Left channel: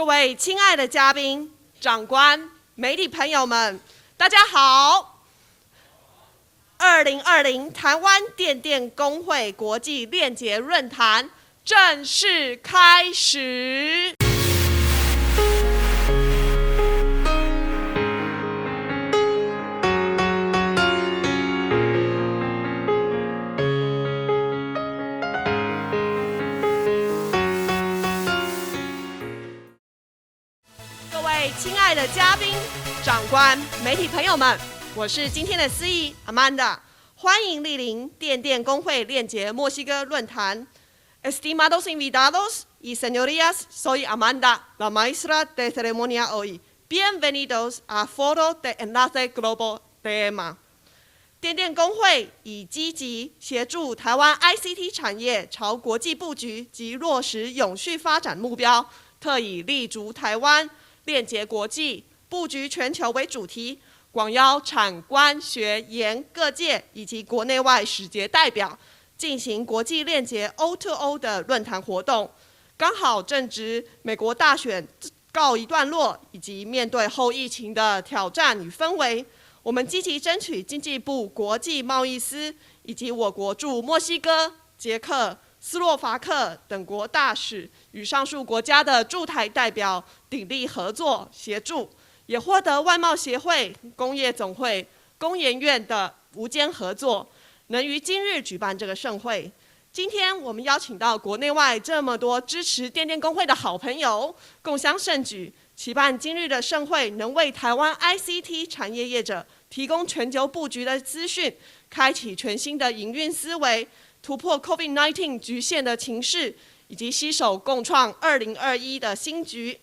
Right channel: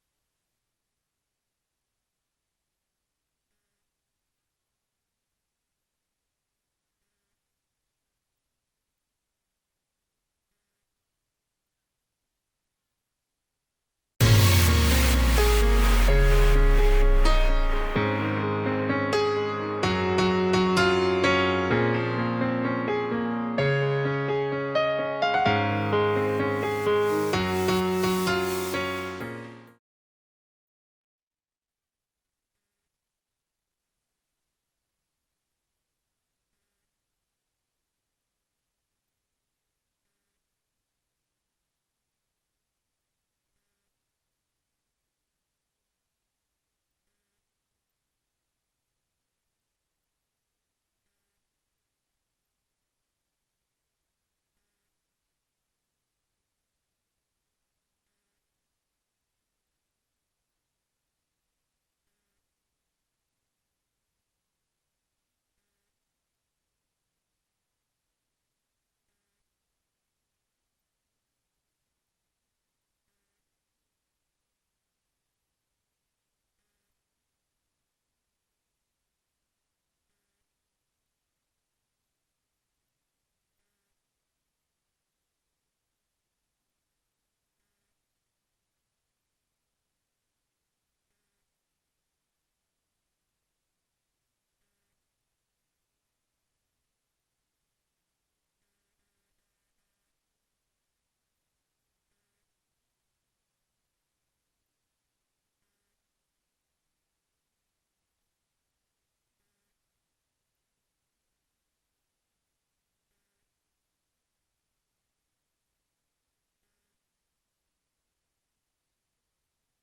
各位亲爱的嘉宾、长官、媒体朋友们，大家好！2020台湾电电公会国际链结论坛正式开始。亲爱的嘉宾、长官、媒体朋友们，我是今天的司仪 Amanda， 欢迎莅临电电公会链结墨西哥论坛。Estimados invitados y señorías, soy Amanda, la maestra de ceremonia hoy. Bienvenidos a Foro de Enlace Global Tema。电电公会以积极协助台湾 ICT 产业朝国际布局及落实永续发展目标，特以立足台湾、链结国际、布局全球为主题，广邀产官学研各界以及国内外使节代表，进行国际链结 O2O 的论坛活动。刚好正值美国大选告一段落，以及面对后疫情的挑战与氛围，我们积极争取经济部国际贸易司以及我国驻墨西哥、捷克、斯洛伐克等国大使与上述国家的驻台代表鼎力合作协助，也获得外贸协会、工业总会、工研院的无间合作，能于今日举办这个盛会。今天我们邀请到国内外这么多支持电电公会的好朋友，共襄盛举，期盼今日的盛会能为台湾 ICT 产业业者提供全球布局的资讯，开启全新的营运思维，突破 COVID-19 局限的情势，以及携手共创2021的新局。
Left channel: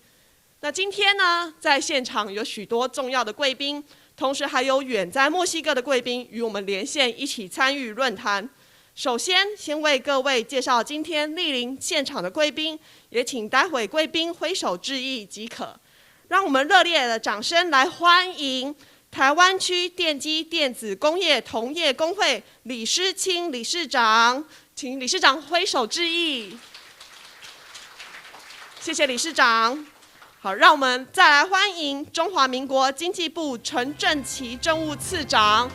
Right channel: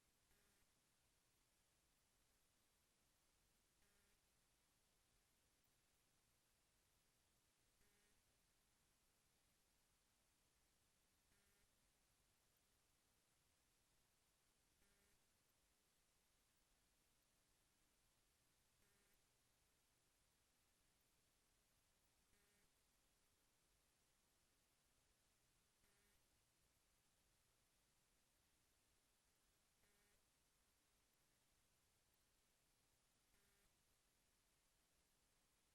那今天呢，在现场有许多重要的贵宾，同时还有远在墨西哥的贵宾与我们连线一起参与论坛。首先为各位介绍今天莅临现场的贵宾，也请待会贵宾挥手致意即可。让我们热烈的掌声来欢迎台湾区电机电子工业同业公会李诗清理事长，请理事长挥手致意。谢谢理事长。好，让我们再来欢迎中华民国经济部陈正奇政务次长，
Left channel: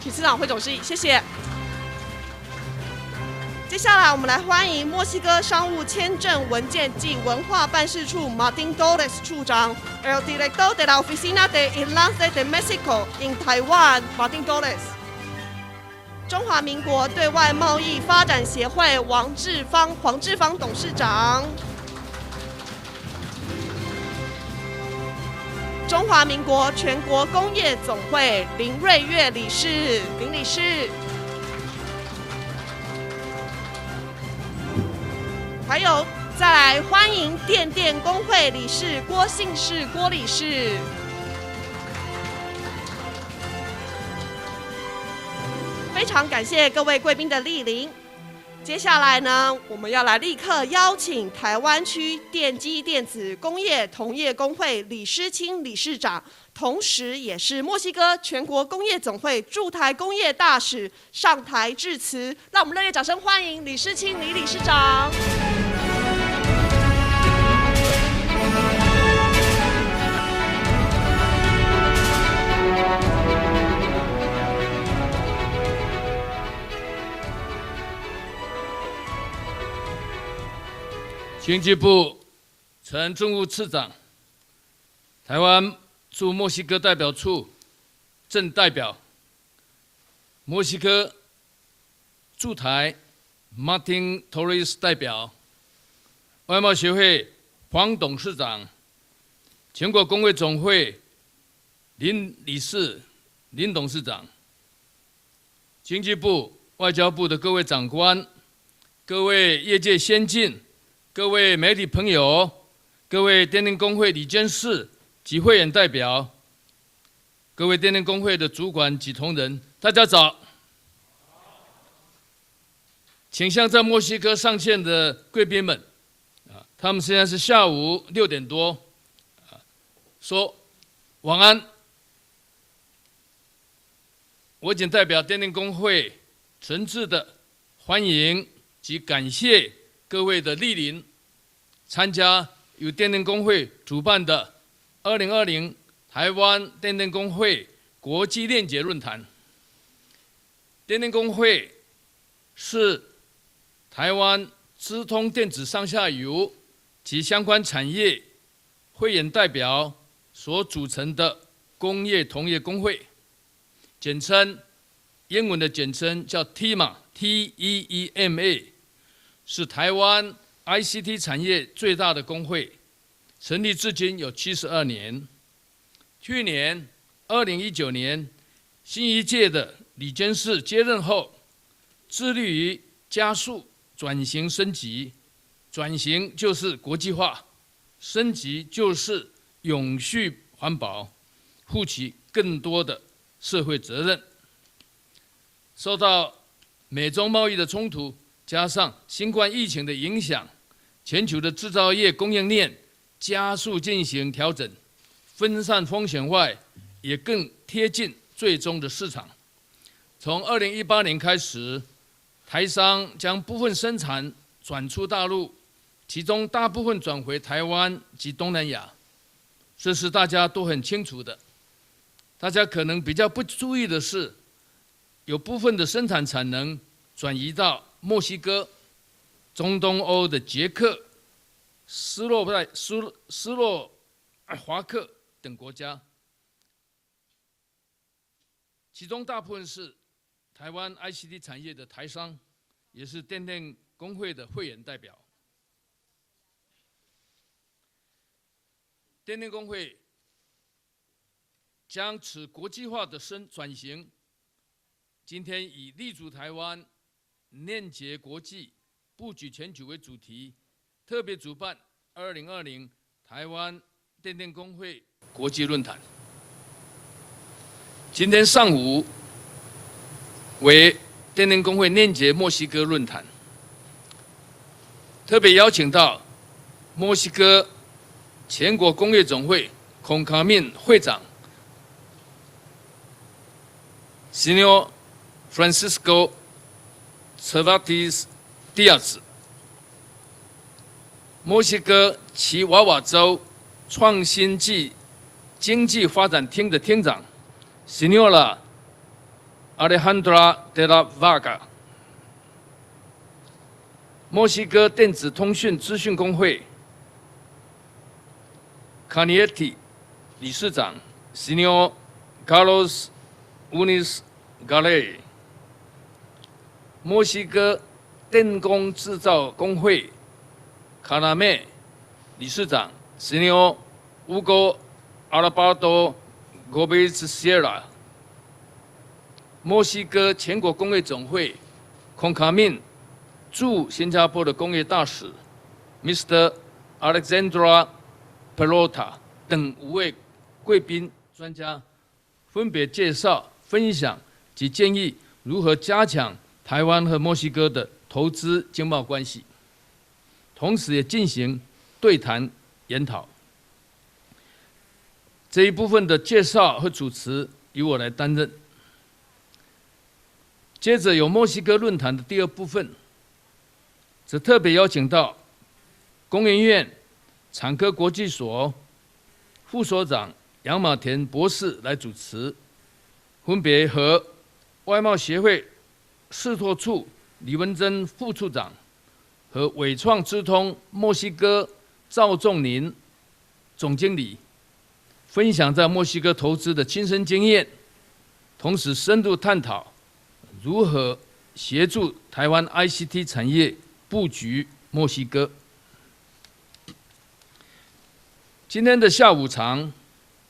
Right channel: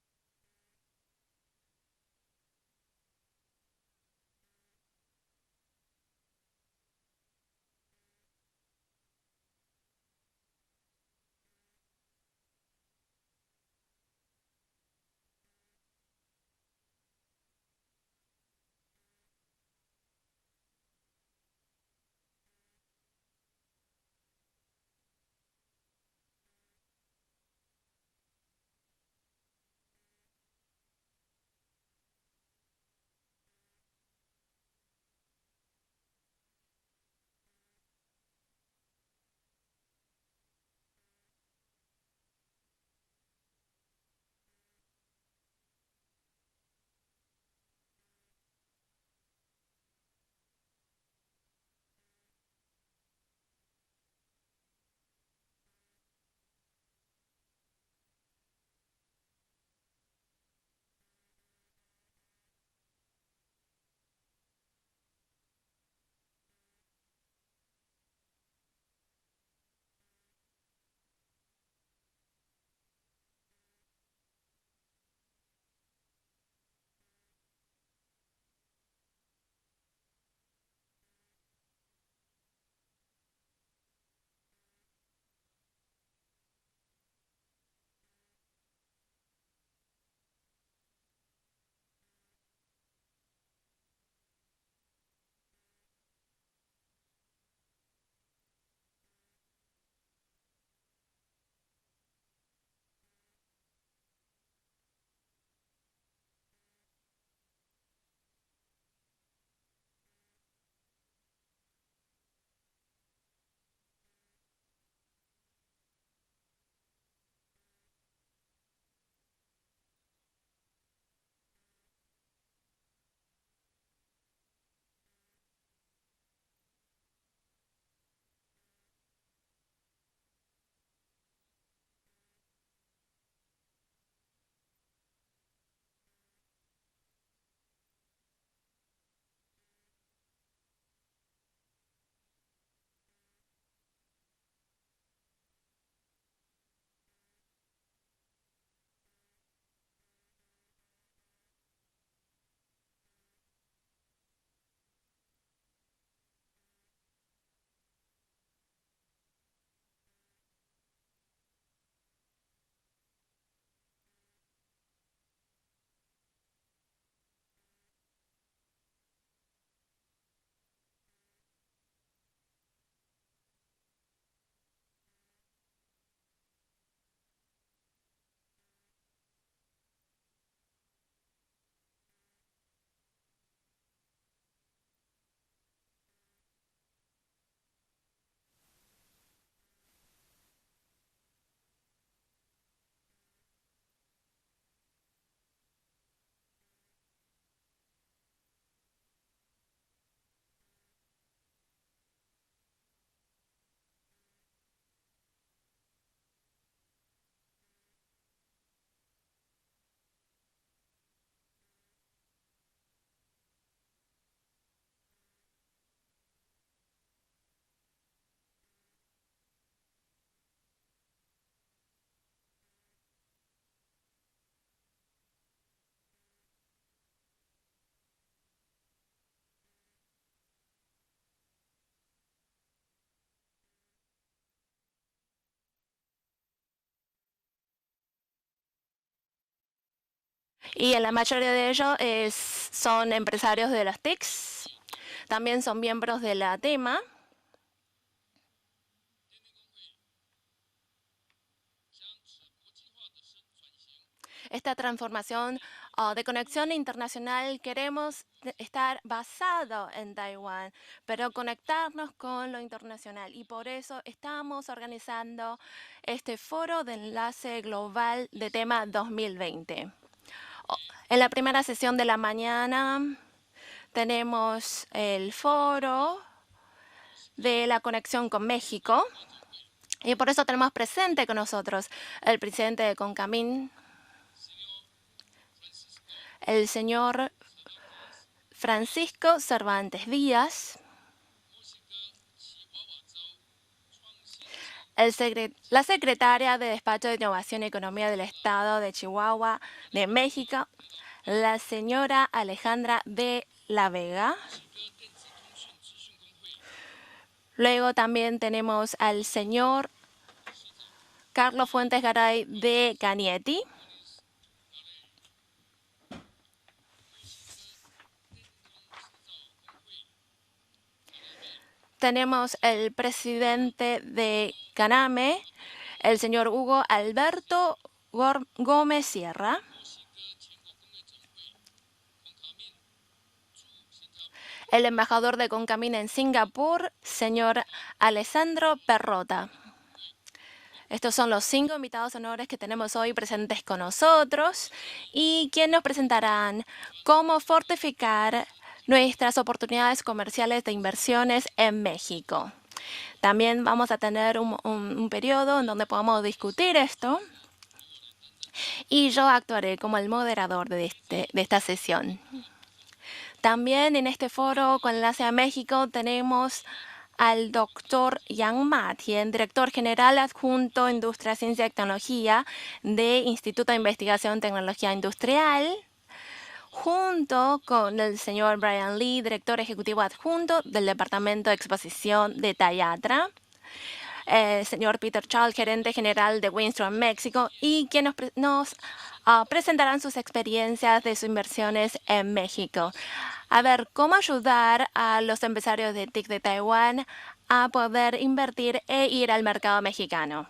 请次长挥手致意，谢谢。接下来我们来欢迎墨西哥商务签证文件及文化办事处 Martin Torres 处长 ，El director de la Oficina de Enlace de México in Taiwan Martin Torres。中华民国对外贸易发展协会黄志芳董事长。中华民国全国工业总会林瑞月理事，林理事。还有，再来欢迎电电公会理事郭信士郭理事。非常感谢各位贵宾的莅临。接下来呢，我们要来立刻邀请台湾区电机电子工业同业公会李诗清理事长，同时也是墨西哥全国工业总会驻台工业大使上台致辞。让我们热烈掌声欢迎李诗清李理事长。经济部陈政务次长，台湾驻墨西哥代表处正代表，墨西哥驻台 Martin Torres 代表，外贸协会黄董事长，全国工会总会林理事、林董事长，经济部、外交部的各位长官，各位业界先进。各位媒体朋友，各位电电公会理监事及会员代表，各位电电公会的主管及同仁，大家早。请向在墨西哥上线的贵宾们，他们现在是下午6点多，说晚安。我仅代表电电公会诚挚的欢迎及感谢各位的莅临，参加由电电公会主办的2020台湾电电公会国际链结论坛。电电公会是台湾资通电子上下游及相关产业会员代表所组成的工业同业工会，简称英文的简称叫 TEMA， 是台湾 ICT 产业最大的工会，成立至今有72年。去年2019年，新一届的理监事接任后，致力于加速转型升级。转型就是国际化，升级就是永续环保，负起更多的社会责任。受到美中贸易的冲突，加上新冠疫情的影响，全球的制造业供应链加速进行调整，分散风险外，也更贴近最终的市场。从2018年开始，台商将部分生产转出大陆，其中大部分转回台湾及东南亚，这是大家都很清楚的。大家可能比较不注意的是，有部分的生产产能转移到墨西哥、中东欧的捷克、斯洛伐克等国家，其中大部分是台湾。Y en la mayoría de ellos son empresarios de las TICs, también son miembros de la TEMA. 电电公会将此国际化的转型。Esta transformación de conexión internacional queremos estar basado en Taiwán, pero conectarnos con lo internacional. Y por eso estamos organizando este foro de enlace global 2020. 为电电公会链接墨西哥论坛，特别邀请到墨西哥全国工业总会 CONCAMIN 会长 Señor Francisco Cervantes Díaz， 墨西哥奇瓦瓦州创新暨经济发展厅的厅长 Señora Alejandra de la Vega， 墨西哥电子通讯资讯工会 Canietti 理事长 Señor Carlos Unis Galey， 墨西哥电工制造工会 Caname 理事长 Señor Hugo Alberto Gómez Sierra， 墨西哥全国工业总会 CONCAMIN 驻新加坡的工业大使 Mr. Alexandra Perrota 等5位贵宾 Estos son los 5 invitados honores que 分别 tenemos hoy 介绍、 presentes con 分享 nosotros 及建议 y 如 quien 何 nos 加强 presentarán 台湾和墨 cómo 西哥的投 fortificar 资经贸关 nuestras 系， oportunidades comerciales de 同时也进 inversiones 行 en 对 México. 谈研讨。 También vamos a tener un periodo 这一 donde 部分的 podamos 介绍 discutir 和主 esto 持由我来担任。 y yo actuaré como el moderador de 接着有墨西 esta 哥论坛 sesión. 的第2部分， También en este 是 foro 特别邀 con 请 enlace 到 a México tenemos 工研院 al 产科国 doctor 际所 Yang Matien, director 副所 general 长 adjunto 杨马 Industria, 田博 Ciencia 士 y 来主 Tecnología 持， de Instituto de 分别和 Investigación Tecnología 外贸协会 Industrial, 视拓处 junto 李文 con 珍 el 副处 señor 长 Brian Lee, director 和 ejecutivo 伟创资 adjunto 通 del 墨西 Departamento de 哥赵 Exposición 仲 de 林 Tayatra, 总经理， señor Peter 分 Chang, 享在 gerente 墨西哥 general de 投资的 Winston 亲身 Mexico, 经验， y que 同 nos 时深入探讨 presentarán sus 如 experiencias 何 de sus 协 inversiones 助 en 台湾 México. ICT 产 A 业 ver cómo 布局 ayudar 墨 a 西 los 哥。 empresarios de TIC de Taiwán a poder invertir 今天 en 的 ir 下 al 午 mercado 场 mexicano.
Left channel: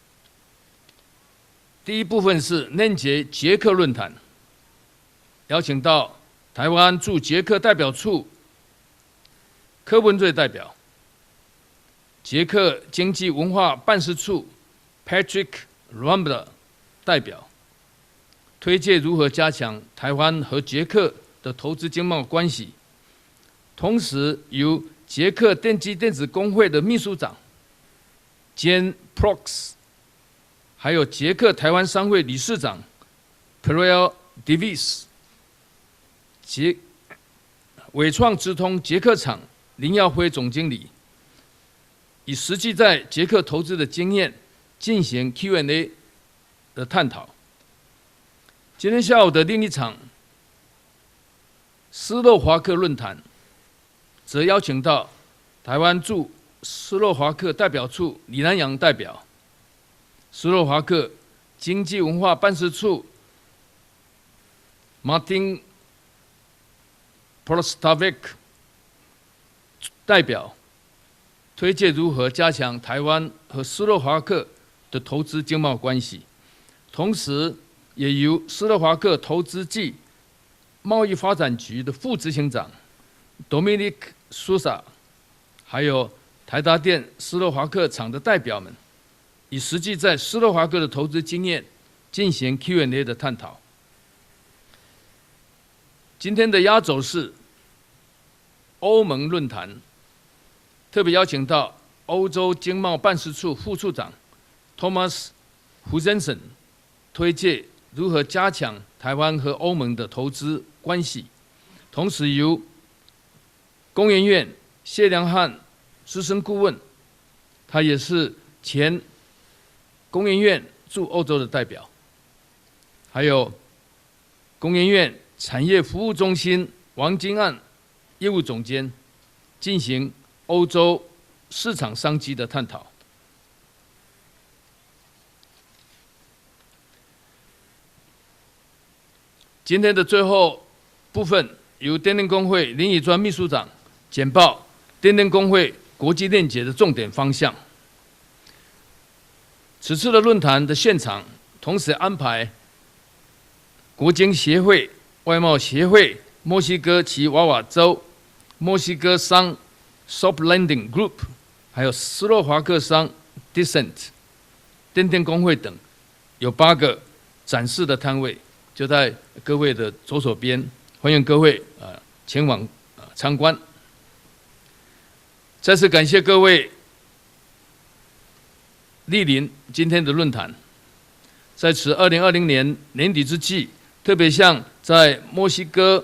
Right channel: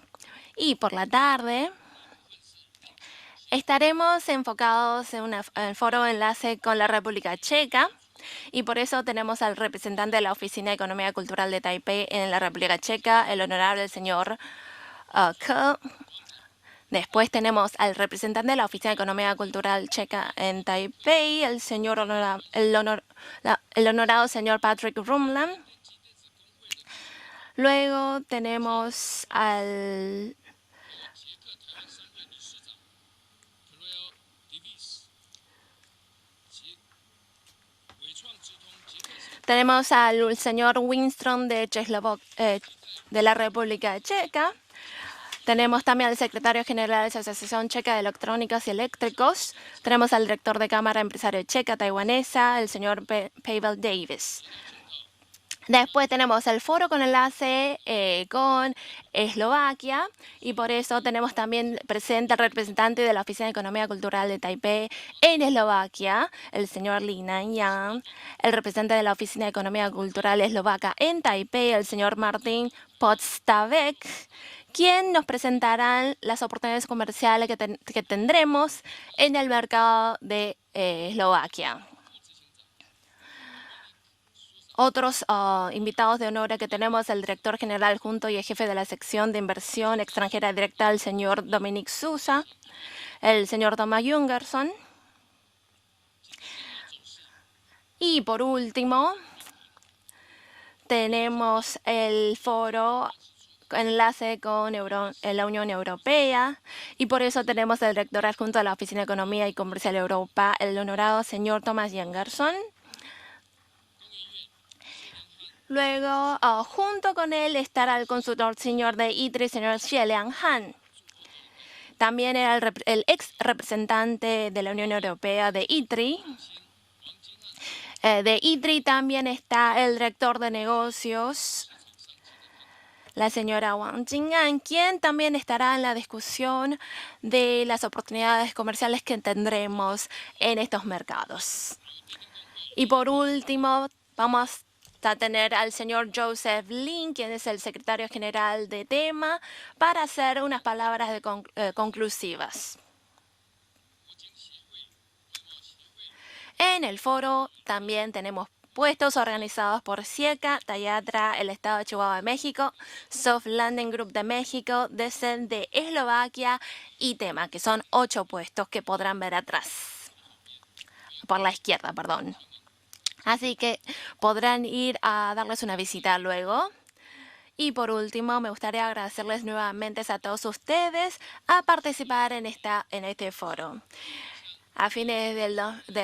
Y por la tarde 第1部分是链接捷克论坛， estaremos enfocados en un 邀请 foro 到 enlace 台 con la 湾驻 República 捷克代表 Checa 处 y por eso tenemos al 柯 representante 文 de 最 la 代表 Oficina de Economía Cultural de Taipei en la 捷克 República 经 Checa, 济 el 文化 honorable 办事 señor 处 Patrick Kerr. Rambler 代 Después 表， tenemos al representante de la 推 Oficina de 介如何 Economía 加强 Cultural 台 Checa 湾和 en 捷克 Taipei, 的 el 投资 señor 经贸关系。 el 同 honorable 时 señor 由 Patrick 捷克 Rumla. 电机电子工会的秘书长， Luego Jen tenemos Prox. al 还有捷克台湾商会理事长 p e r e l Davis，伟创直通捷克厂林耀辉总经理，以实际在捷克投资的经验进行 Q&A 的探讨。今天下午的另一场斯洛伐克论坛，则邀请到台湾驻斯洛伐克代表处李南洋代表、斯洛伐克经济文化办事处 Martin Prostavec 代表，推介如何加强台湾和斯洛伐克的投资经贸关系，同时也由斯洛伐克投资暨贸易发展局的副执行长 Dominic Sousa， 还有台达电斯洛伐克厂的代表，以实际在斯洛伐克的投资经验进行 Q&A 的探讨。今天的压轴是欧盟论坛，特别邀请到欧洲经贸办事处副处长 Thomas Huzensen 推介如何加强台湾和欧盟的投资关系，同时由工研院谢良汉资深顾问，他也是前工研院驻欧洲的代表，还有工研院产业服务中心王金案业务总监进行欧洲市场商机的探讨。La señora Wang Jing'an, quien también estará en la discusión de las oportunidades comerciales que tendremos 今天的最后 en estos 部分 mercados. 由电电工会林以专秘书长简报电电工会国际链结的重点方向。此次的论坛的现场，同时安排国经协会、外贸协会、墨西哥奇瓦瓦州、墨西哥商 Soft Landing Group， 还有斯洛伐克商 Decent、电电工会等，有8个展示的摊位，就在各位的左手边，欢迎各位前往参观。再次感谢各位莅临今天的论坛。在此2020年年底之际，特别向在墨西哥、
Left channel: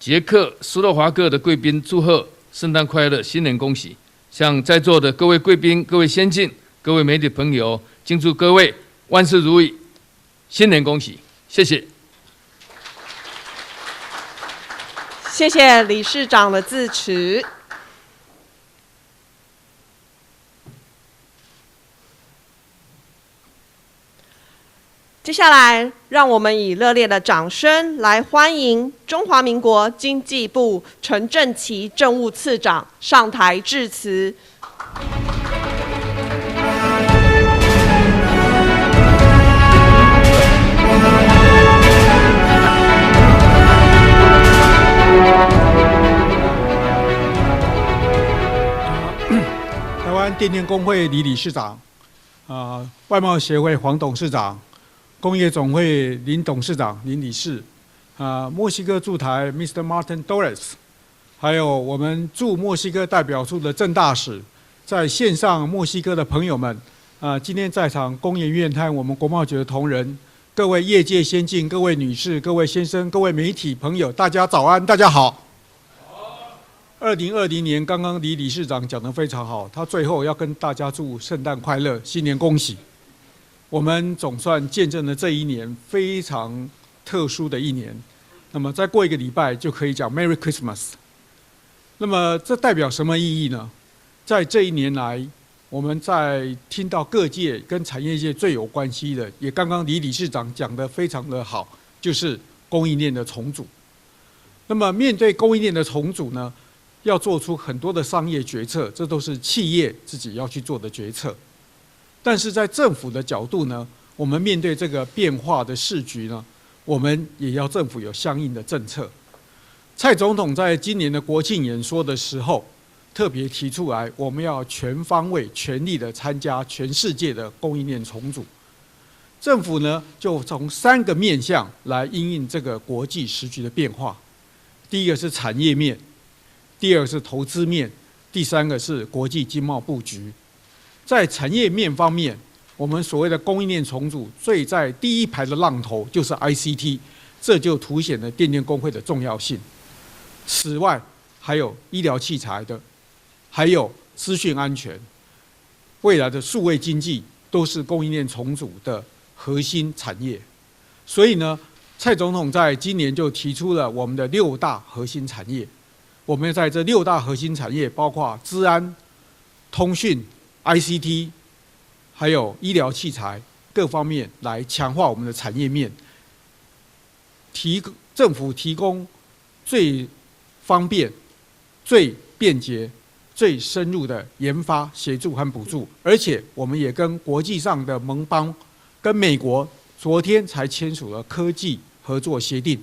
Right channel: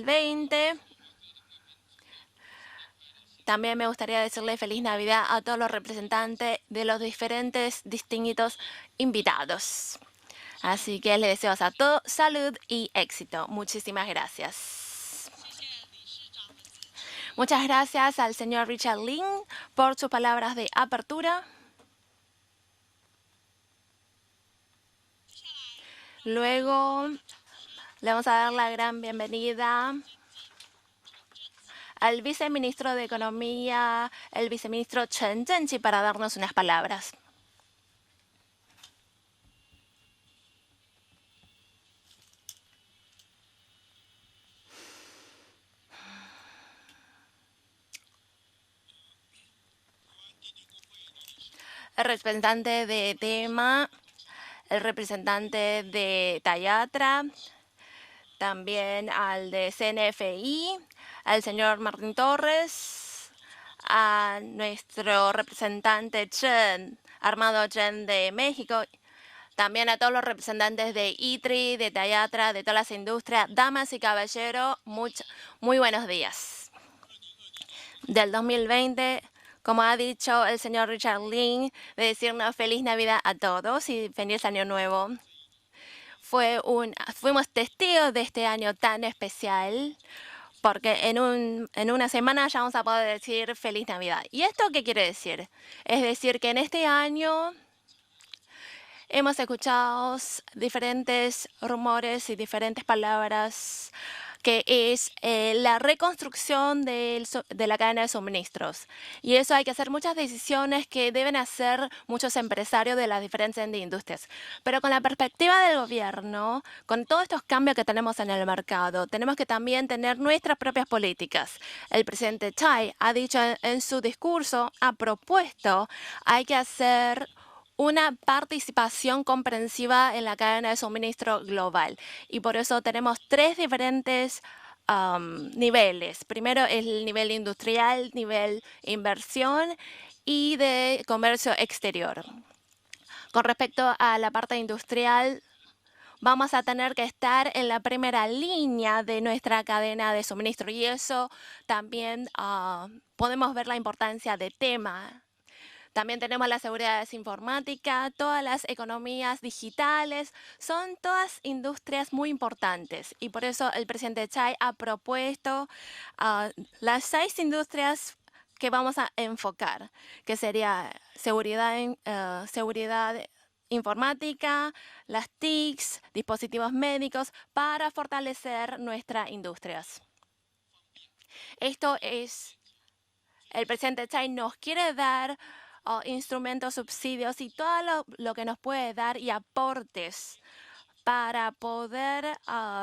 捷克、斯洛伐克的贵宾祝贺圣诞快乐，新年恭喜！向在座的各位贵宾、各位先进、各位媒体朋友，敬祝各位万事如意，新年恭喜！谢谢。谢谢理事长的致辞。接下来，让我们以热烈的掌声来欢迎中华民国经济部陈正奇政务次长上台致辞。台湾电电工会李理事长，外贸协会黄董事长，工业总会林董事长、林理事，墨西哥驻台 Mr. Martin Torres， 还有我们驻墨西哥代表处的郑大使，在线上墨西哥的朋友们，今天在场工研院和我们国贸局的同仁，各位业界先进、各位女士、各位先生、各位媒体朋友，大家早安，大家好。2020年刚刚李理事长讲得非常好，他最后要跟大家祝圣诞快乐，新年恭喜。我们总算见证了这一年非常特殊的一年。那么再过1个礼拜就可以讲 Merry Christmas。那么这代表什么意义呢？在这一年来，我们在听到各界跟产业界最有关系的，也刚刚李理事长讲得非常的好，就是供应链的重组。那么面对供应链的重组呢，要做出很多的商业决策，这都是企业自己要去做的决策。但是在政府的角度呢，我们面对这个变化的市局呢，我们也要政府有相应的政策。蔡总统在今年的国庆演说的时候，特别提出来，我们要全方位、全力的参加全世界的供应链重组。政府呢，就从3个面向来因应这个国际时局的变化。第一个是产业面，第二个是投资面，第3个是国际经贸布局。在产业面方面，我们所谓的供应链重组，最在第一排的浪头就是 ICT， 这就凸显了电电工会的重要性。此外，还有医疗器材的，还有资讯安全。未来的数位经济都是供应链重组的核心产业。所以呢，蔡总统在今年就提出了我们的6大核心产业。我们在这6大核心产业，包括资安、通讯、ICT， 还有医疗器材各方面，来强化我们的产业面，政府提供最方便、最便捷、最深入的研发协助和补助，而且我们也跟国际上的盟邦，跟美国昨天才签署了科技合作协定，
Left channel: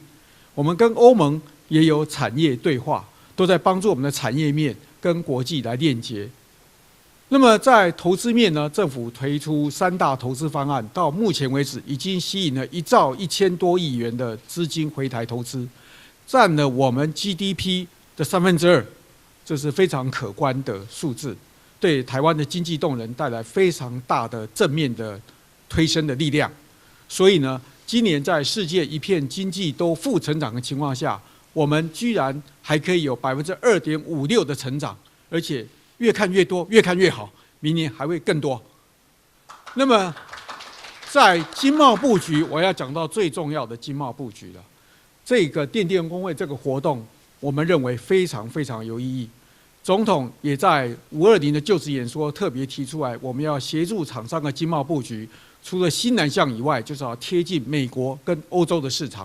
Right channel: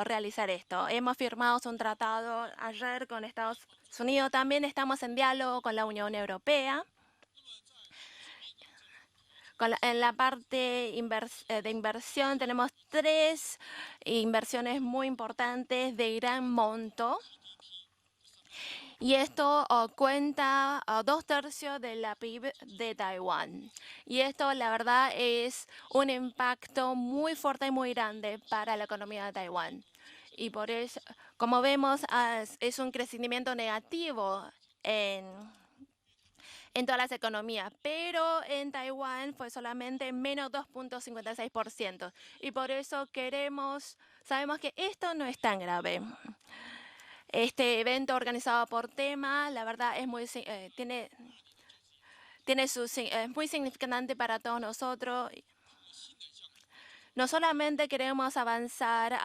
我们跟欧盟也有产业对话，都在帮助我们的产业面跟国际来链接。那么在投资面呢，政府推出3大投资方案，到目前为止已经吸引了1兆1000多亿元的资金回台投资，占了我们 GDP的2/3，这是非常可观的数字，对台湾的经济动能带来非常大的正面的推升的力量。所以呢，今年在世界一片经济都负成长的情况下，我们居然还可以有2.56%的成长，而且越看越多，越看越好，明年还会更多。那么在经贸布局，我要讲到最重要的经贸布局了。这个电电工会这个活动，我们认为非常非常有意义。总统也在520的就职演说特别提出来，我们要协助厂商的经贸布局，除了新南向以外，就是要贴近美国跟欧洲的市场。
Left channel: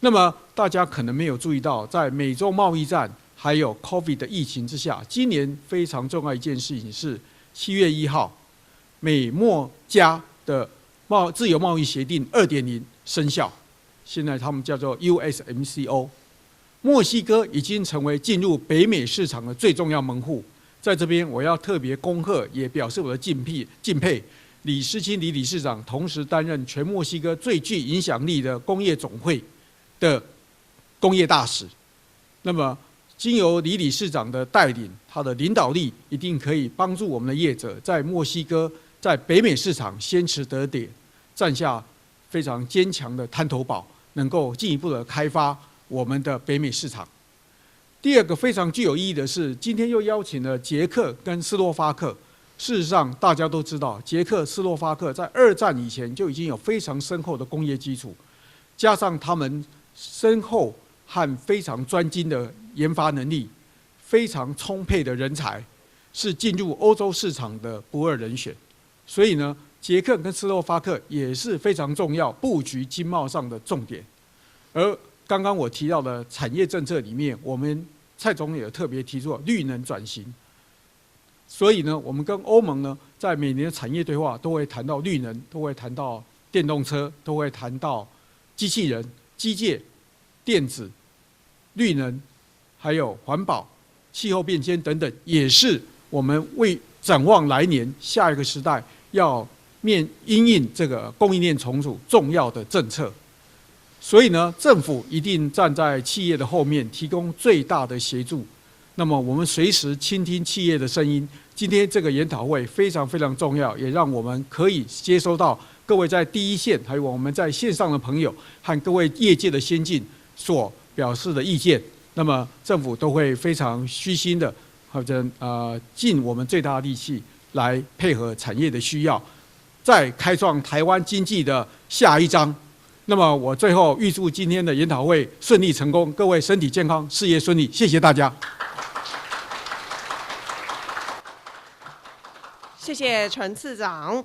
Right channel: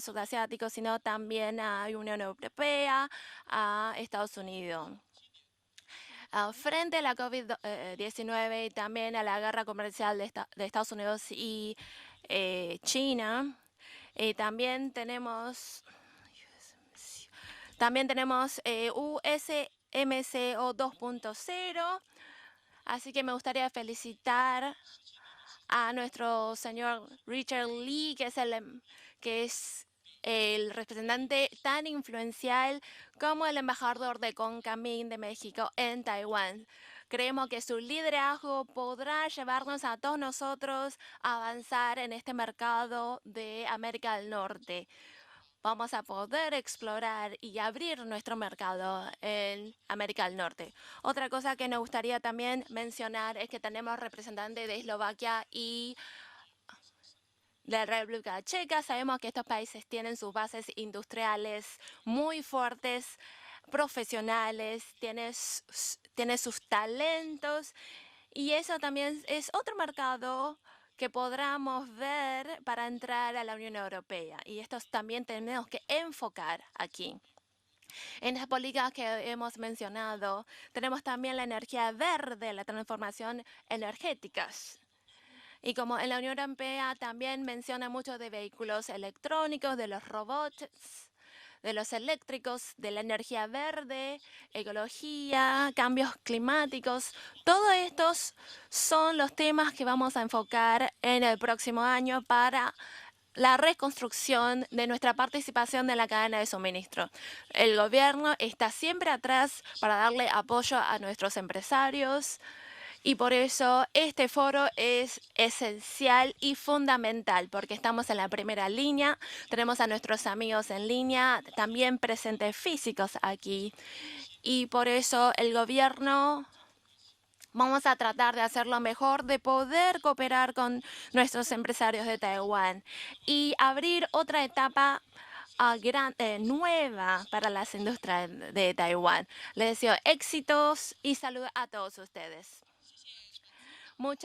那么大家可能没有注意到，在美洲贸易战还有 COVID 的疫情之下，今年非常重要一件事情是7月1号，美墨加的自由贸易协定2.0生效，现在他们叫做 USMCA。墨西哥已经成为进入北美市场的最重要门户，在这边我要特别恭贺，也表示我的敬佩。李诗清李理事长同时担任全墨西哥最具影响力的工业总会的工业大使。那么，经由李理事长的带领，他的领导力一定可以帮助我们的业者在墨西哥、在北美市场先持得点，占下非常坚强的滩头堡，能够进一步的开发我们的北美市场。第二个非常具有意义的是，今天又邀请了捷克跟斯洛伐克。事实上，大家都知道，捷克、斯洛伐克在2战以前就已经有非常深厚的工业基础，加上他们深厚和非常专精的研发能力，非常充沛的人才。是进入欧洲市场的不二人选，所以呢，捷克跟斯洛伐克也是非常重要布局经贸上的重点。而刚刚我提到的产业政策里面，我们蔡总统也特别提出了绿能转型。所以呢，我们跟欧盟呢，在每年的产业对话都会谈到绿能，都会谈到电动车，都会谈到机器人、机械、电子。绿能，还有环保、气候变迁等等，也是我们为展望来年下一个时代要因应这个供应链重组重要的政策。所以呢，政府一定站在企业的后面，提供最大的协助。那么，我们随时倾听企业的声音。今天这个研讨会非常非常重要，也让我们可以接收到各位在第一线，还有我们在线上的朋友和各位业界的先进所表示的意见。那么，政府都会非常虚心的，尽我们最大的力气。来配合产业的需要，再开创台湾经济的下一章。那么我最后预祝今天的研讨会顺利成功，各位身体健康，事业顺利，谢谢大家。谢谢陈次长。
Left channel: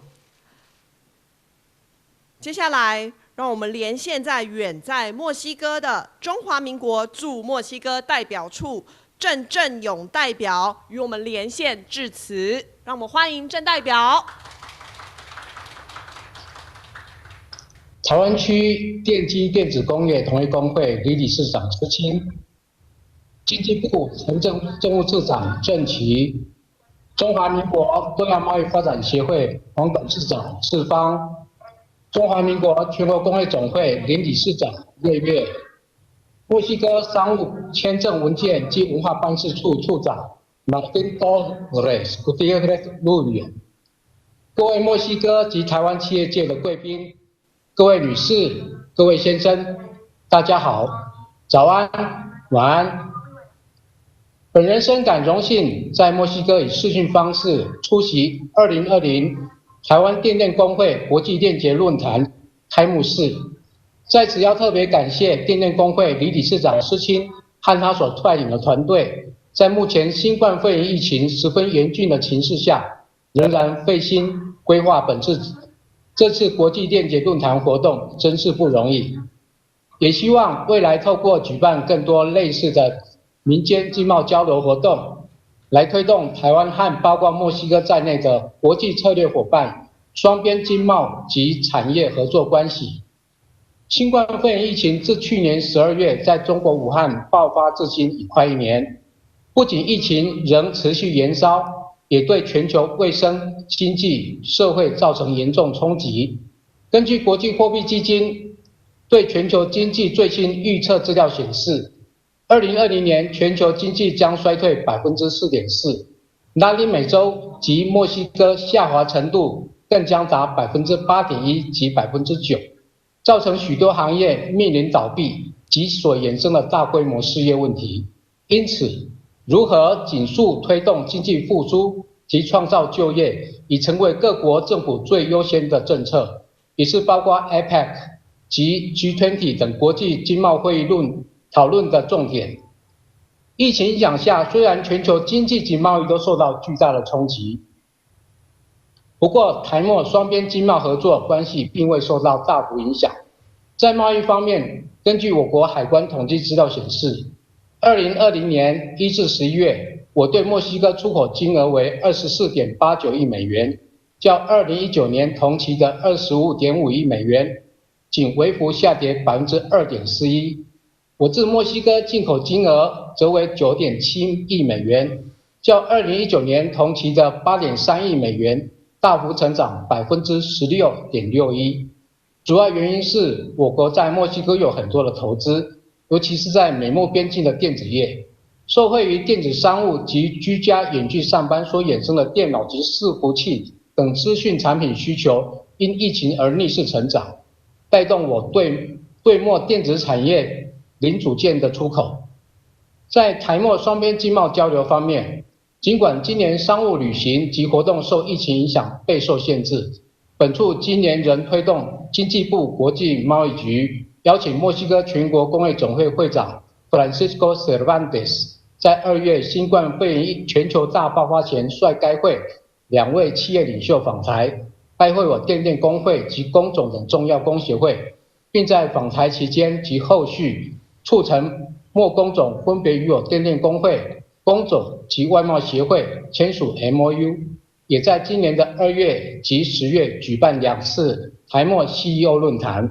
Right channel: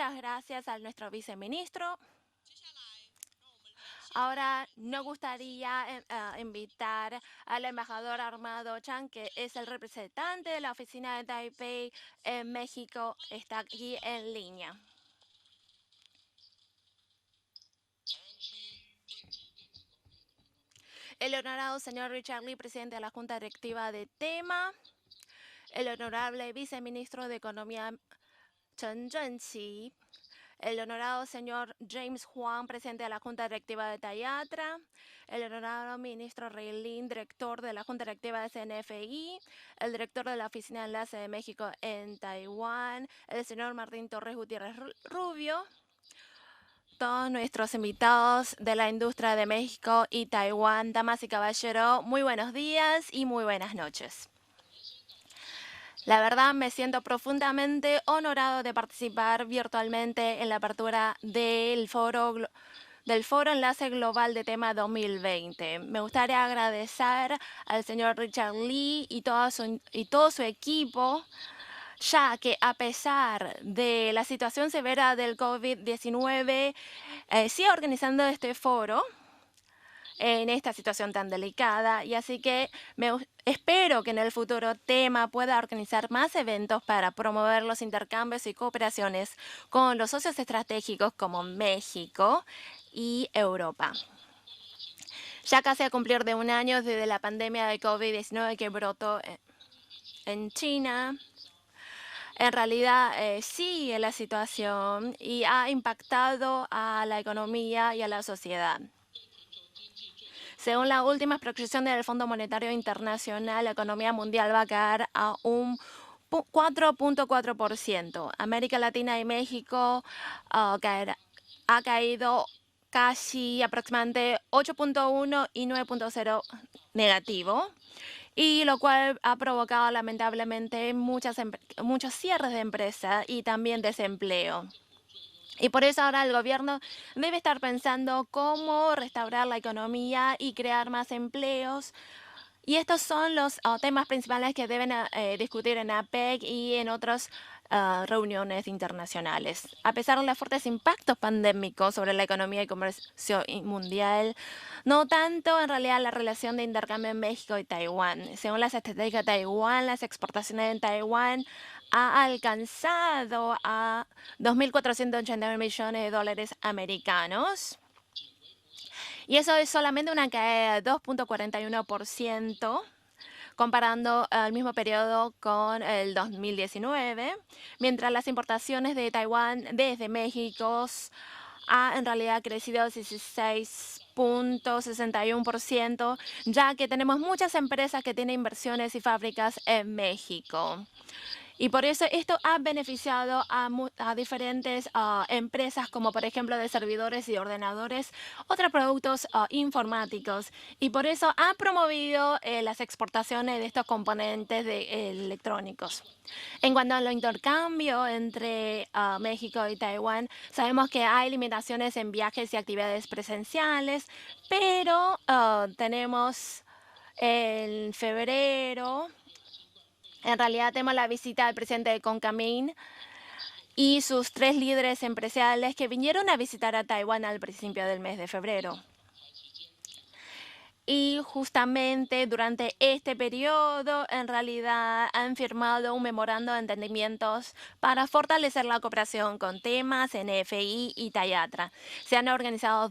接下来，让我们连线远在墨西哥的中华民国驻墨西哥代表处郑正勇代表与我们连线致辞，让我们欢迎郑代表。台湾区电机电子工业同业工会李理事长施清，经济部财政务次长郑琦，中华民国东亚贸易发展协会黄董事长释芳。中华民国全国工会总会林理事长叶月，墨西哥商务、签证文件及文化办事处处长马丁多雷斯古蒂耶路语，各位墨西哥及台湾企业界的贵宾，各位女士、各位先生，大家好，早安、晚安。本人深感荣幸，在墨西哥以视讯方式出席2020台湾电电公会国际链结论坛开幕式。在此要特别感谢电电公会李理事长施青和他所率领的团队，在目前新冠肺炎疫情十分严峻的情势下，仍然费心规划这次国际链结论坛活动，真是不容易。也希望未来透过举办更多类似的民间经贸交流活动，来推动台湾和包括墨西哥在内的国际策略伙伴双边经贸及产业合作关系。新冠肺炎疫情自去年12月在中国武汉爆发至今快1年，不仅疫情仍持续延烧，也对全球卫生、经济、社会造成严重冲击。根据国际货币基金对全球经济最新预测资料显示，2020年全球经济将衰退4.4%，拉丁美洲及墨西哥下滑程度更将达8.1%及9%，造成许多行业面临倒闭及所衍生的大规模失业问题。因此，如何紧速推动经济复苏及创造就业，已成为各国政府最优先的政策，也是包括 APEC 及 G20 等国际经贸会议讨论的重点。疫情影响下，虽然全球经济及贸易都受到巨大的冲击，不过台墨双边经贸合作关系并未受到大幅影响。在贸易方面，根据我国海关统计资料显示，2020年1至11月，我对墨西哥出口金额为24.89亿美元，较2019年同期的25.5亿美元仅微幅下跌2.41%。我自墨西哥进口金额则为9.7亿美元，较2019年同期的8.3亿美元大幅成长16.61%。主要原因是我国在墨西哥有很多的投资，尤其是在美墨边境的电子业，受惠于电子商务及居家远距上班所衍生的电脑及伺服器等资讯产品需求，因疫情而逆势成长，带动我对墨电子产业零组件的出口。在台墨双边经贸交流方面，尽管今年商务旅行及活动受疫情影响备受限制，本处今年仍推动经济部国际贸易局邀请墨西哥全国工会总会会长 Francisco Cervantes 在2月新冠肺炎全球大爆发前率该会2位企业领袖访台，拜会我电电工会及工总等重要工协会，并在访台期间及后续促成墨工总分别与我电电工会、工总及外贸协会签署 MOU， 也在今年的2月及10月举办2次台墨 CEO 论坛。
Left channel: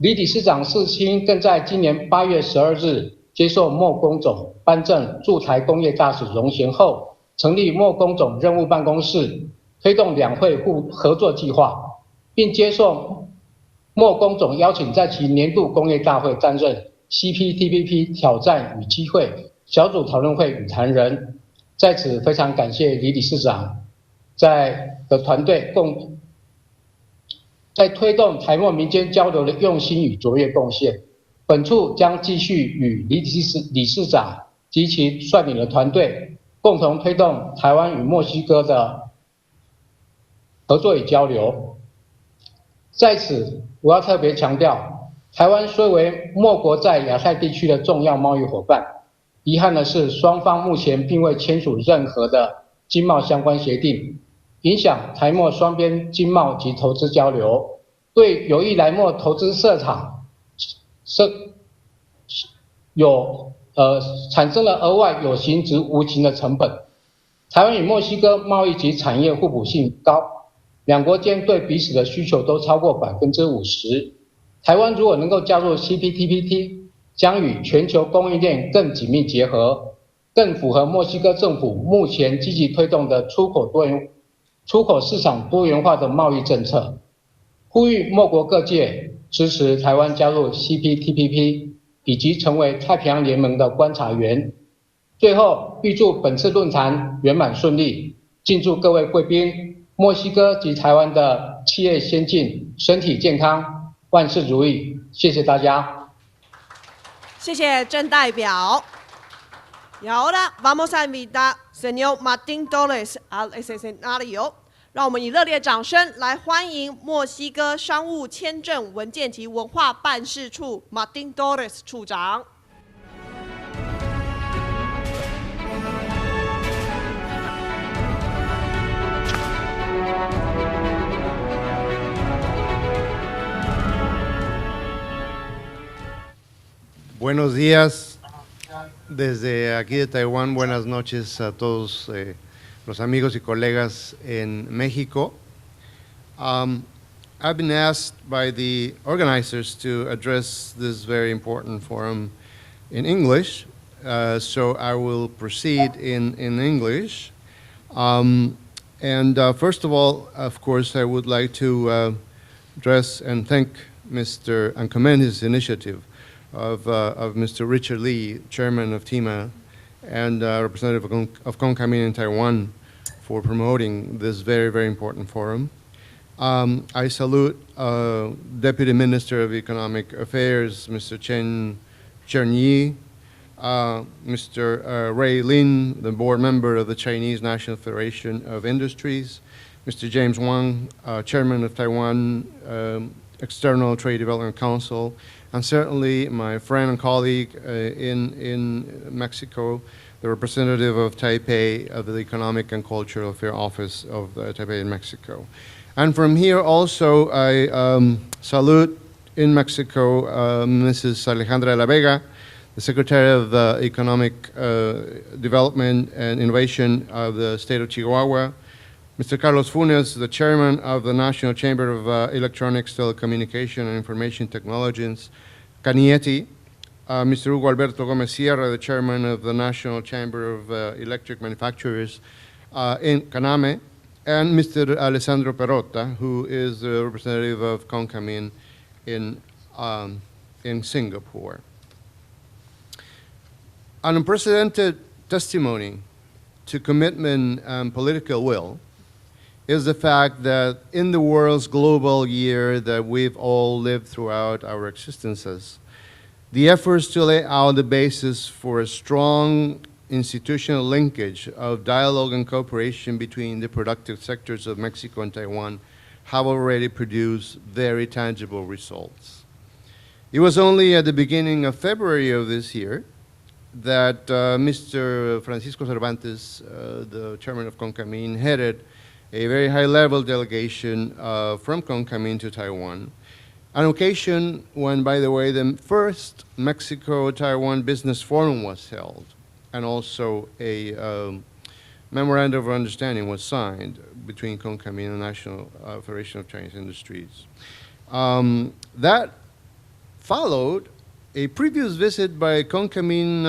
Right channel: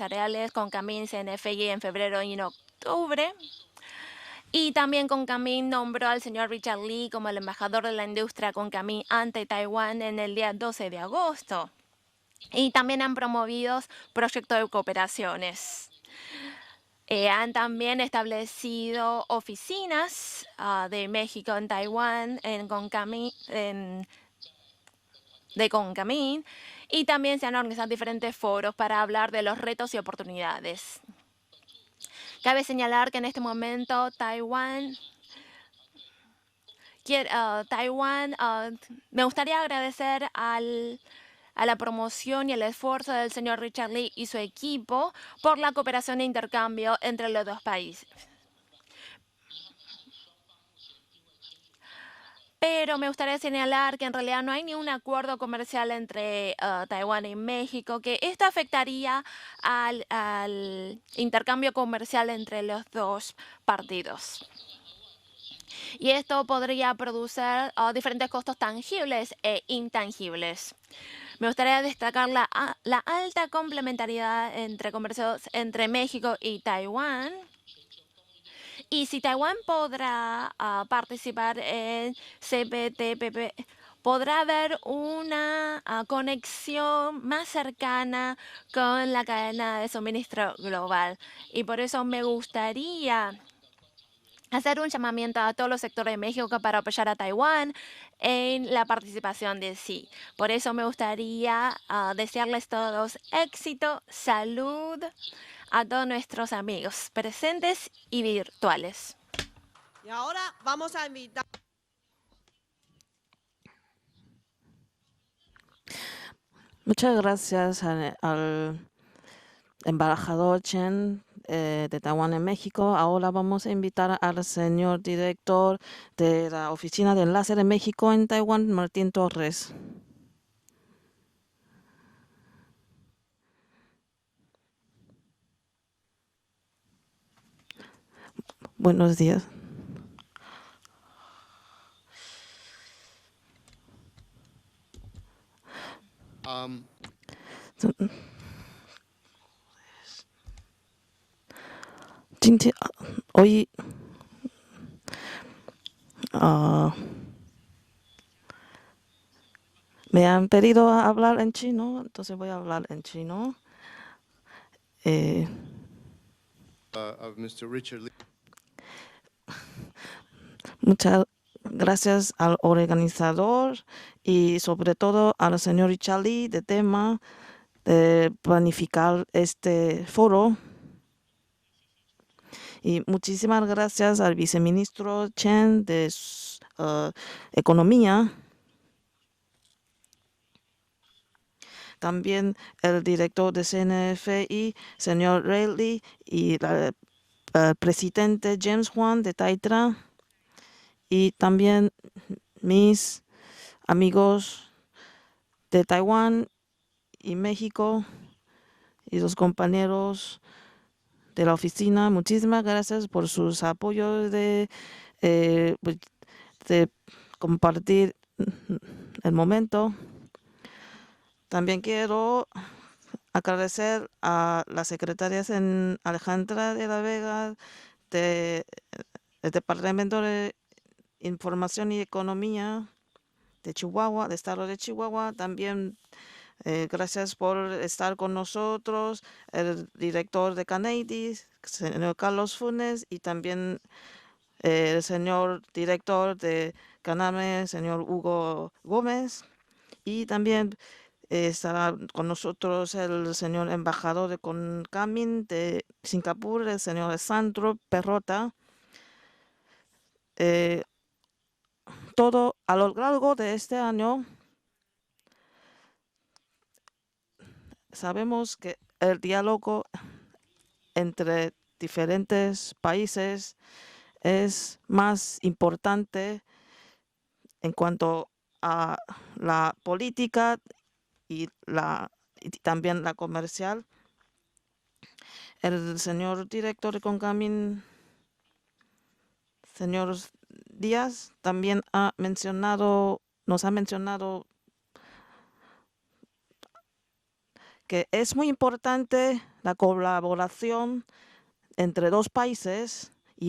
李理事长施青更在今年8月12日接受墨工总颁证驻台工业大使荣衔后，成立墨工总任务办公室，推动2会合作计划，并接受墨工总邀请在其年度工业大会担任CPTPP 挑战与机会小组讨论会与谈人。在此非常感谢李理事长的团队在推动台墨民间交流的用心与卓越贡献。本处将继续与李理事长及其率领的团队共同推动台湾与墨西哥的合作与交流。在此，我要特别强调，台湾虽为墨国在亚太地区的重要贸易伙伴，遗憾的是，双方目前并未签署任何的经贸相关协定，影响台墨双边经贸及投资交流，对有意来墨投资设厂产生了额外有形及无形的成本。台湾与墨西哥贸易及产业互补性高，两国间对彼此的需求都超过50%。台湾如果能够加入 CPTPP， 将与全球供应链更紧密结合，更符合墨西哥政府目前积极推动的出口市场多元化的贸易政策。呼吁莫国各界支持台湾加入 CPTPP 以及成为太平洋联盟的观察员。最后，预祝本次论坛圆满顺利，敬祝各位贵宾、墨西哥及台湾的企业先进、身体健康、万事如意。谢谢大家。谢谢郑代表。Y ahora vamos a invitar señor Martín Torres al escenario。让我们以热烈掌声来欢迎墨西哥商务签证文件及文化办事处 Martín Torres 处长。Ahora vamos a invitar al señor director de la Oficina de Enlace de México en Taiwán, Martín Torres. Buenos días. Buenos días. Desde aquí de Taiwán, buenas noches a todos los amigos y colegas en México. I've been asked by the organizers to address this very important forum in English, so I will proceed in English. First of all, of course, I would like to address and thank and commend his initiative of Mr. Richard Lee, Chairman of TIMA, and representative of CONCAMIN in Taiwan for promoting this very, very important forum. I salute Deputy Minister of Economic Affairs, Mr. Chen Yi, Mr. Ray Lin, the board member of the Chinese National Federation of Industries, Mr. James Wang, Chairman of Taiwan External Trade Development Council, and certainly my friend and colleague in Mexico, the representative of Taipei of the Economic and Cultural Affairs Office of Taipei in Mexico. And from here also I salute in Mexico Mrs. Alejandra de la Vega, the Secretary of the Economic Development and Innovation of the state of Chihuahua, Mr. Carlos Funes, the Chairman of the National Chamber of Electronics, Telecommunication and Information Technologies, Canieti, Mr. Hugo Alberto Gomez Sierra, the Chairman of the National Chamber of Electric Manufacturers in Caname, and Mr. Alessandro Perrotta, who is the representative of CONCAMIN in Singapore. An unprecedented testimony to commitment and political will is the fact that in the world's global year that we've all lived throughout our existences, the efforts to lay out the basis for a strong institutional linkage of dialogue and cooperation between the productive sectors of Mexico and Taiwan have already produced very tangible results. It was only at the beginning of February of this year that Mr. Francisco Cervantes, the chairman of CONCAMIN, headed a very high-level delegation from CONCAMIN to Taiwan, an occasion when, by the way, the first Mexico-Taiwan Business Forum was held, and also a memorandum of understanding was signed between CONCAMIN and the National Federation of Chinese Industries. That followed a previous visit by CONCAMIN,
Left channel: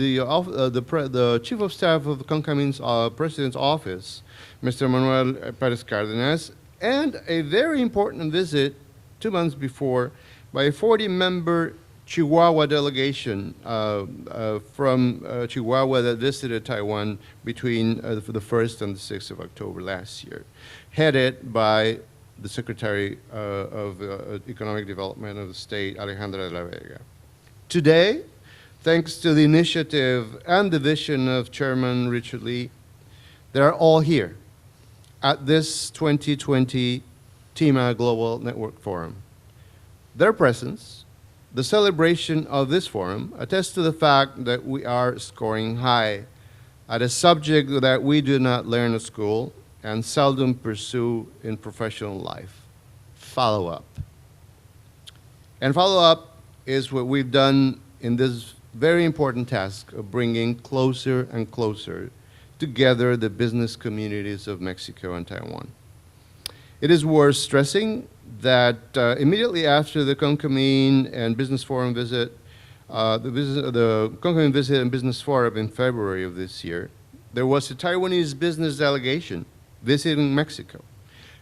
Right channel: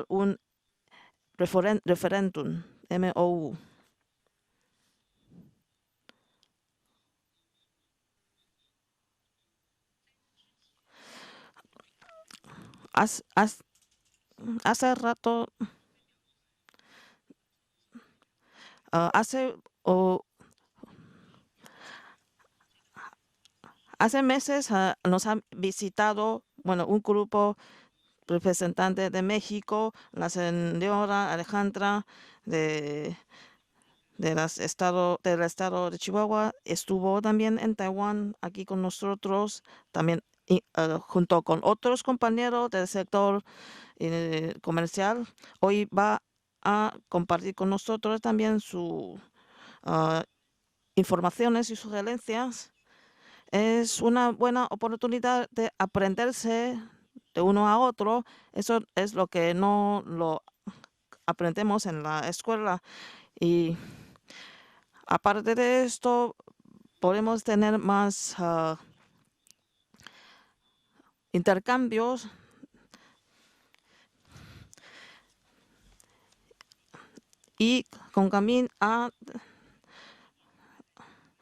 the Chief of Staff of CONCAMIN's President's Office, Mr. Manuel Perez Cárdenas, and a very important visit 2 months before by a 40-member Chihuahua delegation from Chihuahua that visited Taiwan between the 1st and the 6th of October last year, headed by the Secretary of Economic Development of the state, Alejandra de la Vega. Today, thanks to the initiative and the vision of Chairman Richard Lee, they are all here at this 2020 TIMA Global Network Forum. Their presence, the celebration of this forum, attests to the fact that we are scoring high at a subject that we do not learn at school and seldom pursue in professional life. Follow-up. And follow-up is what we've done in this very important task of bringing closer and closer together the business communities of Mexico and Taiwan. It is worth stressing that immediately after the CONCAMIN and Business Forum visit, the CONCAMIN visit and Business Forum in February of this year, there was a Taiwanese business delegation visiting Mexico.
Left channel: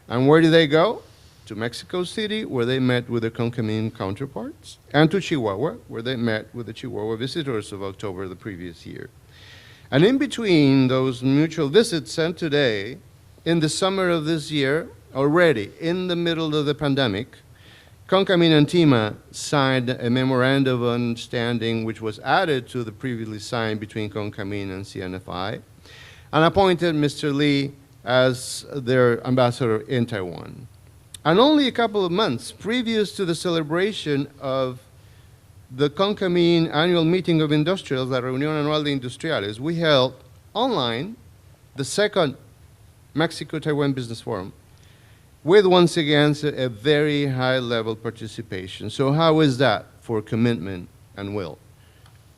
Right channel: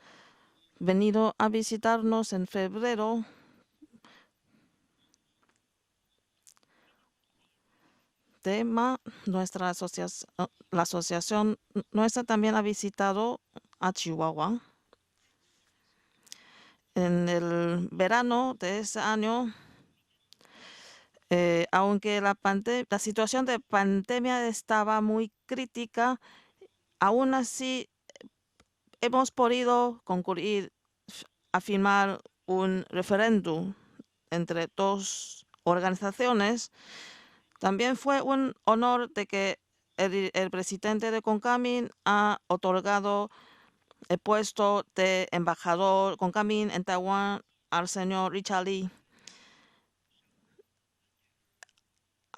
And where did they go? venido a To Mexico visitarnos City, en where they met febrero, with their Concamine counterparts, and to Chihuahua, where they met with the Chihuahua visitors of October the previous tema, year. nuestra And in asociación, between la those asociación mutual visits nuestra and también ha today, visitado in the a summer of this Chihuahua. year, already in the middle of the pandemic, En el verano Concamine and de ese TIMA año, signed a memorandum of understanding which was aunque la, added to the la previously situación de signed between pandemia Concamine and estaba muy CNFI, crítica, and appointed Mr. aún Lee así as their hemos ambassador podido in Taiwan. concurrir And only a a couple of firmar months un previous to the referéndum celebration entre of dos the Concamine organizaciones. annual meeting of También industrials, fue la un Reunión Anual de honor de Industriales, que we held el presidente online de Concamine the second ha otorgado Mexico-Taiwan el Business Forum, puesto de with once embajador again Concamine a en very Taiwan high al level señor Richard Lee. participation. So how is that for commitment and will?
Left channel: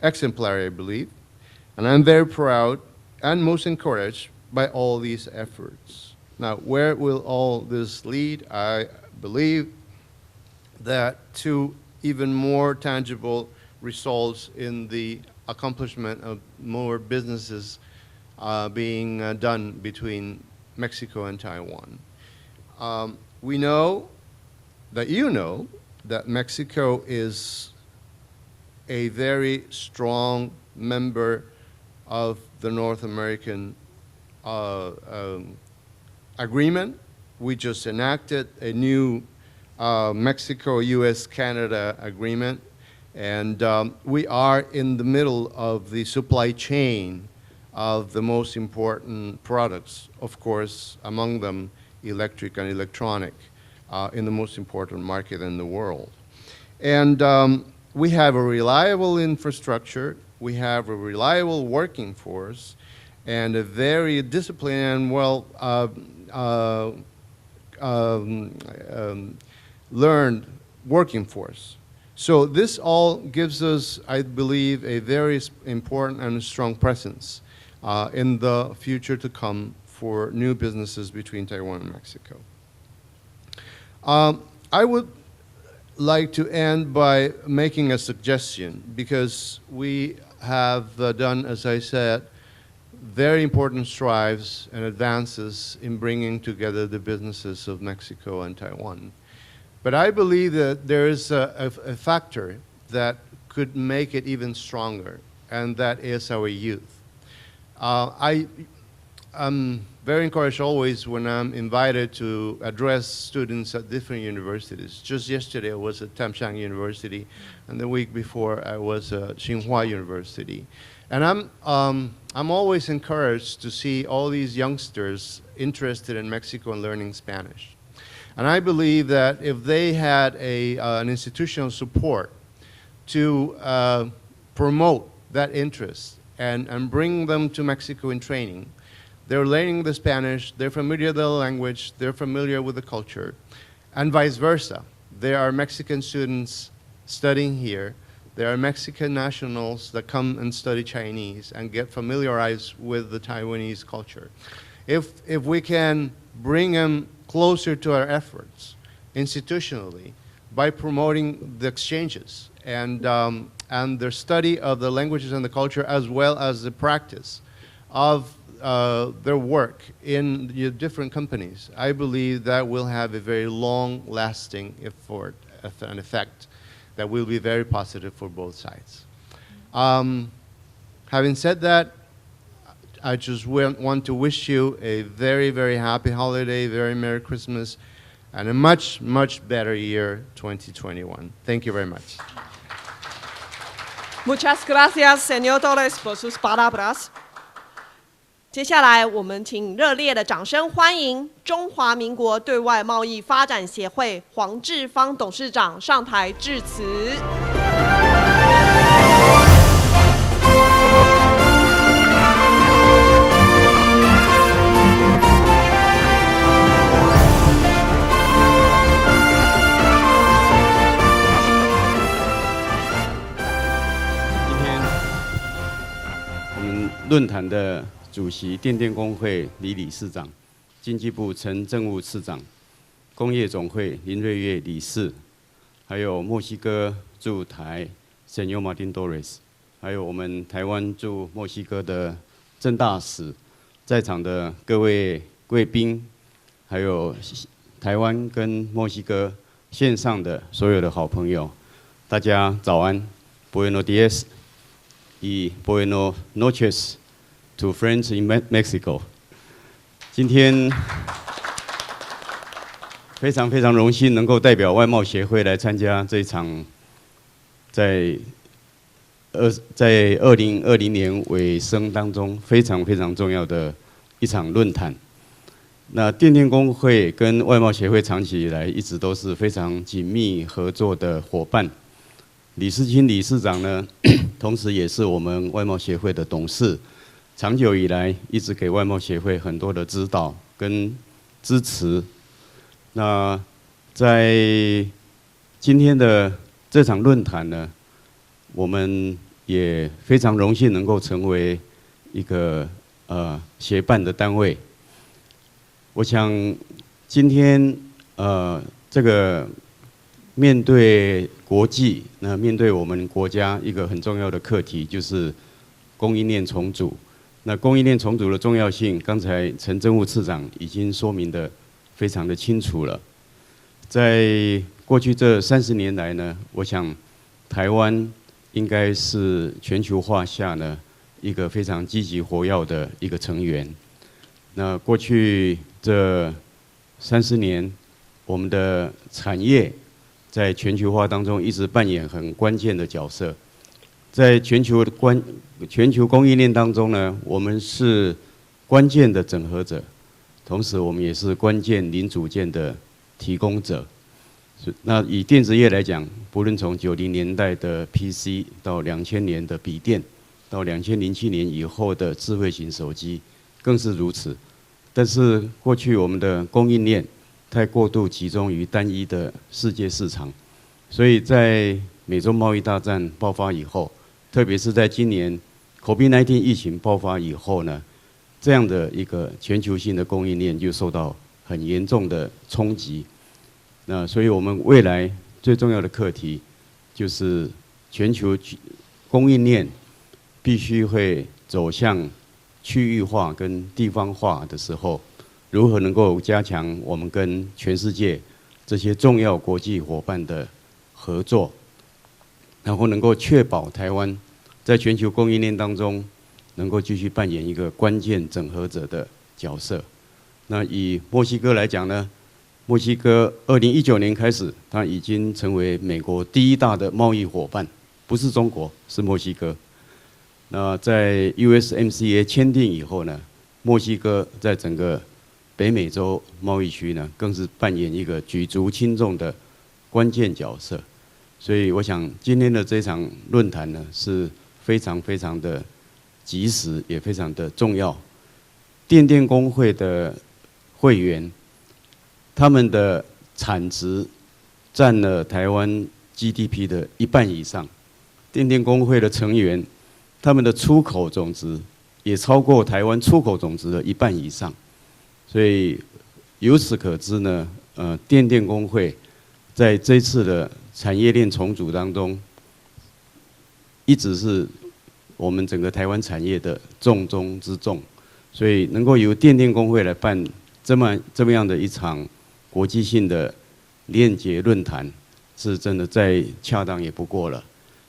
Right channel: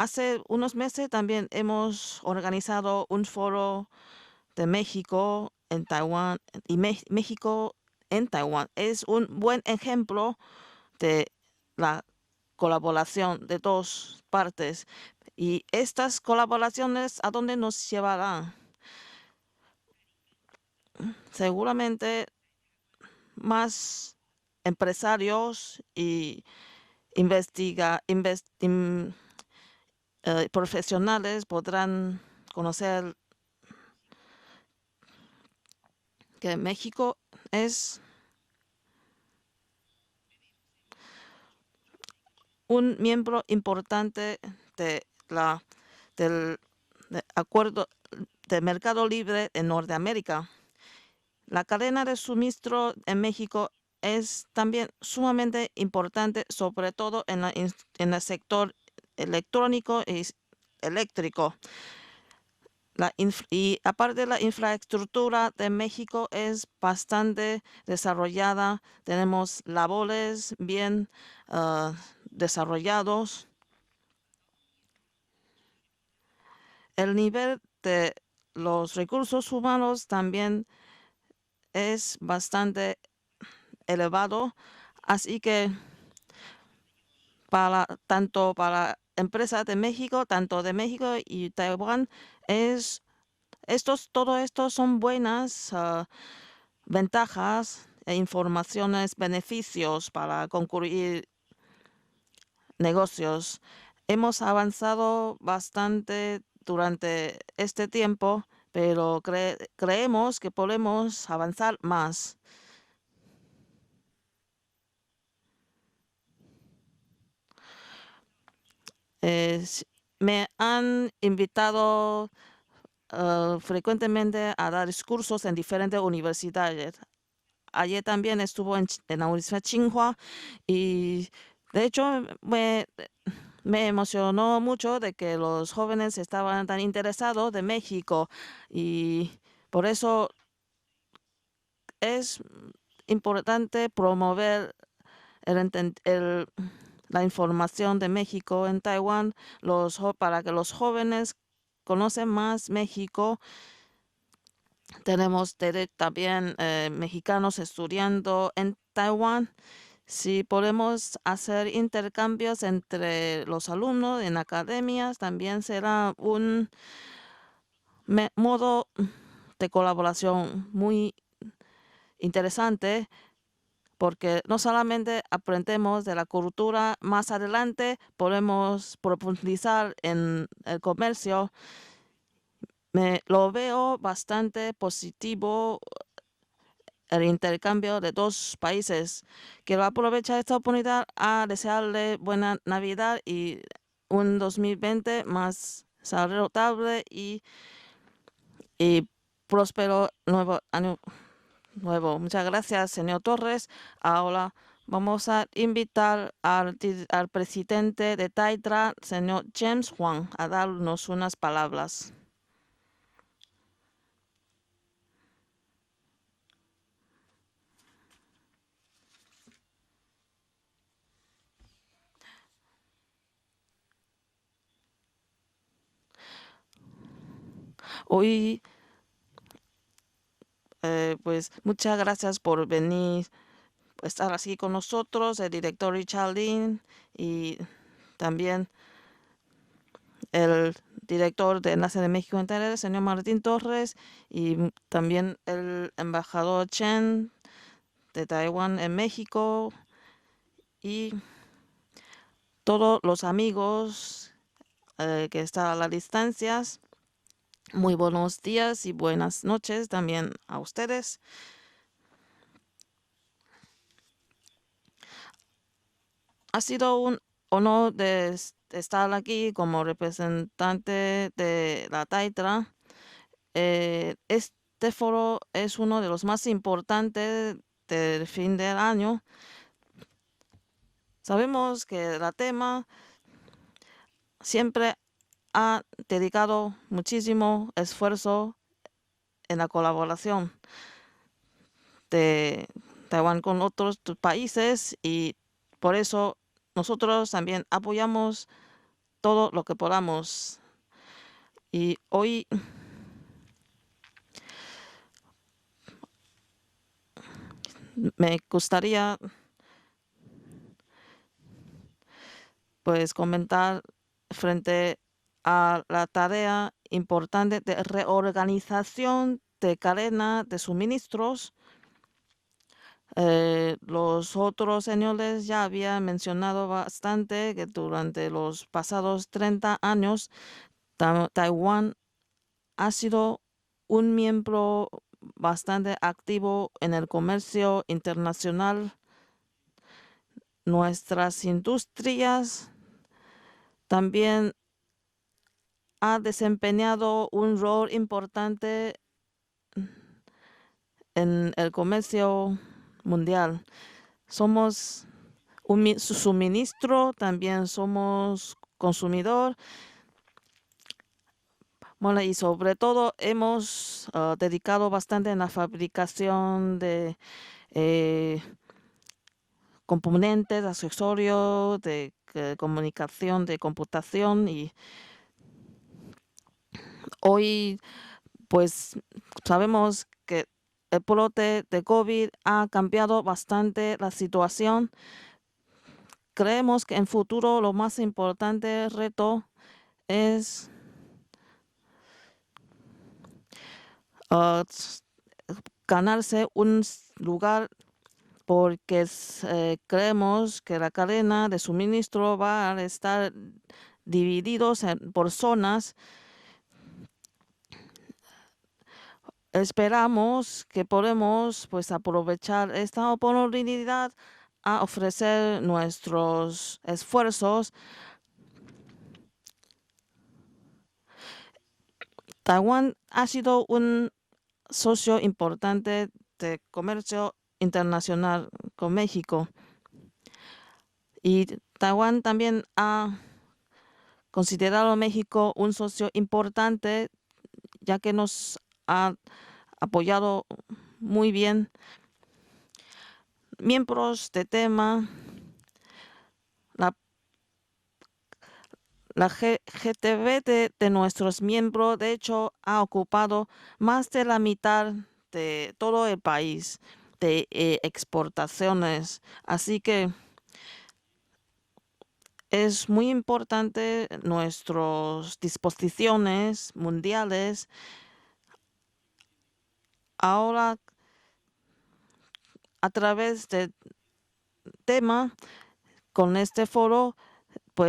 Hace Exemplary, I unos meses believe. también hemos And I'm very organizado proud un and most foro encouraged de by all these México en efforts. Taiwan. Now, Y where will México all this en lead? Taiwan I es un buen believe ejemplo de that to la even more colaboración tangible de dos results partes. in the Y accomplishment estas of more colaboraciones a dónde nos businesses llevarán. being done between Mexico and Taiwan. Seguramente We know más that you know empresarios that y Mexico is a very strong member profesionales podrán of the North conocer American que agreement. México We just es enacted a new Mexico-U.S.-Canada agreement, un miembro and importante we are in de the middle la- of the supply del chain acuerdo of the most de mercado important libre en products, Norteamérica. of course, among them La cadena de electric and suministro en electronic, México in the es most también important market in sumamente the world. importante, sobre And todo we en el have a sector reliable electrónico infrastructure, y we have a eléctrico. reliable working force, and a Y very aparte la disciplined and well infraestructura de México es bastante desarrollada. Tenemos learned labores bien working force. So this all desarrollados. gives us, I believe, a very important and strong El presence nivel de in the los future to recursos come humanos for new también businesses between Taiwan and es Mexico. bastante elevado. I would Así que like to end by making a tanto suggestion, para because empresas de we México, tanto de have México done, y as I Taiwan, said, es very important todo strides esto and son advances buenas in bringing together the businesses ventajas of e Mexico and informaciones, Taiwan. beneficios But I para believe that there concluir is a factor that negocios. could make it Hemos even avanzado stronger, and that is bastante our youth. durante este I tiempo, pero I'm very creemos que encouraged always podemos when I'm avanzar invited más. to address students at different universities. Just yesterday I was at Tamshang University, and the week before I was at Tsinghua Me University. han And invitado I'm always encouraged to see all these frecuentemente a dar youngsters discursos en diferentes interested in Mexico and universidades. learning Spanish. Ayer también And I estuvo believe en la that Universidad if they Tsinghua had y, an institutional de hecho, support me to emocionó mucho promote de que that los jóvenes interest estaban tan and bring them interesados to de Mexico in México. training. Y They're learning por the eso Spanish, they're familiar with the language, they're es familiar with the culture, importante and vice promover versa. There are el Mexican students la studying here. información de México There are en Mexican Taiwan, nationals that come para and que los study jóvenes Chinese and get conocen familiarized más with the México. Taiwanese culture. If Tenemos we can también bring them mexicanos closer to our estudiando efforts en Taiwan, institutionally si by podemos promoting hacer the exchanges intercambios and entre los and their alumnos en study of the academias, languages and the también culture, será as well as un the practice of modo their work in colaboración different muy companies. I believe that will interesante, have a very long porque lasting no solamente aprendemos de la effect cultura, that will más be very adelante positive for both podemos sides. profundizar en el Having comercio. said that, I just Lo veo want to wish you a very, very positivo happy holiday, very el Merry Christmas, intercambio de dos and a much, países, much que better va a year aprovechar esta oportunidad 2021. a Thank you very desearle much. buena Navidad y un Muchas 2020 gracias, más señor Torres, por sus saludable palabras. y 接下来，我们请热烈的掌声欢迎中华民国对外贸易发展协会黄志芳董事长上台致辞。 我们论坛的主席电电工会李理事长、经济部陈政务次长、工业总会林瑞月理事，还有墨西哥驻台 Señor Martin Torres， 还有我们台湾驻墨西哥的郑大使，在场的各位贵宾，还有台湾跟墨西哥线上的所有的好朋友，大家早安 ，Buenos días y buenos noches to friends in Mexico。今天非常荣幸能够代表外贸协会来参加这一场在2020年尾声当中非常重要的一场论坛。那电电工会跟外贸协会长期以来一直都是非常紧密合作的伙伴。李世清理事长呢，同时也是我们外贸协会的董事，长久以来一直给外贸协会很多的指导跟支持。那在今天的这场论坛呢，我们也非常荣幸能够成为一个协办的单位。我想今天这个面对国际，那面对我们国家一个很重要的课题就是供应链重组。那供应链重组的重要性，刚才陈政务次长已经说明的非常的清楚了。在过去这30年来呢，我想台湾应该是全球化下呢一个非常积极活跃的一个成员。那过去这30年，我们的产业在全球化当中一直扮演很关键的角色。在全球供应链当中呢，我们是关键的整合者。同时，我们也是关键零组件的提供者。那以电子业来讲，无论从90年代的 PC 到2000年的笔电，到2007年以后的智慧型手机，更是如此。但是过去我们的供应链太过度集中于单一的世界市场，所以在美洲贸易大战爆发以后，特别是在今年 COVID-19 疫情爆发以后呢，这样的一个全球性的供应链就受到很严重的冲击。所以我们未来最重要的课题就是全球供应链必须会走向区域化跟地方化的时候，如何能够加强我们跟全世界这些重要国际伙伴的合作，然后能够确保台湾在全球供应链当中能够继续扮演一个关键整合者的角色。那以墨西哥来讲呢，墨西哥2019年开始，它已经成为美国第1大的贸易伙伴，不是中国，是墨西哥。那在 USMCA 签订以后呢，墨西哥在整个北美洲贸易区呢，更是扮演一个举足轻重的关键角色。所以我想今天的这场论坛呢，是非常的及时，也非常的重要。电电工会的会员，他们的产值占了台湾 GDP 的1半以上。电电工会的成员，他们的出口总值也超过台湾出口总值的1半以上。所以由此可知呢，电电工会在这次的产业链重组当中，一直是我们整个台湾产业的重中之重。所以能够由电电工会来办这么样的一场国际性的链接论坛，是真的再恰当也不过了。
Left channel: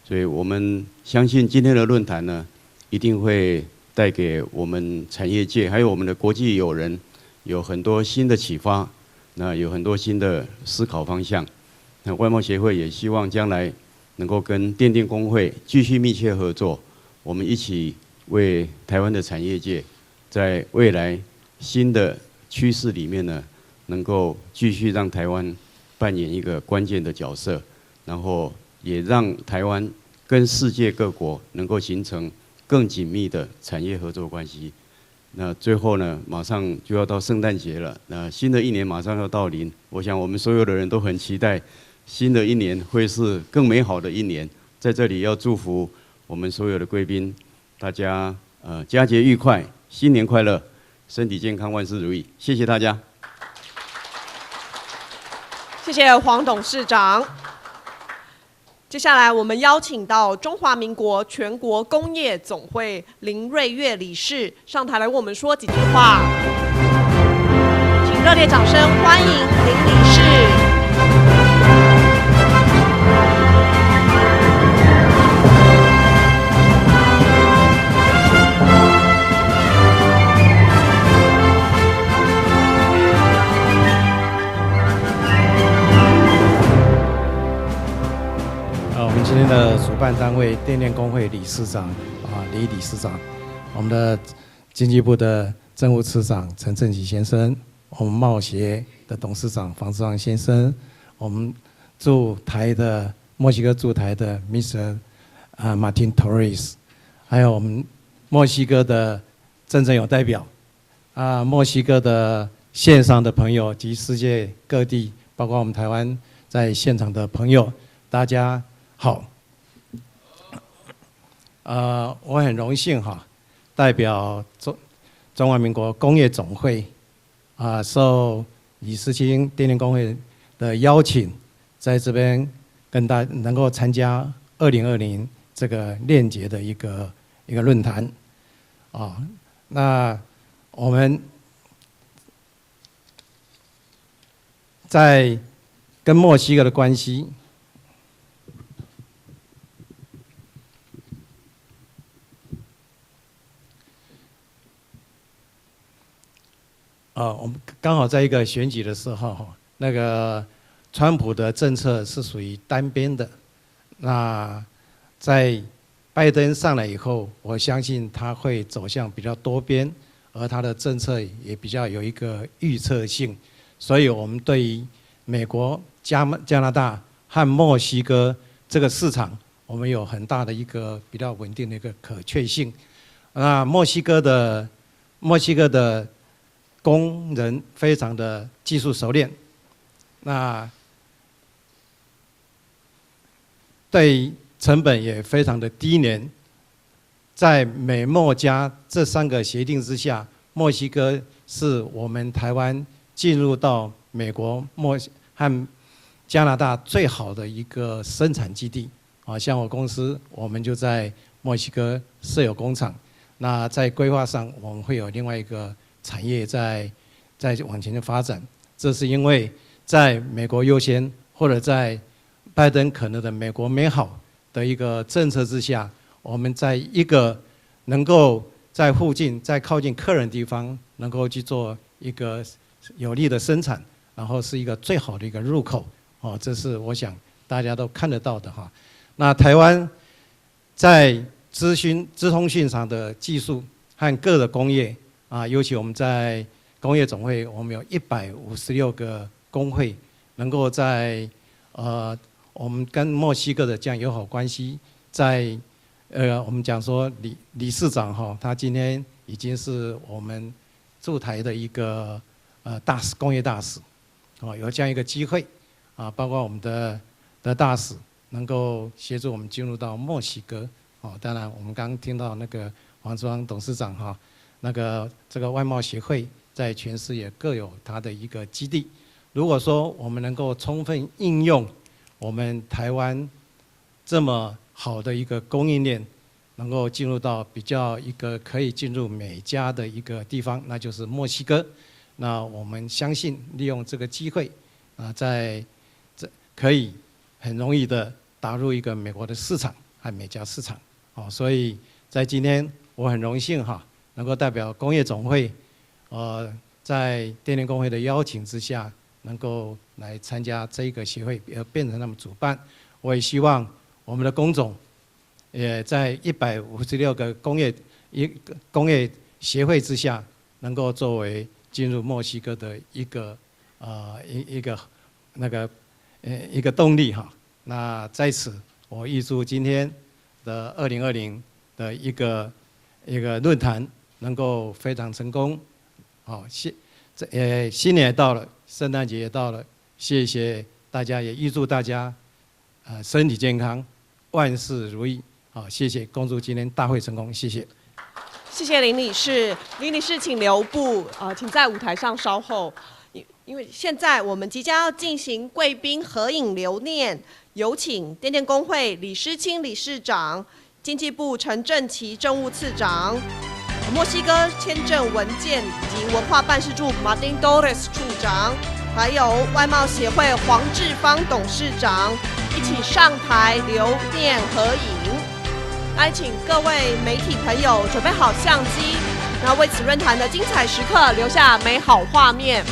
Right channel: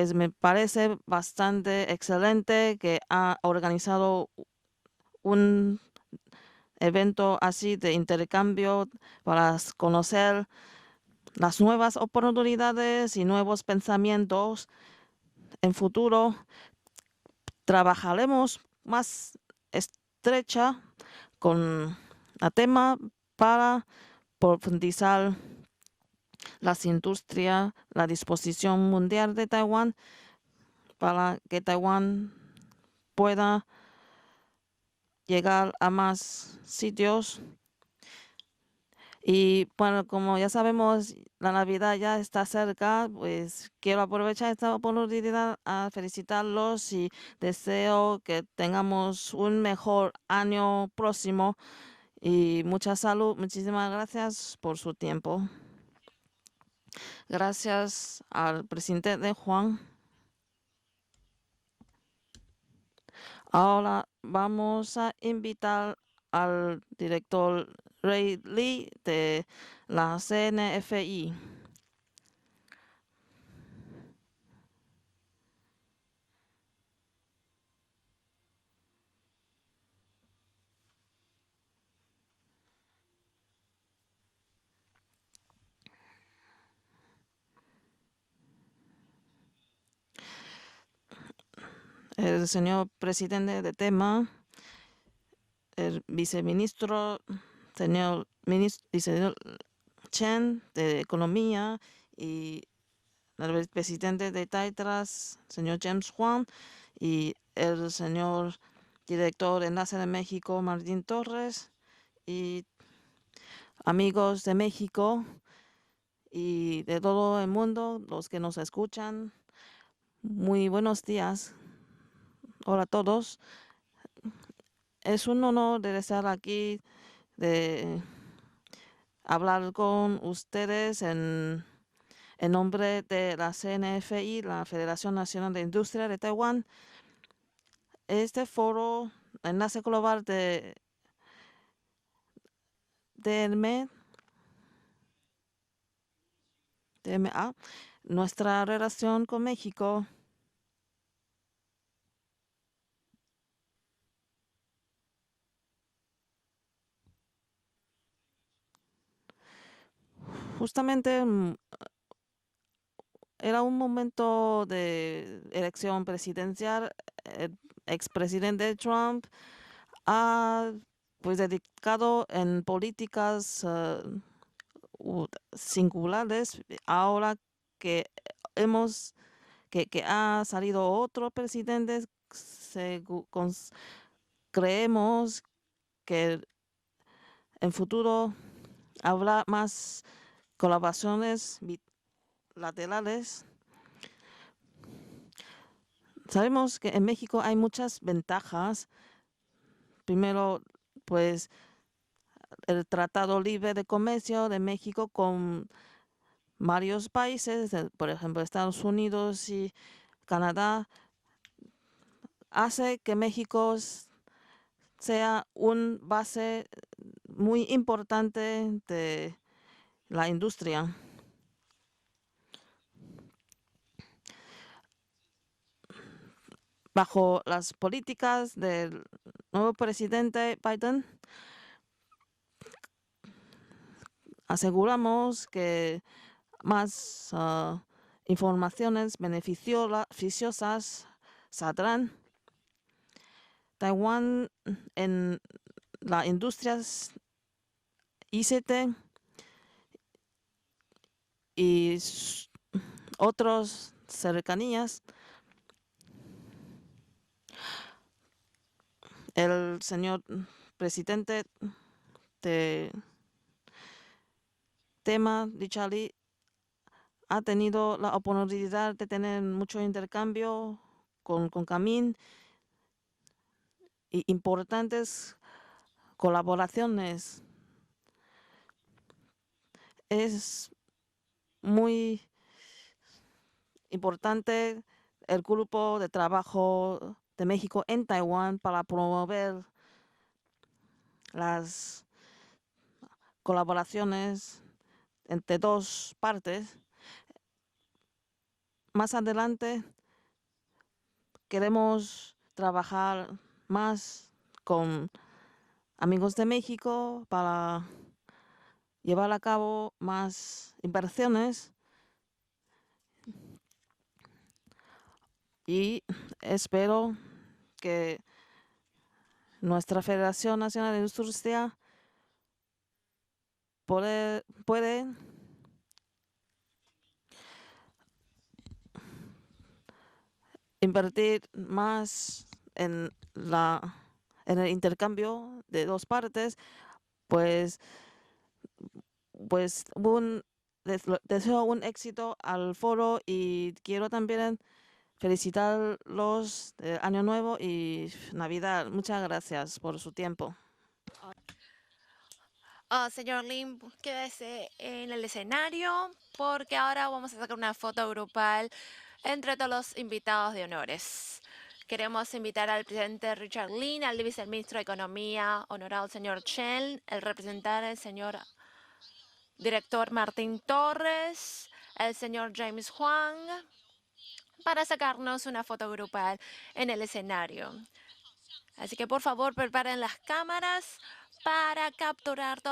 所以我们相信今天的论坛呢，一定会带给我们产业界还有我们的国际友人有很多新的启发，有很多新的思考方向。那外贸协会也希望将来能够跟电电工会继续密切合作，我们一起为台湾的产业界在未来新的趋势里面呢，能够继续让台湾扮演一个关键的角色。然后也让台湾跟世界各国能够形成更紧密的产业合作关系。那最后呢，马上就要到圣诞节了，那新的一年马上要到临，我想我们所有的人都很期待新的一年会是更美好的一年。在这里要祝福我们所有的贵宾，大家佳节愉快，新年快乐，身体健康，万事如意。谢谢大家。谢谢黄董事长。接下来我们邀请到中华民国全国工业总会林瑞月理事上台来为我们说几句话。请热烈掌声欢迎林理事。我们今天的主办单位电电工会理事长李理事长，我们的经济部的政务次长陈正喜先生，红贸协的董事长房志昂先生，我们驻台的墨西哥驻台的 Mr. Martin Torres， 还有我们墨西哥的郑正友代表，墨西哥的线上的朋友及世界各地，包括我们台湾在现场的朋友，大家好。我很荣幸代表中华民国工业总会受李世清电电工会的邀请，在这边跟大家能够参加2020这个链接的一个论坛那我们在跟墨西哥的关系。Nuestra relación con México. 我们刚好在一个选举的时候，那个川普的政策是属于单边的。那在拜登上来以后，我相信他会走向比较多边，而他的政策也比较有一个预测性。所以我们对于美国、加拿大和墨西哥这个市场，我们有很大的一个比较稳定的一个可确性。那墨西哥的工人非常的技术熟练，那对成本也非常的低廉。在美墨加这3个协定之下，墨西哥是我们台湾进入到美国、和加拿大最好的一个生产基地。像我公司，我们就在墨西哥设有工厂，那在规划上我们会有另外一个产业在往前的发展。这是因为在美国优先，或者在拜登可能的美国美好的一个政策之下，我们在一个能够在附近、在靠近客人的地方，能够去做一个有利的生产，然后是一个最好的一个入口。这是我想大家都看得到的。那台湾在资通讯上的技术和各的工业尤其我们在工业总会，我们有156个工会，能够在我们跟墨西哥的这样友好关系，在我们讲说理事长他今天已经是我们驻台的一个大使，工业大使。有这样一个机会包括我们的大使能够协助我们进入到墨西哥。当然我们刚刚听到那个黄志昂董事长那个这个外贸协会在全世界各有它的一个基地。如果说我们能够充分应用我们台湾这么好的一个供应链，能够进入到比较一个可以进入美加的一个地方，那就是墨西哥。那我们相信利用这个机会可以很容易的打入一个美国的市场和美加市场。所以在今天我很荣幸能够代表工业总会在电电工会的邀请之下，能够来参加这一个协会，也变成他们主办。我也希望我们的工总也在156个工业协会之下，能够作为进入墨西哥的一个动力那在此，我预祝今天的2020的一个论坛能够非常成功。新年也到了，圣诞节也到了，谢谢大家，也预祝大家身体健康，万事如意。谢谢，恭祝今天大会成功，谢谢。谢谢林理事，林理事请留步，请在舞台上稍后。现在我们即将要进行贵宾合影留念，有请电电工会李诗清理事长、经济部陈正奇政务次长。墨西哥签证文件及文化办事处 Martin Torres 处长，还有外贸协会黄志芳董事长一起上台留念合影。来，请各位媒体朋友准备好相机，那为此论坛的精彩时刻留下美好画面。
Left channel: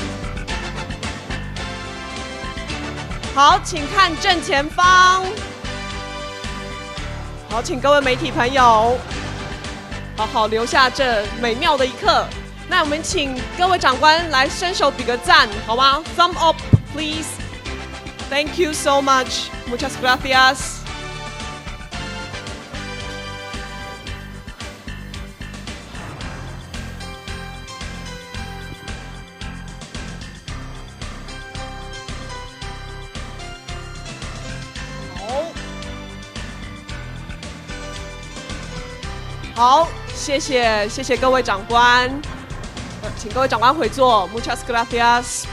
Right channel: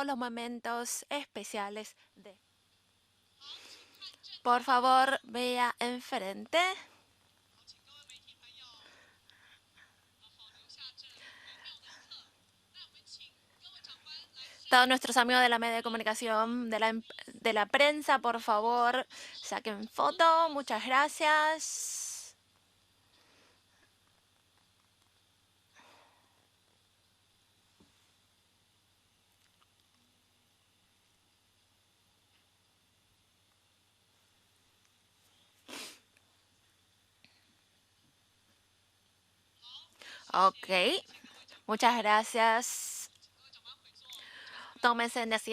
好，请看正前方。好，请各位媒体朋友好好留下这美妙的一刻。那我们请各位长官来伸手比个赞，好吗 ？Thumb up, please. Thank you so much. Muchas gracias. 好，谢谢各位长官，请各位长官回座。Muchas gracias。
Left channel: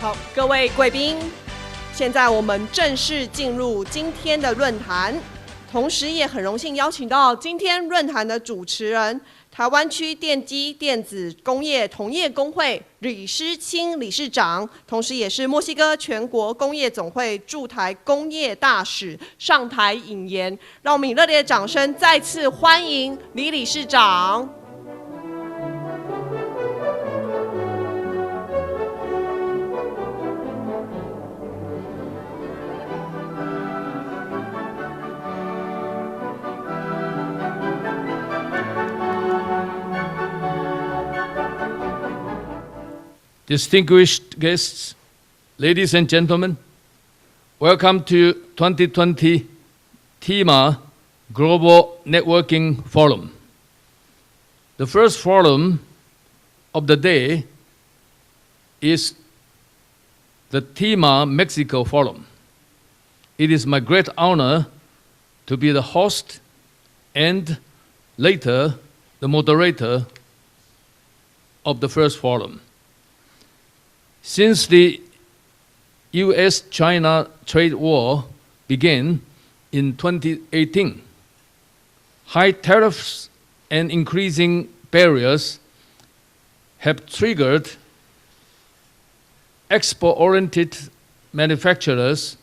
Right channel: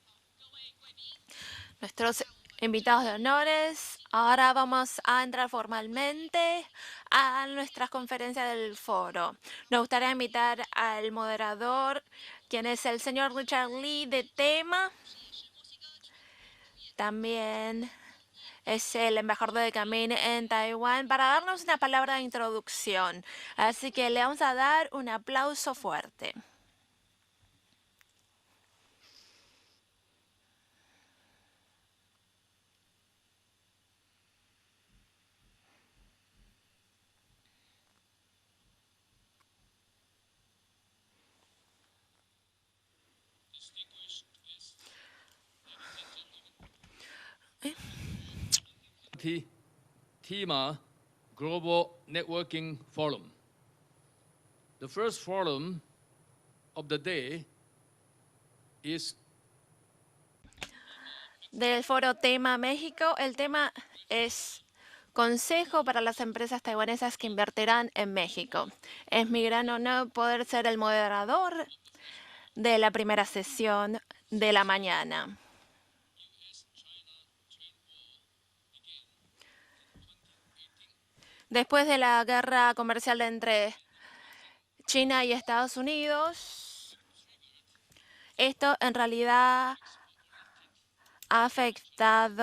好，各位贵宾，现在我们正式进入今天的论坛，同时也很荣幸邀请到今天论坛的主持人，台湾区电机电子工业同业工会吕诗清理事长，同时也是墨西哥全国工业总会驻台工业大使上台引言。让我们以热烈的掌声再次欢迎李理事长。Distinguished guests, ladies and gentlemen, welcome to 2020 TIMA Global Networking Forum. The first forum of the day is the TIMA Mexico Forum. It is my great honor to be the host and later the moderator of the first forum. Since the U.S.-China trade war began in 2018, high tariffs and increasing barriers have triggered export-oriented manufacturers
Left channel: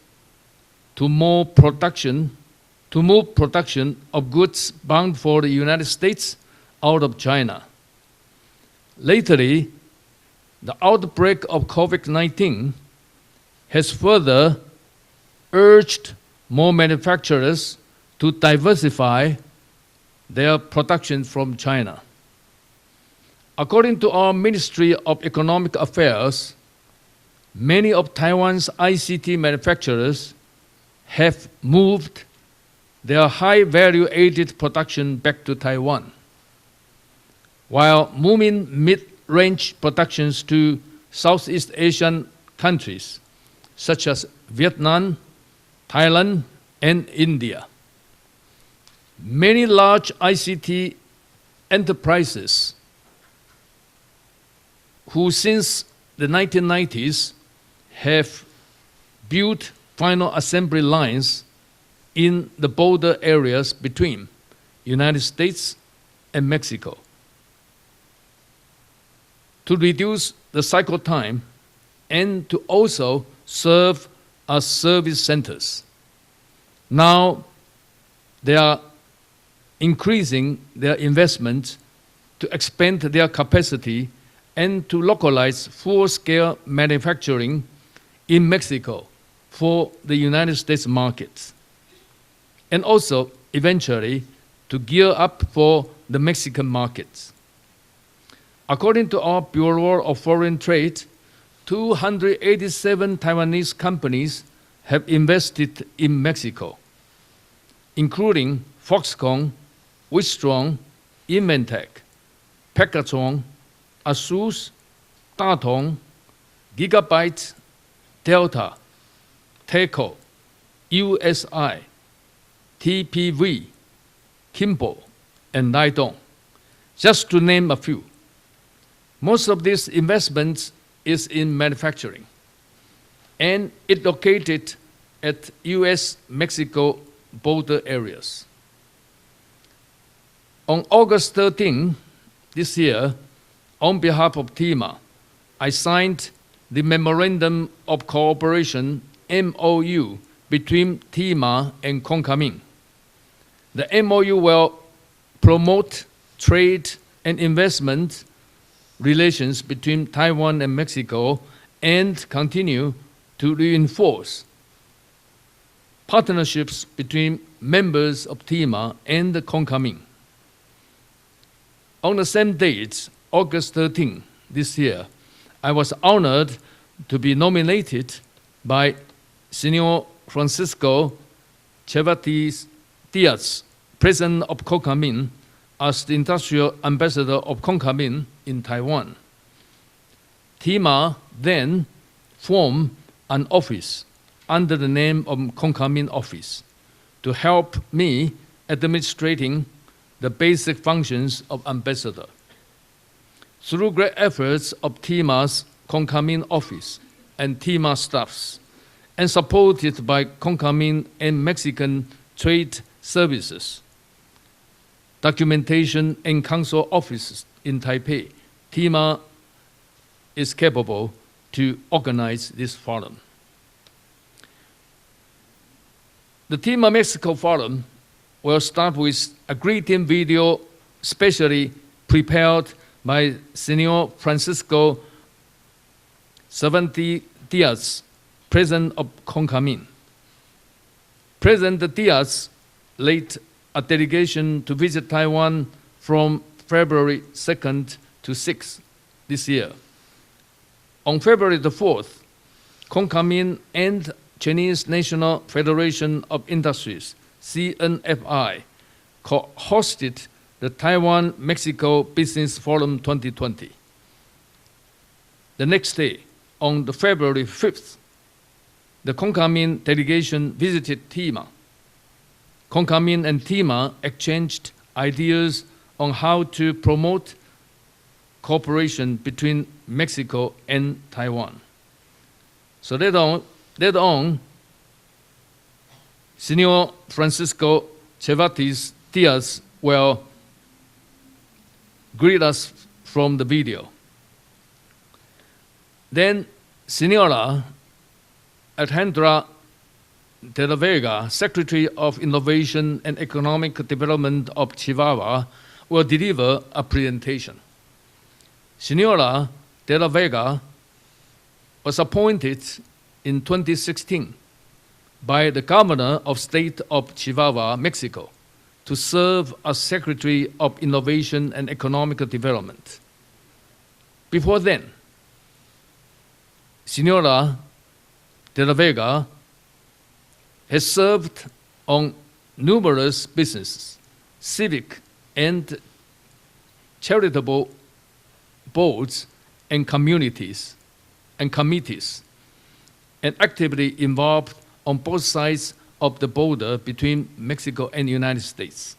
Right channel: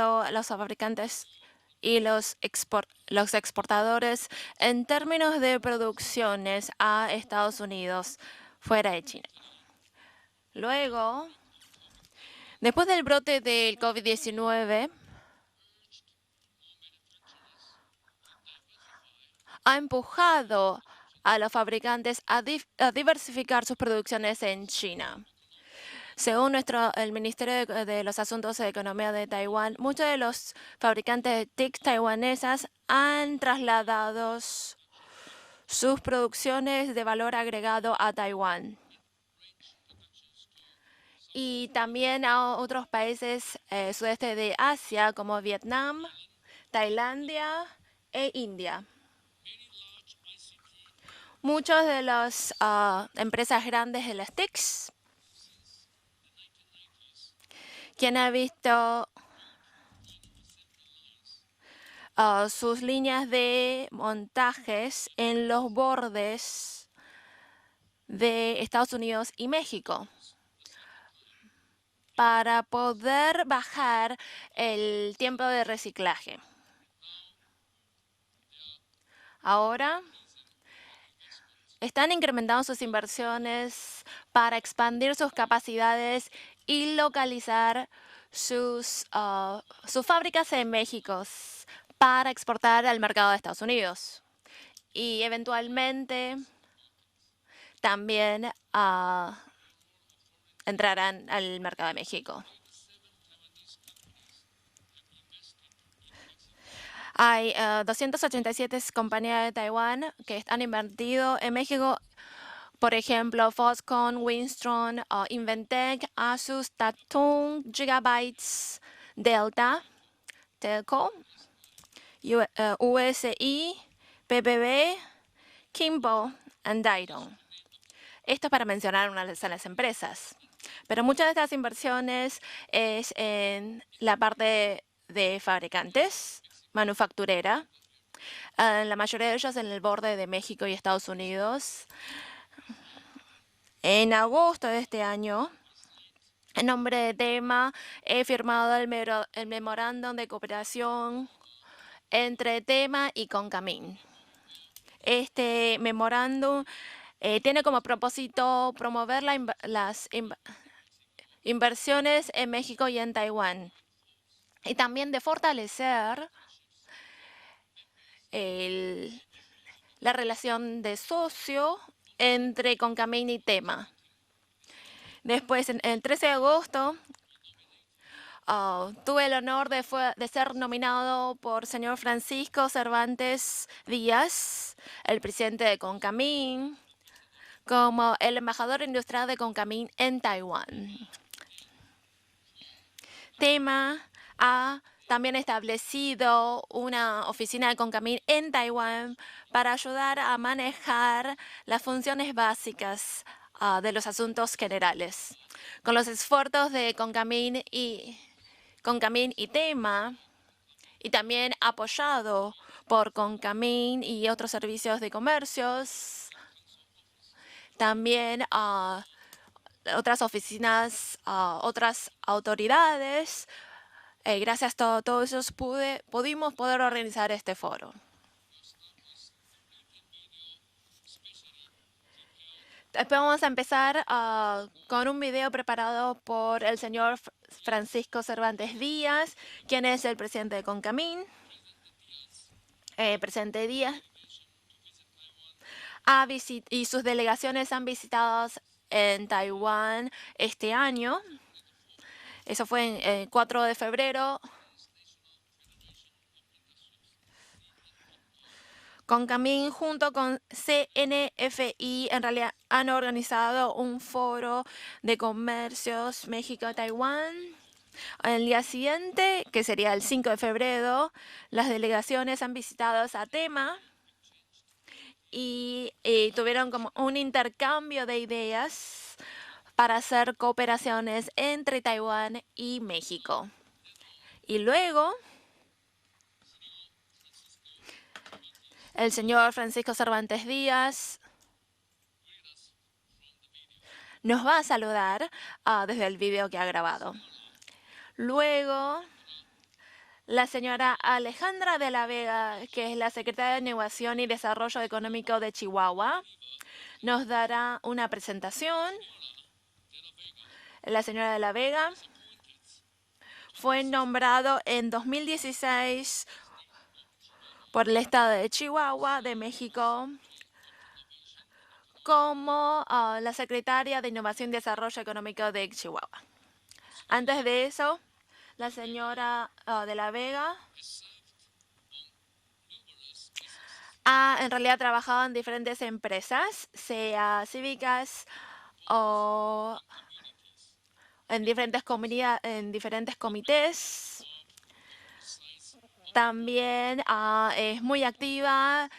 to move production of goods bound for the United States out of China. Lately, the outbreak of COVID-19 has further urged more manufacturers to diversify their production from China. According to our Ministry of Economic Affairs, many of Taiwan's ICT manufacturers have moved their high value-added production back to Taiwan, while moving mid-range productions to Southeast Asian countries such as Vietnam, Thailand, and India. Many large ICT enterprises who since the 1990s have built final assembly lines in the border areas between United States and Mexico to reduce the cycle time and to also serve as service centers. Now they are increasing their investment to expand their capacity and to localize full-scale manufacturing in Mexico for the United States markets, and also eventually to gear up for the Mexican markets. According to our Bureau of Foreign Trade, 287 Taiwanese companies have invested in Mexico, including Foxconn, Wistron, Inventec, Pegason, ASUS, 大同 Gigabyte, Delta, Teco, USI, TPV, Kimball, and Nidong, just to name a few. Esto para mencionar unas Most of these empresas. investments Pero is muchas de las in manufacturing, inversiones es and it la parte located de at fabricantes, U.S.-Mexico manufacturera, border areas. la mayoría de ellos en el borde de México y On Estados August Unidos. 13 this year, on En behalf of agosto de TIMA, este año, I signed en the nombre de Memorandum TEMA, of he firmado Cooperation, el MOU, memorándum de between cooperación TIMA and Concamín. entre TEMA y Concamín. The MOU will Este promote memorándum trade and tiene como investment propósito promover relations las between Taiwan and Mexico and inversiones en continue México y en to Taiwán, reinforce y también de fortalecer partnerships between members of TIMA and the Concamín. la relación de socio On the same entre date, Concamín y August TEMA. 13 this year, Después, I was el 13 de honored agosto, to be nominated by tuve el honor Señor de ser Francisco nominado por señor Cervantes Francisco Cervantes Díaz, Díaz, President of el Concamín, presidente de as the Concamín, Industrial Ambassador of como Concamín el in embajador Taiwan. industrial de Concamín en Taiwán. TIMA then formed an TEMA office under the name también of Concamín establecido Office una to oficina de help Concamín me en Taiwán administrating para ayudar the a basic manejar functions of las ambassador. funciones básicas Through de los great asuntos efforts of generales. TIMA's Con los Concamín esfuerzos de Office Concamín and y TIMA staffs, Concamín and y supported TEMA, by Concamín y también and Mexican apoyado trade por services, Concamín y otros servicios de comercio, documentation and council offices in Taipei. también TIMA otras is oficinas, capable to otras organize this forum. autoridades. Gracias a todos ellos pudimos The poder TIMA organizar Mexico este Forum foro. will start with a greeting video specially prepared by Vamos a empezar Señor Francisco con un video preparado por el Cervantes señor Díaz, Francisco Cervantes President of Díaz, Concamín. quien es el presidente de Concamín. President Díaz led presidente a Díaz delegation to visit Taiwan ha from visitado, sus February delegaciones han 2nd visitado to 6th en this year. Taiwán este año. On February the 4th, Eso fue el Concamín 4 de and febrero. Chinese National Federation of Industries, CNFI, Concamín hosted junto con the Taiwan-Mexico CNFI, en Business realidad, Forum han organizado 2020. un foro de The next day, comercios México on the Taiwán. February 5th, El día siguiente, the que Concamín sería el 5 de delegation febrero, visited TIMA. las delegaciones han visitado Concamín a and TEMA TIMA exchanged ideas y on how tuvieron to como un promote intercambio de ideas cooperation between para hacer Mexico and cooperaciones Taiwan. entre Taiwán y So México. later on, Y luego, Señor Francisco Cervantes el señor Díaz Francisco will Cervantes Díaz greet us from the video. nos va a saludar desde el Then, video que ha grabado. Señora Luego, Alejandra la de la señora Vega, Alejandra Secretary de la of Vega, Innovation que es la and secretaria de Economic Innovación y Development of Desarrollo Chihuahua, Económico de Chihuahua, will deliver a nos presentation. dará una presentación. Señora de la Vega La señora de la Vega was appointed in fue 2016 nombrado en by the 2016 Governor of State of Chihuahua, por el Mexico, estado de Chihuahua, to de serve México, as Secretary of Innovation and Economic como Development. la secretaria de Innovación Before y then, Desarrollo Económico de Chihuahua. Señora Antes de eso, de la Vega señora, de la Vega has served on numerous businesses, ha en realidad civic trabajado en and diferentes empresas, sea charitable cívicas boards o and communities, en and diferentes committees, en diferentes and comités. actively involved on both sides of the border También, between es Mexico muy and the United activa States.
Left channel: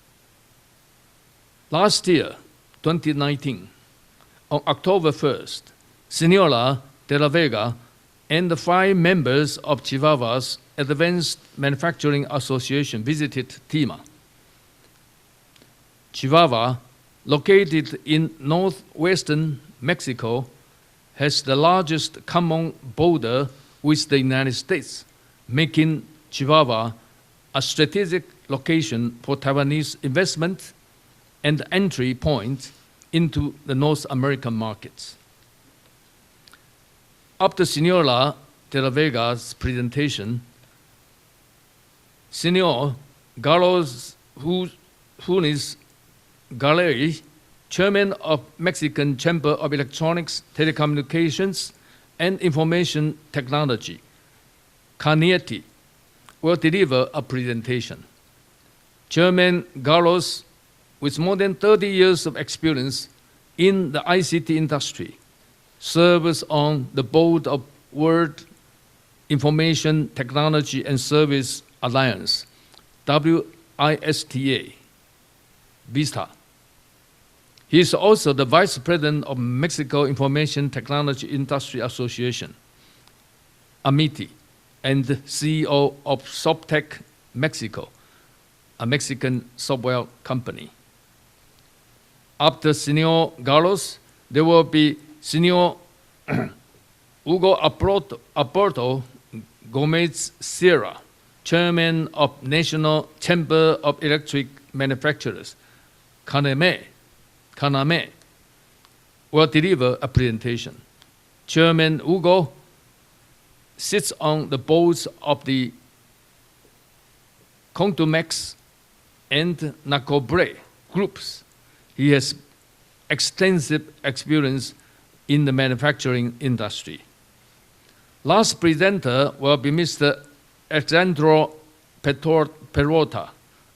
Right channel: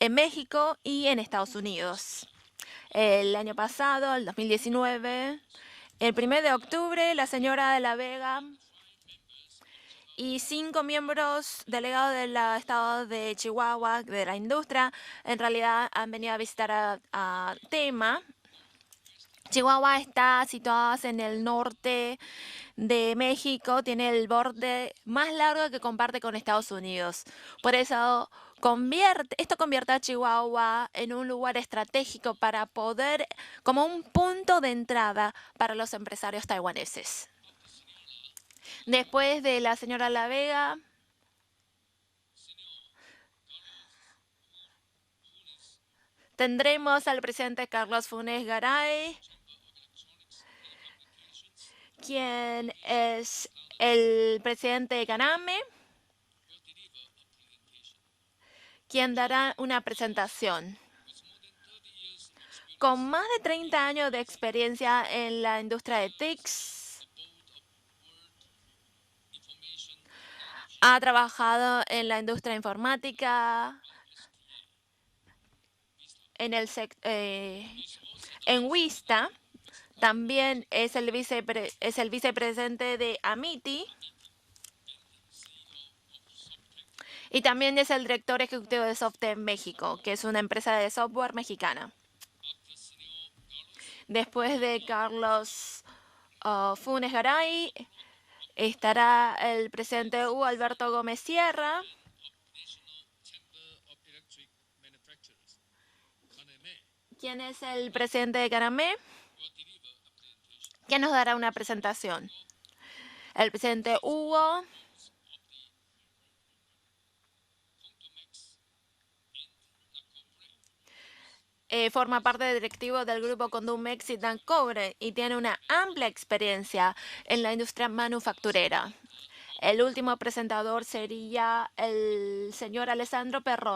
en México y en Estados Unidos. Last year, El año 2019, pasado, el on 2019, October 1st, el 1 de Señora octubre, de la la señora Vega de la Vega and the 5 members of Chihuahua's y 5 Advanced miembros Manufacturing delegados Association de visited Chihuahua, TIMA. de la industria, en realidad han venido a Chihuahua, visitar a located TEMA. in northwestern Chihuahua Mexico, está situado en el has the norte largest common de border México, with tiene the el United borde States, más largo que making comparte con Chihuahua Estados Unidos. a Por strategic eso, location for esto convierte Taiwanese a investment Chihuahua en un lugar and entry estratégico point para poder, into the como North un American punto de markets. entrada para los empresarios taiwaneses. After Señora de la Después Vega's de la señora La presentation, Vega, Señor Carlos Funes tendremos Garay, al presidente Chairman Carlos of Funes Garay, Mexican Chamber of Electronics, Telecommunications, and quien Information es Technology, el presidente de Canietti, CANAME, will deliver a presentation. quien dará Chairman una Carlos presentación. with more than 30 years of experience in the ICT industry, serves on the board of World Information Technology and Service Alliance, WISTA. He is also the Vice President of Mexico Information Technology Industry Association, AMITI, and CEO of Softec Mexico, a Mexican software company. After Senor Carlos, there will be Senor Hugo Aporto Gomez Sierra, Chairman of National Chamber of Electric Manufacturers, Kaname, will deliver a presentation. Chairman Hugo sits on the boards of the Contumex and Nacobre groups. He has extensive experience in the manufacturing industry. Last presenter will be Mr. Alexandro Perrota,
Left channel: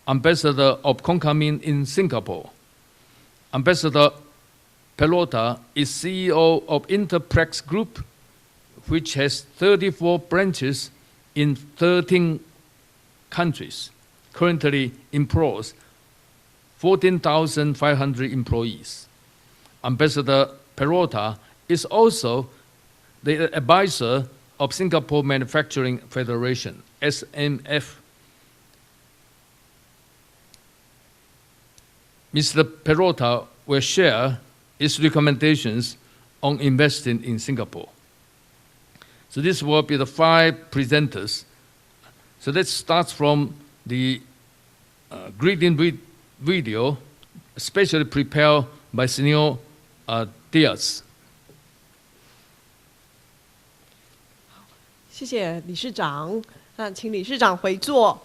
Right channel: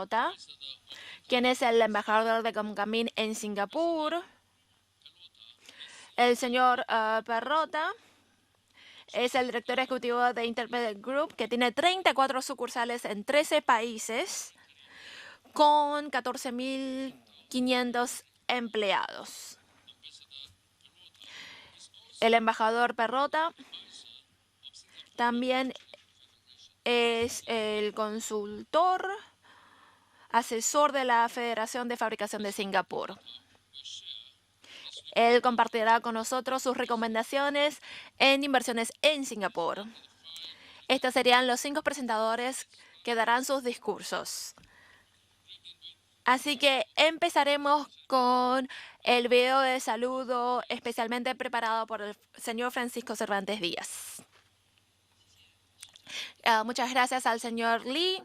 Ambassador of Concamin in Singapore. Ambassador Perrota is CEO of Interprex Group, which has 34 branches in 13 countries, currently employs 14,500 employees. Ambassador Perrota is also the advisor of Singapore Manufacturing Federation, SMF. Mr. Perrota will share his recommendations on investing in Singapore. So this will be the 5 presenters. So let's start from the greeting video, specially prepared by Senor Diaz. 谢谢理事长，请理事长回座。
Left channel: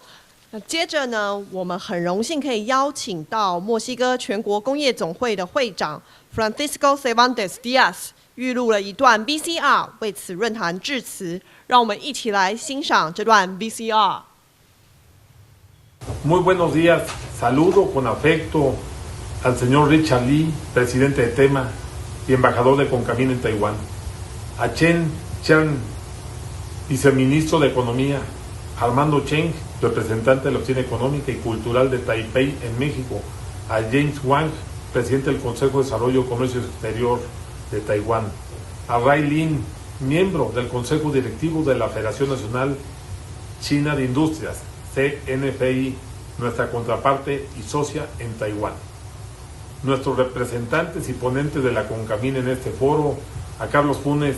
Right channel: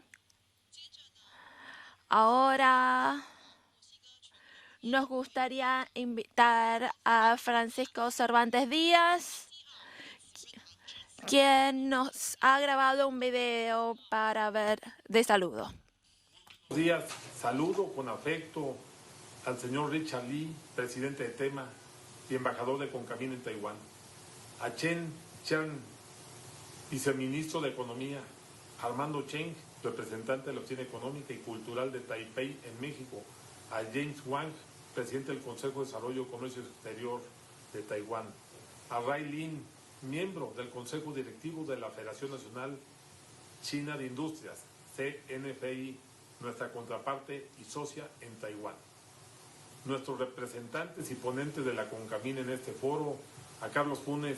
接着呢，我们很荣幸可以邀请到墨西哥全国工业总会的会长 Francisco Cervantes Diaz 预录了一段 VCR， 为此论坛致辞。让我们一起来欣赏这段 VCR。 Muy buenos días, saludo con afecto al señor Richard Lee, presidente de TEMA y embajador de Concamín en Taiwán, a Chen Chen, viceministro de Economía, Armando Cheng, representante de la Oficina Económica y Cultural de Taipei en México, a James Wang, presidente del Consejo de Desarrollo y Comercio Exterior de Taiwán, a Rai Lin, miembro del Consejo Directivo de la Federación Nacional China de Industrias, CNFI, nuestra contraparte y socia en Taiwán. Nuestros representantes y ponentes de la Concamín en este foro, a Carlos Funes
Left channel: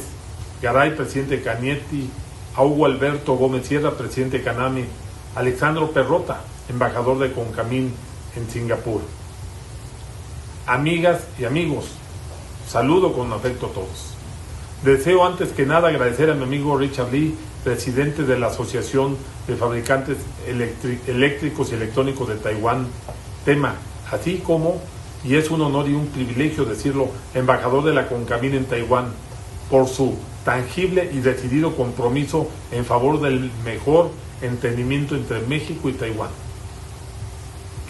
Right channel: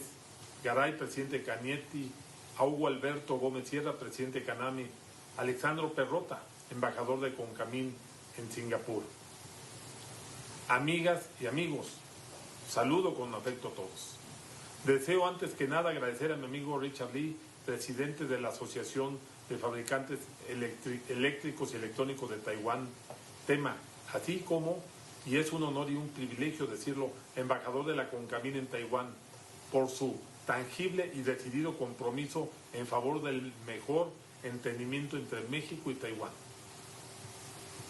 Garay, presidente Canietti, a Hugo Alberto Gómez Sierra, presidente Caname, Alexandro Perrota, embajador de Concamín en Singapur. Amigas y amigos, saludo con afecto a todos. Deseo antes que nada agradecer a mi amigo Richard Lee, presidente de la Asociación de Fabricantes Eléctricos y Electrónicos de Taiwán, TEMA, así como, y es un honor y un privilegio decirlo, embajador de la Concamín en Taiwán, por su tangible y decidido compromiso en favor del mejor entendimiento entre México y Taiwán,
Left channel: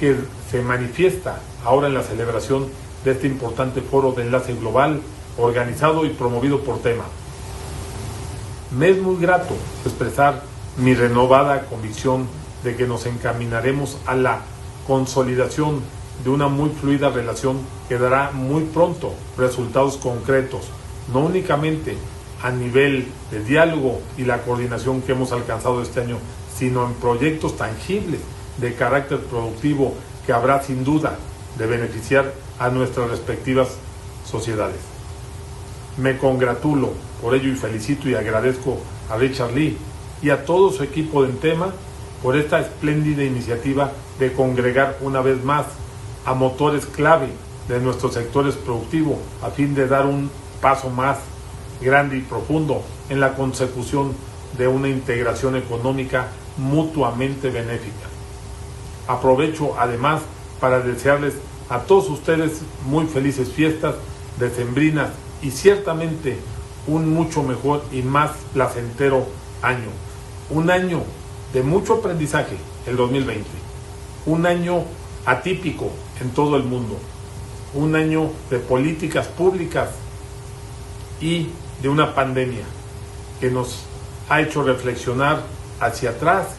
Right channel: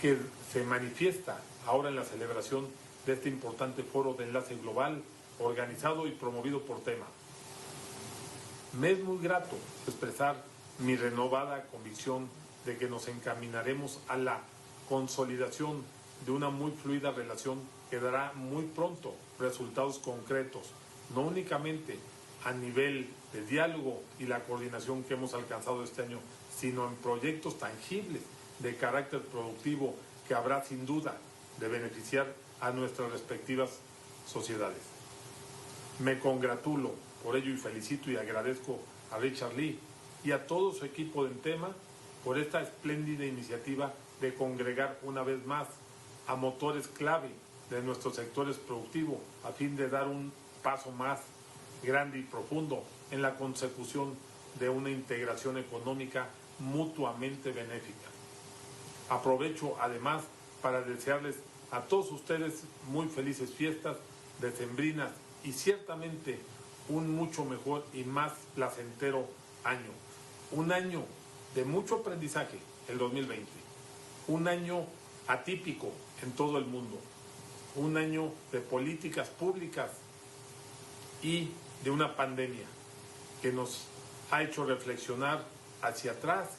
que se manifiesta ahora en la celebración de este importante foro de enlace global organizado y promovido por TEMA. Me es muy grato expresar mi renovada convicción de que nos encaminaremos a la consolidación de una muy fluida relación que dará muy pronto resultados concretos, no únicamente a nivel de diálogo y la coordinación que hemos alcanzado este año, sino en proyectos tangibles de carácter productivo que habrá sin duda de beneficiar a nuestras respectivas sociedades. Me congratulo por ello y felicito y agradezco a Richard Lee y a todo su equipo de TEMA por esta espléndida iniciativa de congregar una vez más a motores clave de nuestros sectores productivos a fin de dar un paso más grande y profundo en la consecución de una integración económica mutuamente benéfica. Aprovecho además para desearles a todos ustedes muy felices fiestas decembrinas y ciertamente un mucho mejor y más placentero año. Un año de mucho aprendizaje, el 2020. Un año atípico en todo el mundo, un año de políticas públicas y de una pandemia que nos ha hecho reflexionar hacia atrás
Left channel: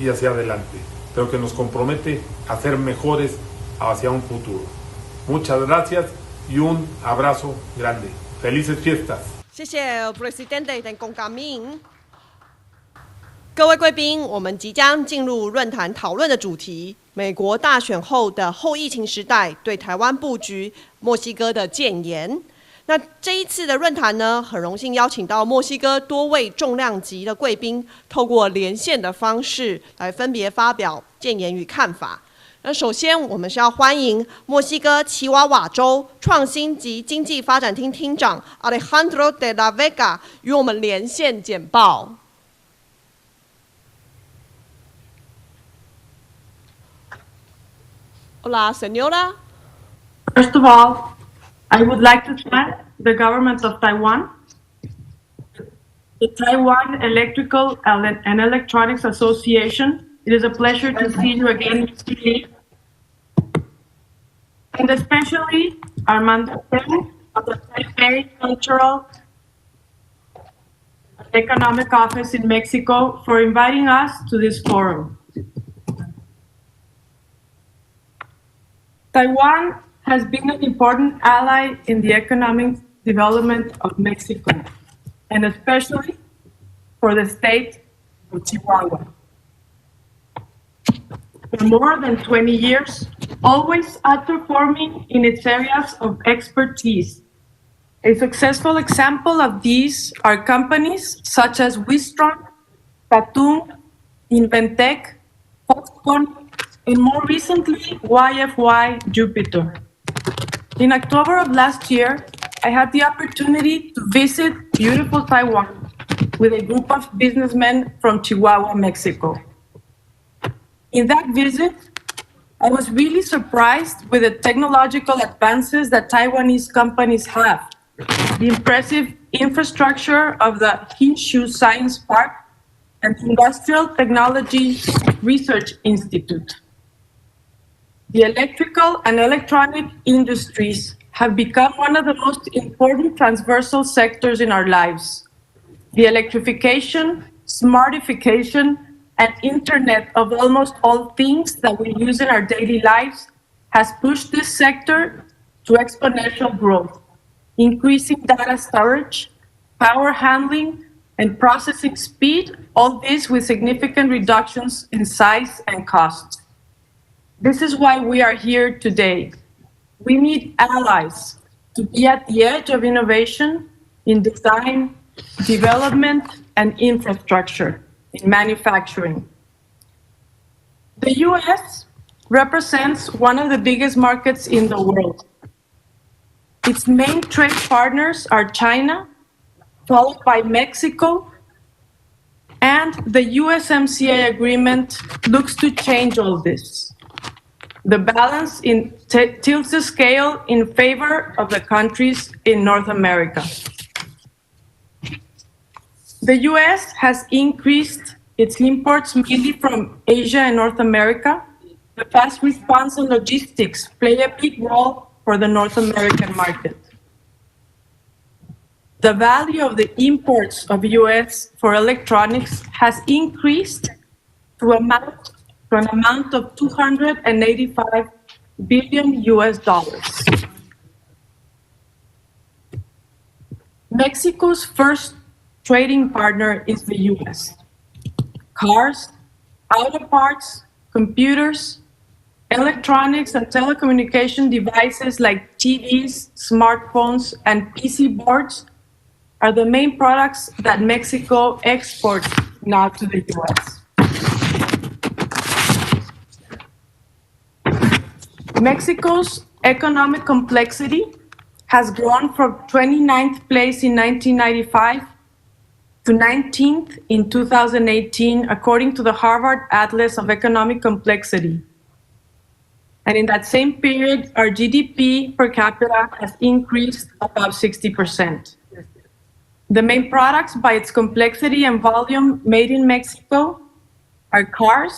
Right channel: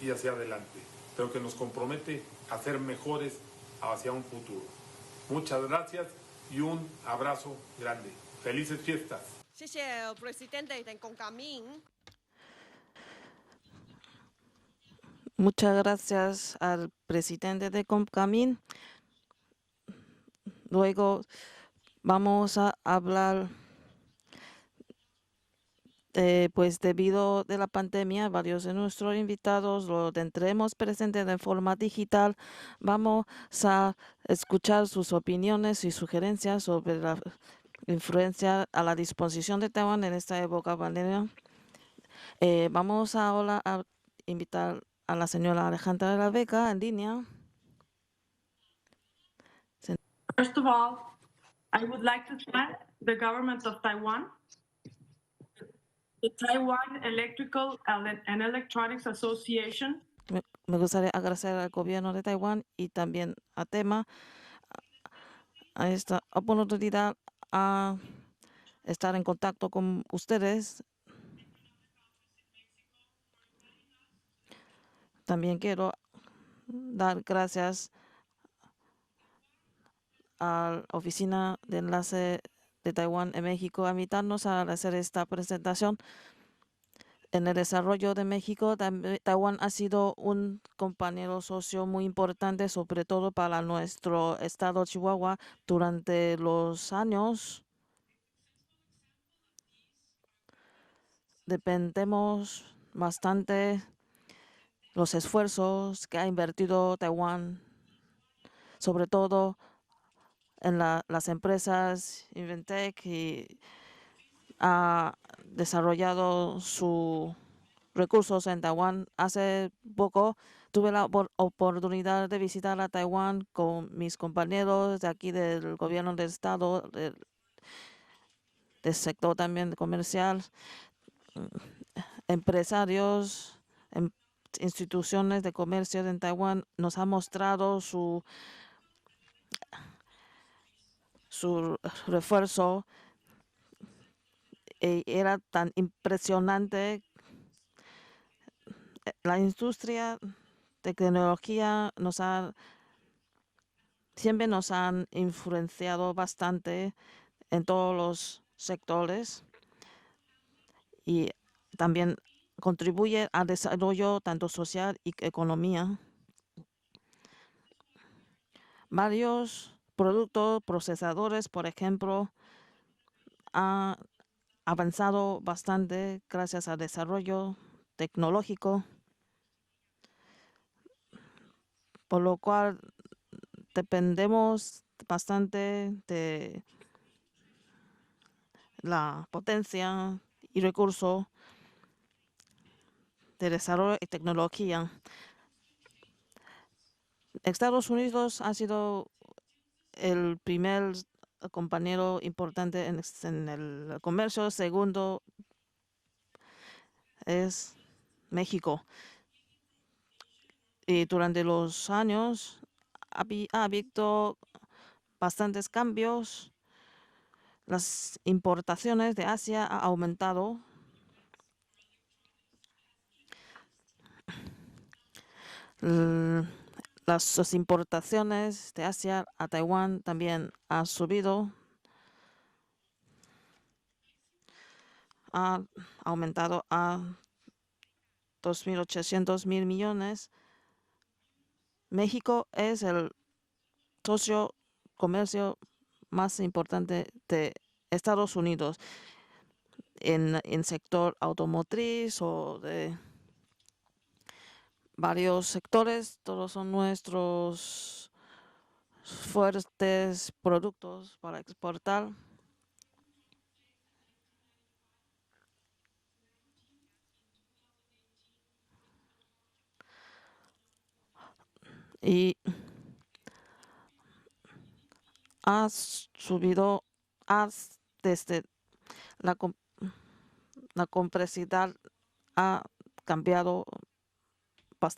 y hacia adelante, pero que nos compromete a ser mejores hacia un futuro. Muchas gracias y un abrazo grande. Felices fiestas. 谢谢 Presidente 的公感命。各位贵宾，我们即将进入论坛讨论的主题：美国大选后的后疫情时代对台湾布局，墨西哥的建言。那这一次的论坛呢，很荣幸邀请到墨西哥多位重量级的贵宾，透过连线的方式来分别发表建言与看法。那首先，我们是要欢迎墨西哥奇瓦瓦州创新及经济发展厅厅长 Alejandro de la Vega 与我们连线简报。Vamos ahora a invitar a la señora Alejandra de la Vega en línea. Hola, señora. First of all, I would like to thank the government of Taiwan, the Taiwan Electrical and Electronics Association. It is a pleasure to see you again, and especially Armando of the Cultural Economic Office in Mexico for inviting us to this forum. También quiero dar gracias. Taiwan has been an important ally in the economic development of Mexico, and especially for the state of Chihuahua. For more than 20 years, always outperforming in its areas of expertise. A successful example of these are companies such as Wistron, Tatum, Inventec, Foxconn, and more recently, YFY Jupiter. In October of last year, I had the opportunity to visit beautiful Taiwan with a group of businessmen from Chihuahua, Mexico. In that visit, I was really surprised with the technological advances that Taiwanese companies have. The impressive infrastructure of the Hinshu Science Park and Industrial Technology Research Institute. The electrical and electronic industries have become one of the most important transversal sectors in our lives. The electrification, smartification, and internet of almost all things that we use in our daily lives has pushed this sector to exponential growth, increasing data storage, power handling, and processing speed, all this with significant reductions in size and cost. This is why we are here today. We need allies to be at the edge of innovation in design, development, and infrastructure in manufacturing. The U.S. represents one of the biggest markets in the world. Its main trade partners are China, followed by Mexico, and the USMCA agreement looks to change all this. The balance tilts the scale in favor of the countries in North America. The U.S. has increased its imports mainly from Asia and North America. The fast response and logistics play a big role for the North American market. The value of the imports of U.S. for electronics has increased to an amount of $285 billion US. Mexico's first trading partner is the U.S. Cars, auto parts, computers, electronics and telecommunication devices like TVs, smartphones, and PC boards are the main products that Mexico exports now to the U.S. Mexico's economic complexity has grown from 29th place in 1995 to 19th in 2018, according to the Harvard Atlas of Economic Complexity. And in that same period, our GDP per capita has increased above 60%. The main products by its complexity and volume made in Mexico are cars,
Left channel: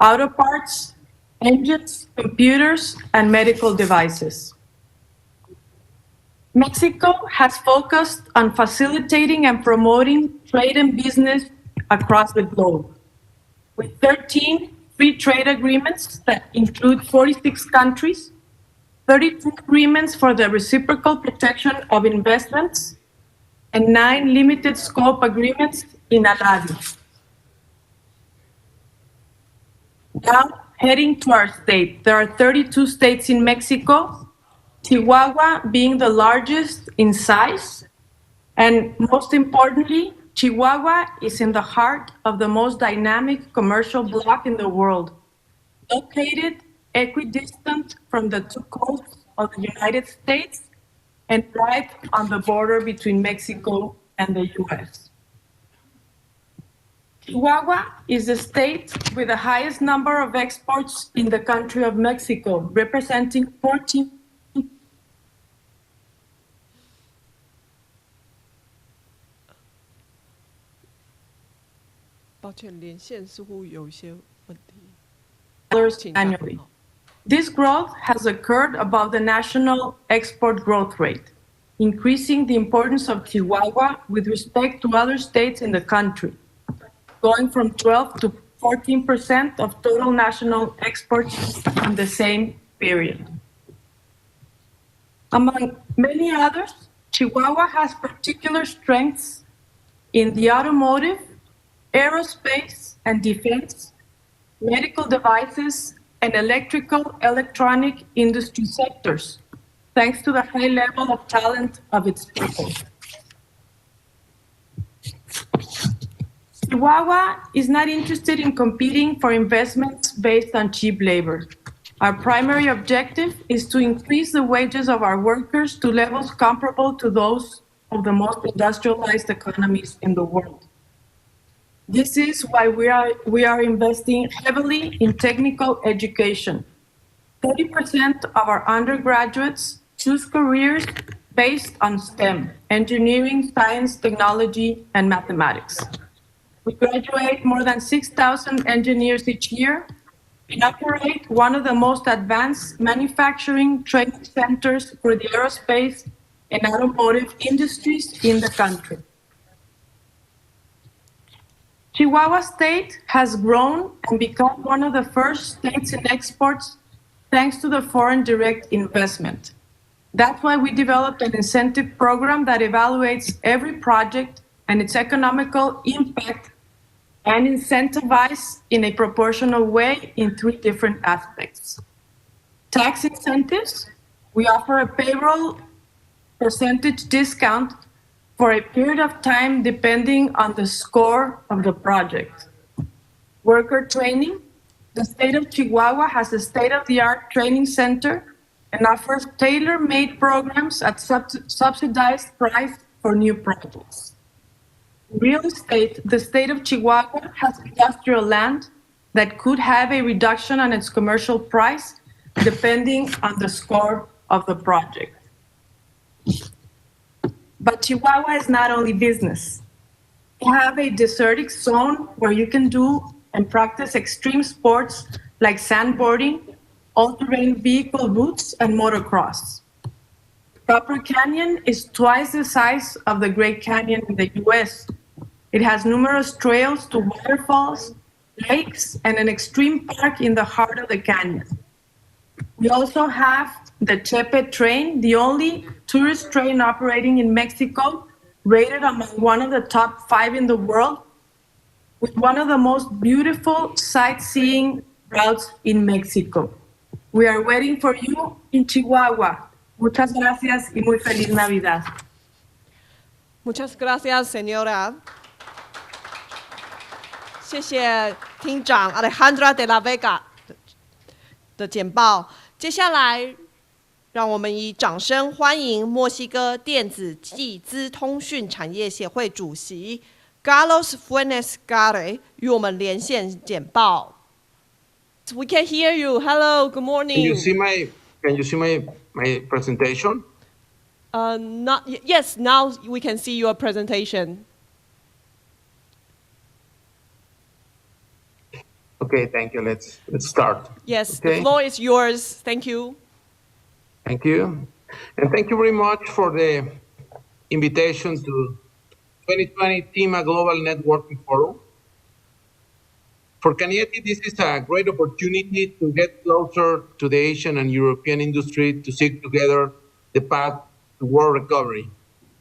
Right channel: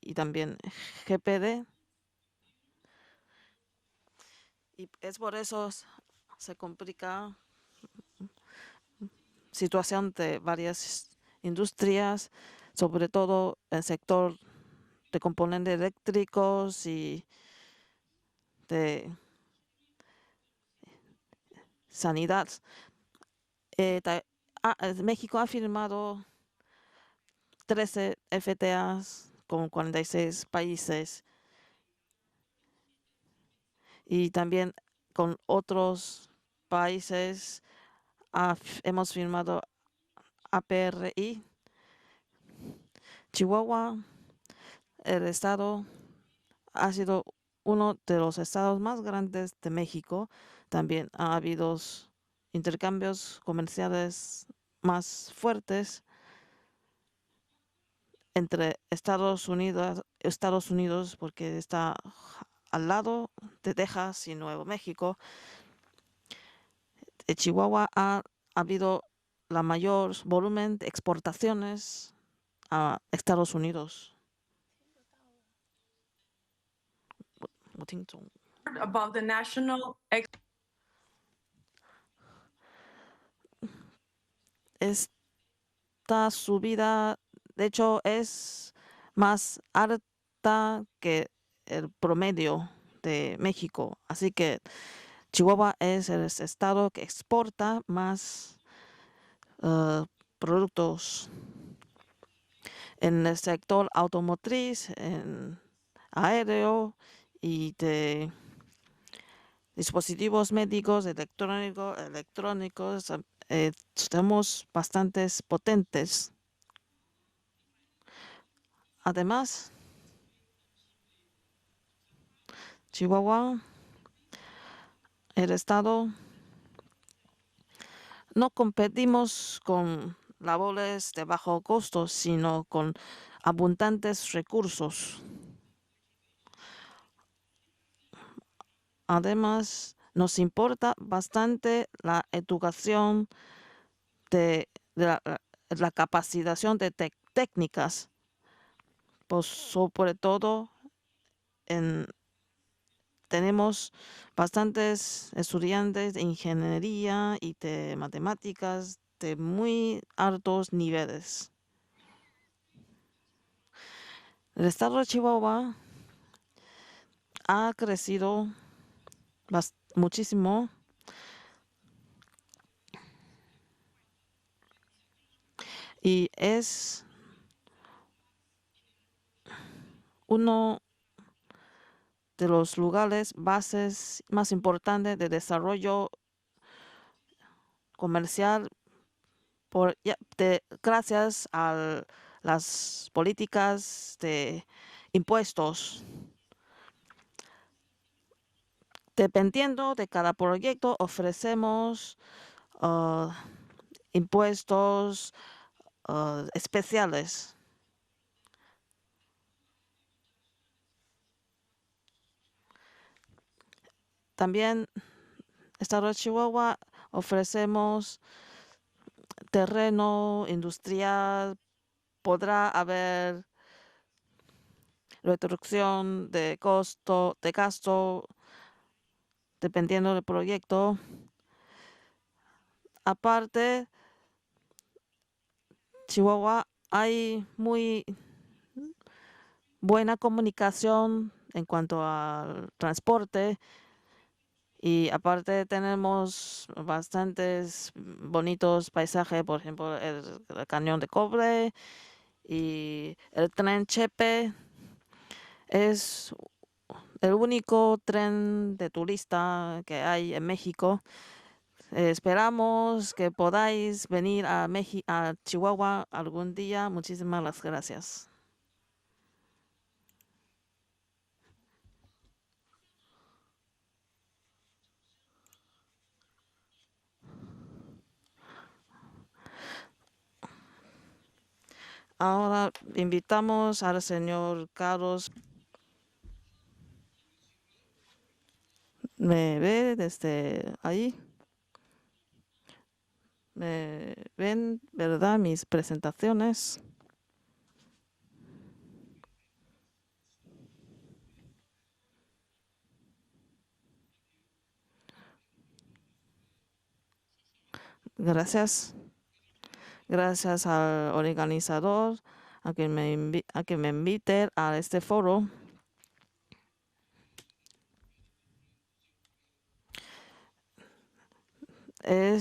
auto parts, engines, computers, and medical devices. Mexico has focused on facilitating and promoting trade and business across the globe, with 13 free trade agreements that include 46 countries, 32 agreements for the reciprocal protection of investments, and 9 limited scope agreements in Aladdin. Now, heading to our state, there are 32 states in Mexico, Chihuahua being the largest in size, and most importantly, Chihuahua is in the heart of the most dynamic commercial bloc in the world, located equidistant from the two coasts of the United States and right on the border between Mexico and the U.S. Chihuahua is the state with the highest number of exports in the country of Mexico, representing 14. Chihuahua ha habido la mayor volumen de exportaciones a Estados Unidos. Annually. This growth has occurred above the national export growth rate, increasing the importance of Chihuahua with respect to other states in the country, going from 12 to 14% of total national exports in the same period. Among many others, Chihuahua has particular strengths in the automotive, aerospace and defense, medical devices, and electronic industry sectors, thanks to the high level of talent of its people. Chihuahua is not interested in competing for investments based on cheap labor. Our primary objective is to increase the wages of our workers to levels comparable to those of the most industrialized economies in the world. This is why we are investing heavily in technical education. 30% of our undergraduates choose careers based on STEM, engineering, science, technology, and mathematics. We graduate more than 6,000 engineers each year and operate one of the most advanced manufacturing training centers for the aerospace and automotive industries in the country. Chihuahua State has grown and become one of the first states in exports thanks to the foreign direct investment. That's why we developed an incentive program that evaluates every project and its economical impact and incentivizes in a proportional way in 3 different aspects. Tax incentives, we offer a payroll percentage discount for a period of time depending on the score of the project. Worker training, the state of Chihuahua has a state-of-the-art training center and offers tailor-made programs at subsidized price for new projects. Real estate, the state of Chihuahua has industrial land that could have a reduction on its commercial price depending on the score of the project. But Chihuahua is not only business. We have a desertic zone where you can do and practice extreme sports like sandboarding, all-terrain vehicle routes, and motocross. Copper Canyon is twice the size of the Great Canyon in the U.S. It has numerous trails to waterfalls, lakes, and an extreme park in the heart of the canyon. We also have the Chepe train, the only tourist train operating in Mexico, rated among one of the top 5 in the world, with one of the most beautiful sightseeing routes in Mexico. We are waiting for you in Chihuahua. Muchas gracias y muy feliz Navidad. Muchas gracias, señora. 谢谢厅长 Alejandra de la Vega 的简报。接下来，让我们以掌声欢迎墨西哥电子技资通讯产业协会主席 Carlos Funes Gare 与我们连线简报。We can hear you. Hello, good morning. Can you see my presentation? Yes, now we can see your presentation. ¿Ven, verdad, mis presentaciones? Okay, thank you. Let's start. Yes, okay? The floor is yours. Thank you. Thank you. And thank you very much for the invitation to 2020 TIMA Global Networking Forum. For Cañete, this is a great opportunity to get closer to the Asian and European industry to seek together the path to world recovery. And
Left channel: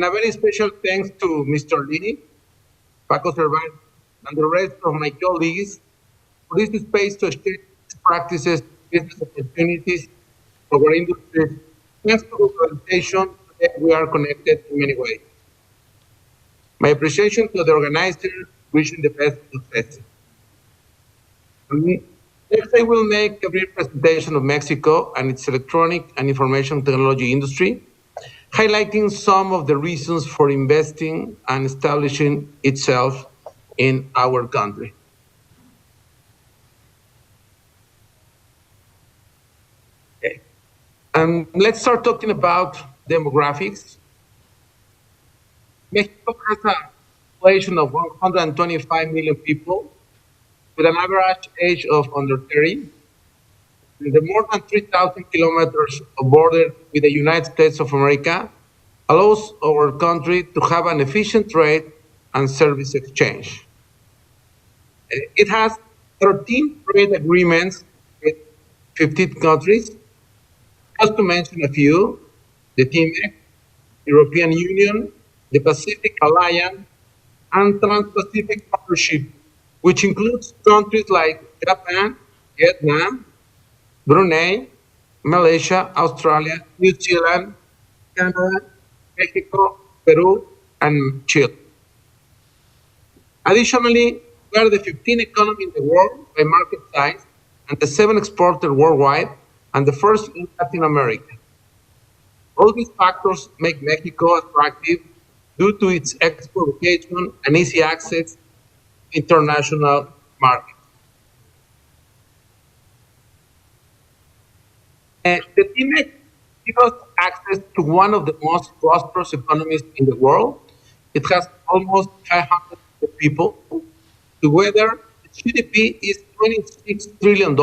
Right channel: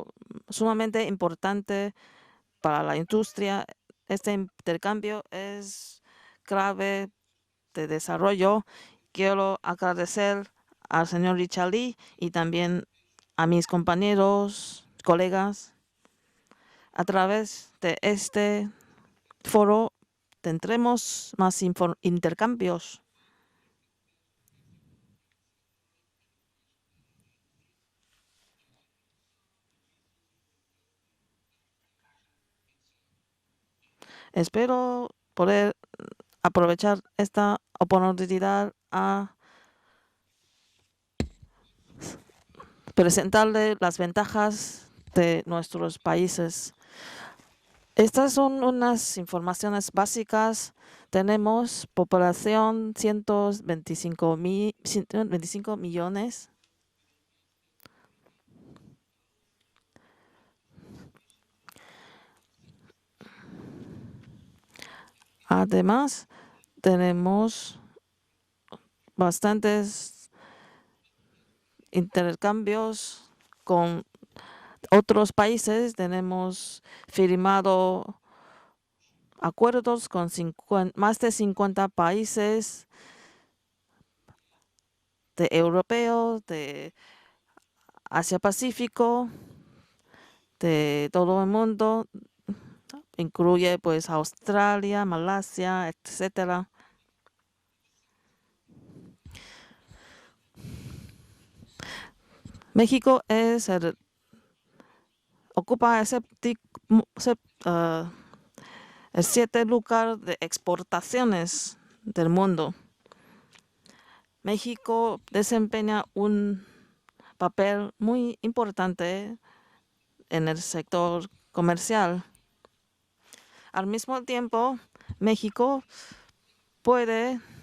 a very special thanks to Mr. Lee, Paco Cervantes, and the rest of my colleagues for this space to share practices, business opportunities, our industry, and for presentation, we are connected in many ways. My appreciation to the organizers, wishing the best success. Next, I will make a brief presentation of Mexico and its electronic and information technology industry, highlighting some of the reasons for investing and establishing itself in our country. Poder aprovechar esta oportunidad a let's start talking about presentarles las ventajas de nuestros países. Estas son unas informaciones básicas. Tenemos población 125 millones of border with the United States of America allows our country to have an efficient trade and service exchange. It has 13 trade agreements with 15 countries. Just to mention a few, the TIMEC, European Union, the Pacific Alliance, and Trans-Pacific Partnership, which includes countries like Japan, Vietnam, Brunei, Malaysia, Australia, New Zealand, Canada, Mexico, Peru, and Chile. Additionally, we are the 15th economy in the world by market size, and the 7th exporter worldwide, and the first in Latin America. All these factors make Mexico attractive due to its export location and easy access to international exportaciones del mundo. México desempeña un papel to one of the muy most prosperous economies in the world. It has almost 500 people. Al mismo tiempo, together, México GDP is $26 trillion,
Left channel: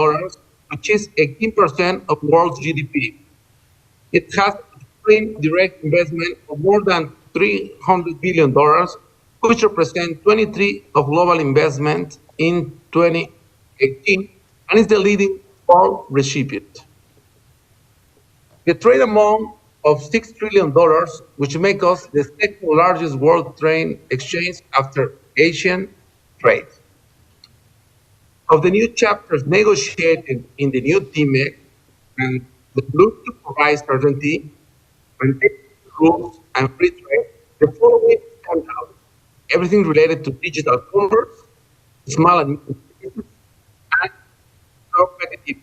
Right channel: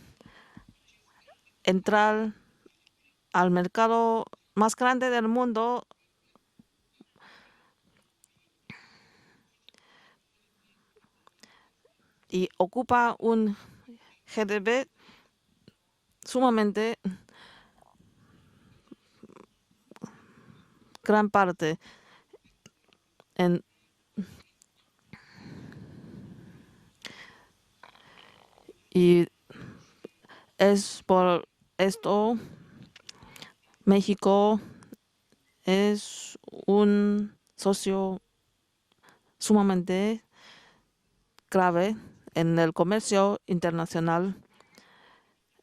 which is 18% of world's GDP. Al mercado it has más grande del mundo, direct investment of more than $300 billion, which represent 23% of global investment in 2018, and is the leading world recipient. The trade amount of $6 trillion, which makes us the second largest world trade exchange after Asian trade. Of the new chapters negotiated in the new TIMEC, and the Bluetooth provides certainty and free trade, the following stand out. Everything related to digital commerce, small and el comercio internacional.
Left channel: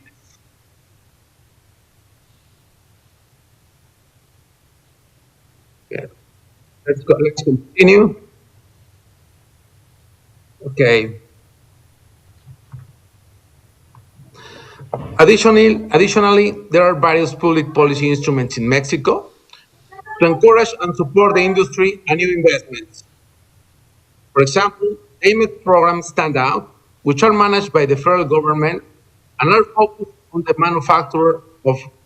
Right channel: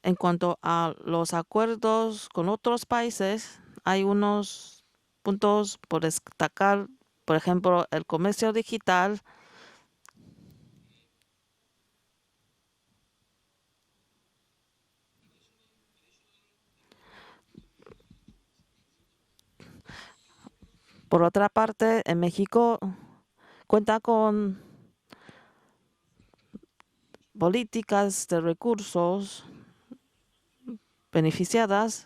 En cuanto a los acuerdos con otros países, hay unos puntos por destacar, por ejemplo, el comercio digital. Okay. Additionally, there are various public policy instruments in Mexico to encourage and support the industry and new investments. For example, AMEC programs stand out, which are managed by the federal government and are focused on the manufacture of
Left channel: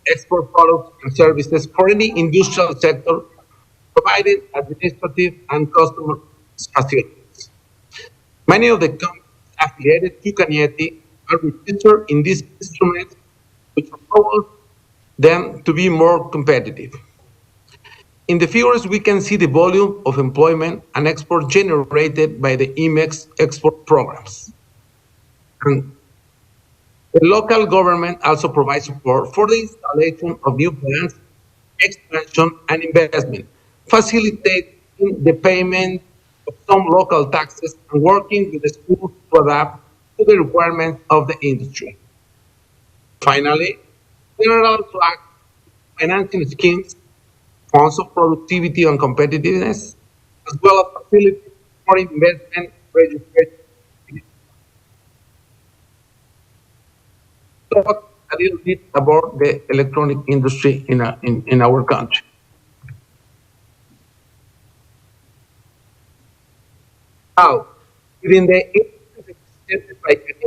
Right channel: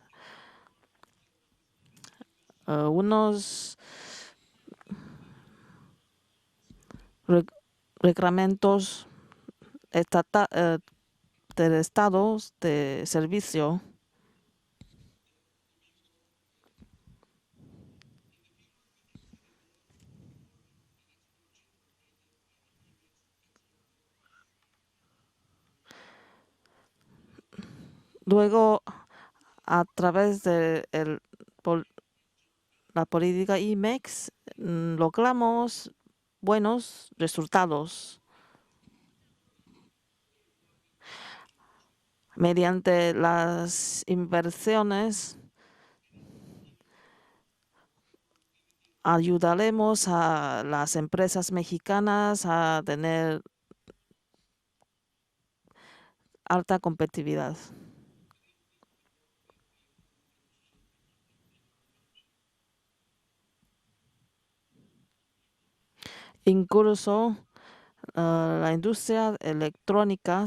export products and services for any industrial sector, providing administrative and customer facilities. Many of the companies affiliated to Cañete are centered in this instrument, which allows them to be more competitive. In the figures, we can see the volume of employment and export generated by the IMEX export programs. And the local government also provides support for the installation of new plants, expansion, and investment, facilitating the payment of some local taxes and working with the schools to adapt to the requirements of the industry. Finally, general financing schemes, funds of productivity and competitiveness, as well as empresas mexicanas a tener alta competitividad. Talk a little bit about the electronic industry in our country. Incluso la industria electrónica.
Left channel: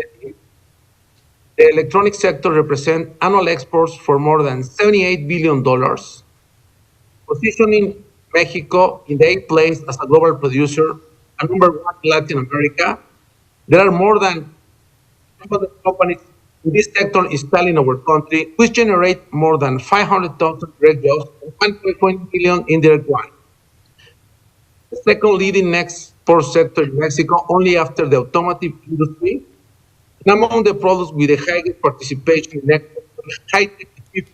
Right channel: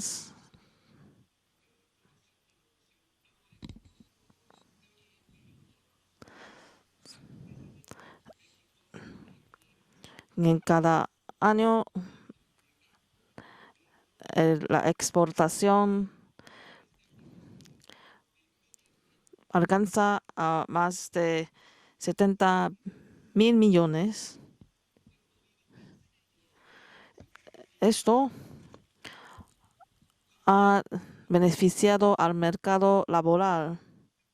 The electronic sector represents annual exports for more than $78 billion, positioning Mexico in the 8th place as a global producer and number 1 in Latin America. There are more than 200 companies in this sector installed in our country, which generate more than 500,000 direct jobs and 1.1 billion indirect ones. The second leading export sector in Mexico, only after the automotive industry. And among the products with the highest participation in export, high-tech equipment,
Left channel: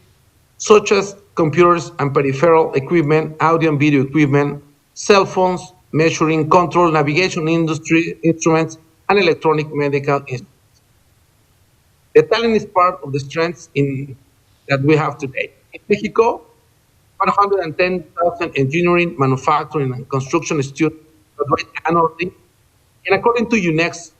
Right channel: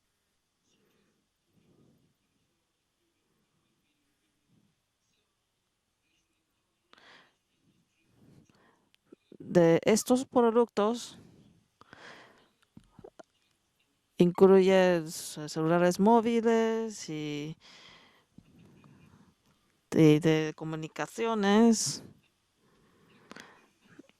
such as computers and peripheral equipment, audio and video equipment, cell phones, measuring, control, navigation industry instruments, and electronic medical instruments. The talent is part of the strengths that we have today. In Mexico, 110,000 engineering, manufacturing, and construction students annually. And according to UNESCO,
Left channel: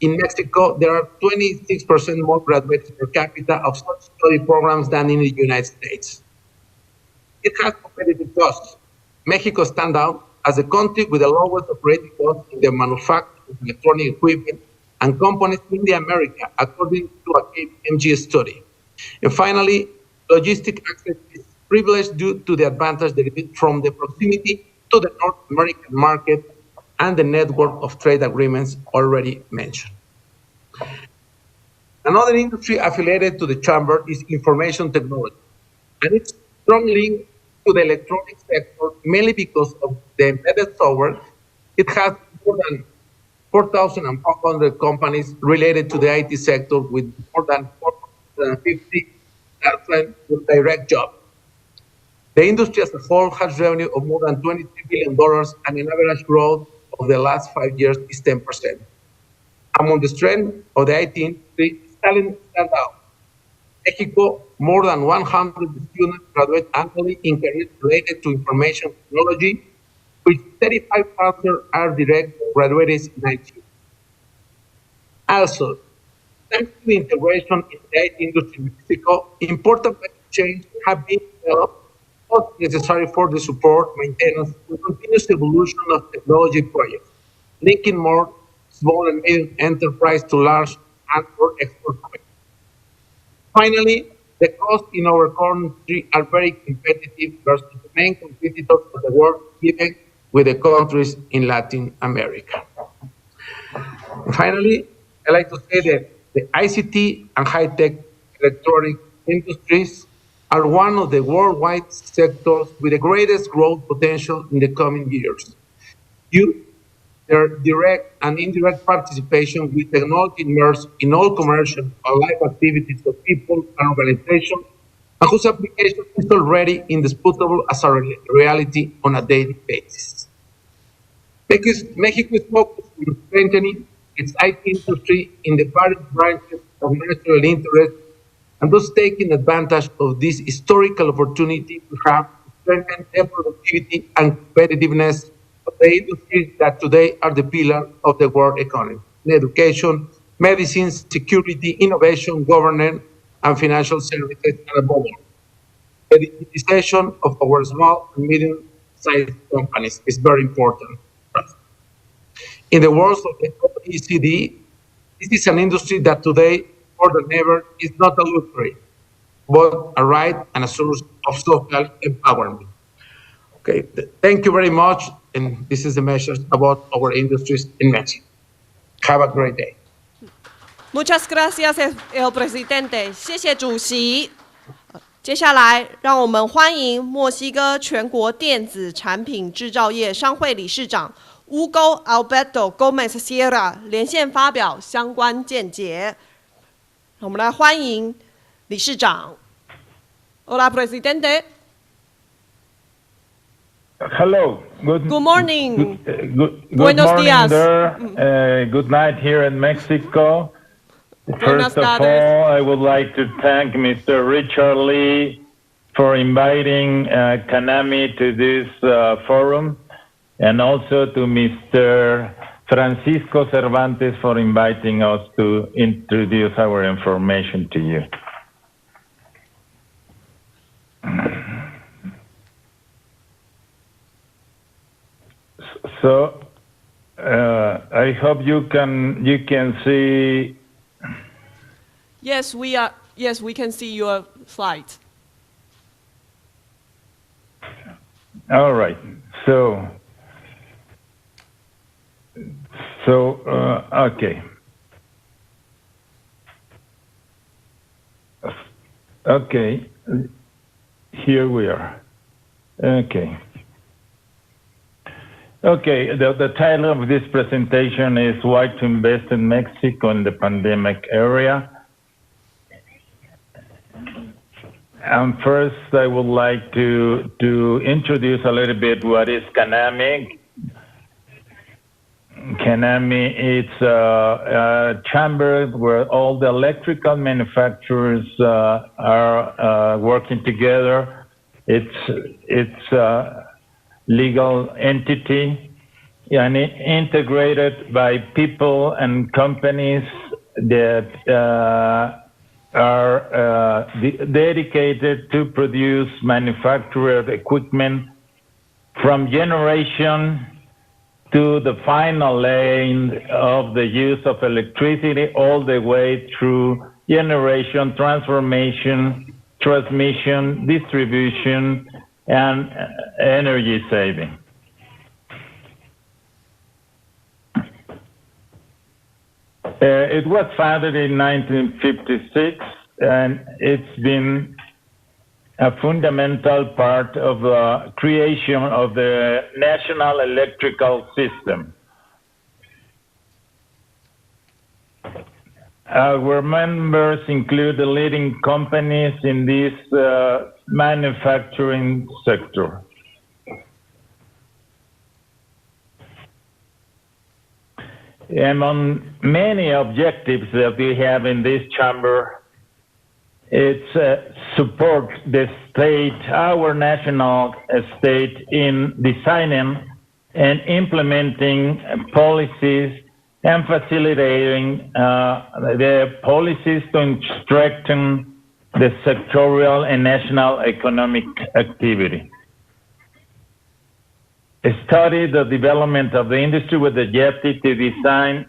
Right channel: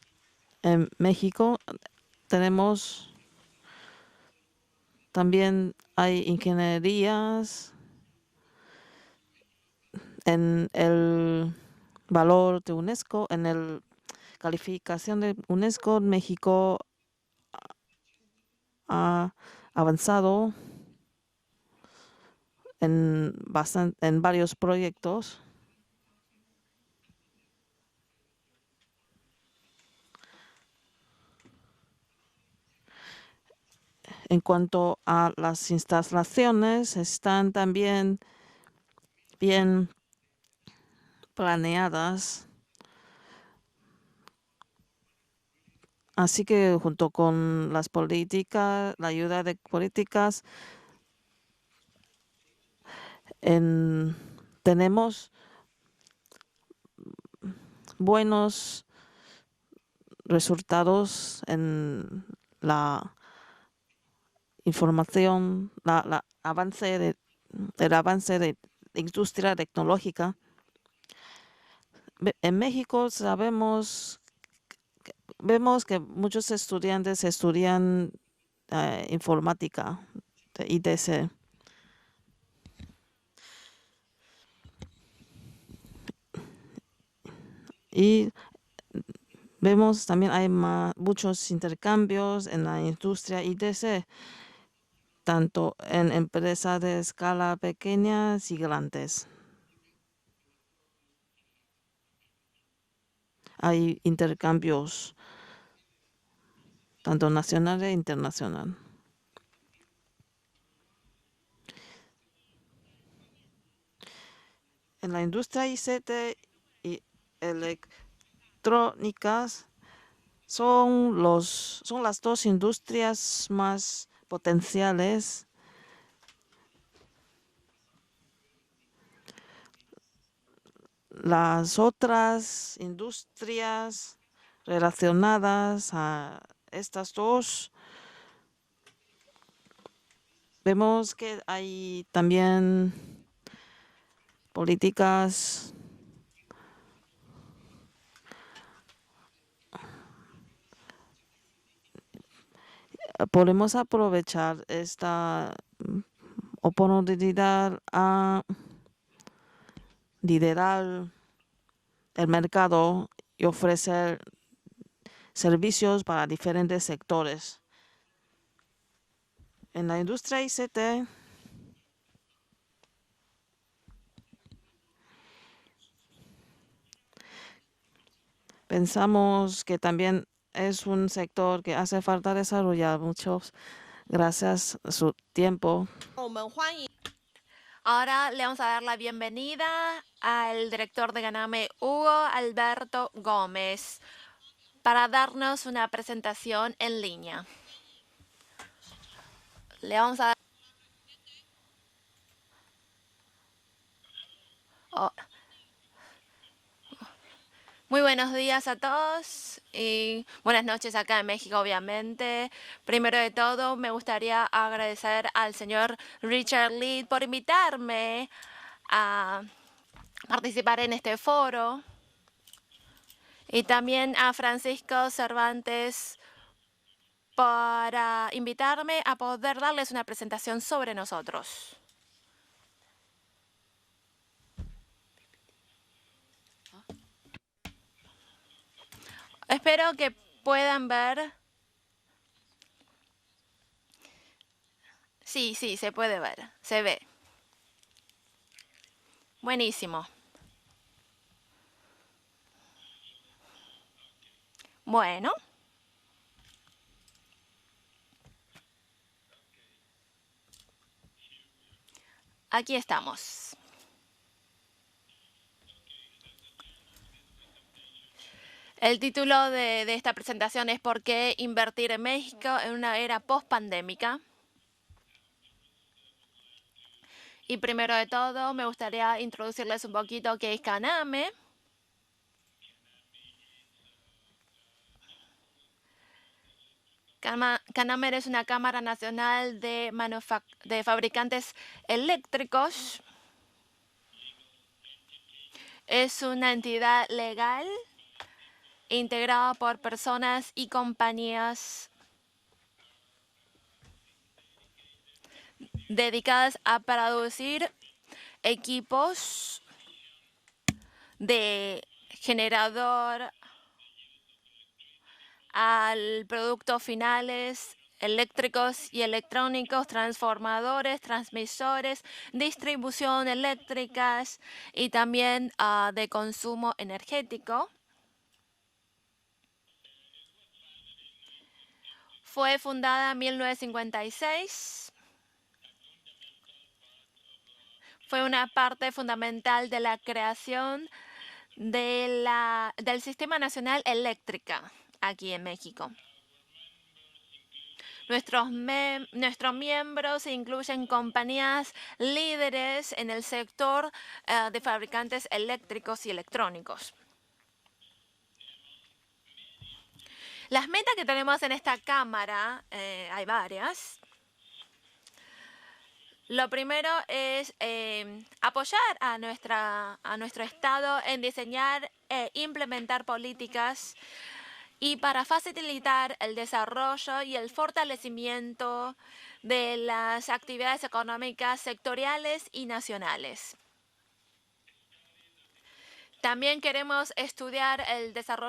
in Mexico, there are 26% more graduates per capita of such study programs than in the United States. It has competitive costs. Mexico stands out as a country with the lowest operating costs in the manufacturing of electronic equipment and components in the Americas, according to a KPMG study. And finally, logistic access is privileged due to the advantage derived from the proximity to the North American market and the network of trade agreements already mentioned. Another industry affiliated to the chamber is information technology. And it's strongly to the electronic sector, mainly because of the embedded software. It has more than 4,500 companies related to the IT sector with more than 450 direct jobs. The industry as a whole has revenue of more than $23 billion and an average growth of the last 5 years is 10%. Among the strengths of the IT industry, talent stands out. Mexico, more than 100 students graduate annually in careers related to information technology, which 35,000 are direct graduates in IT. Also, thanks to the integration in the IT industry in Mexico, important chains have been developed, not necessary for the support, maintenance, and continuous evolution of technology projects, linking more small and medium enterprise to large Finally, the costs in our country are very competitive versus main competitors of the world, even with the countries in Latin America. Finally, I like to say that the ICT and high-tech electronic industries are one of the worldwide sectors with the greatest growth potential in the coming years. Their direct and indirect participation with technology immersed in all commercial and life activities of people and organizations, and whose application is already indisputable as a reality on a daily basis. Mexico is focused on strengthening its IT industry in the various branches of national interest, and thus taking advantage of this historical opportunity to have strengthened the productivity and competitiveness of the industries that today are the pillar of the world economy: education, medicine, security, innovation, governance, and financial services, and above all, the digitization of our small and medium-sized companies is very important. In the words of the OECD, this is an industry that today, more than ever, is not a luxury, but a right and a source of social empowerment. Okay, thank you very much, and this is the message about our industries in Mexico. Have a great day. Muchas gracias, el presidente. 谢谢主席。接下来，让我们欢迎墨西哥全国电子产品制造业商会理事长Hugo Alberto Gómez Sierra 连线发表相关见解。我们来欢迎理事长。Hola, presidente. Hello. Good morning. Buenos días. Good night here in Mexico. First of all, I would like to thank Mr. Richard Lee for inviting CANAMI to this forum, and also to Mr. Francisco Cervantes for inviting us to introduce our information to you. So, I hope you can Espero see. que puedan ver. Yes, we can see your slide. Sí, sí, se puede ver, se ve. All right. Buenísimo. Okay. Bueno. Okay. Here we are. Aquí estamos. Okay. The title of this presentation is Why to El Invest título in de Mexico esta in the presentación es ¿Por Pandemic qué Area. invertir en México en una era post-pandémica? First, I would like to introduce a little bit what is CANAME. ¿Qué es CANAME? CANAME is a chamber where all the electrical manufacturers are working together. It's a legal entity and integrated by people and companies that are dedicated to produce manufactured equipment from generation to the final lane of the use of electricity all the way through generation, transformation, transmission, distribution, and energy saving. Y también de consumo energético. It was founded in 1956 and it's been a fundamental part of the creation of the National Electrical System. Del Sistema Nacional Eléctrica aquí en México. Our members include the leading companies in this manufacturing sector. En el sector de fabricantes eléctricos y electrónicos. Among many objectives that we have in this chamber, it's support the state, our national state, in designing and implementing policies and facilitating the policies to strengthen the sectorial and national economic activity. Study the development of the industry with the objective to design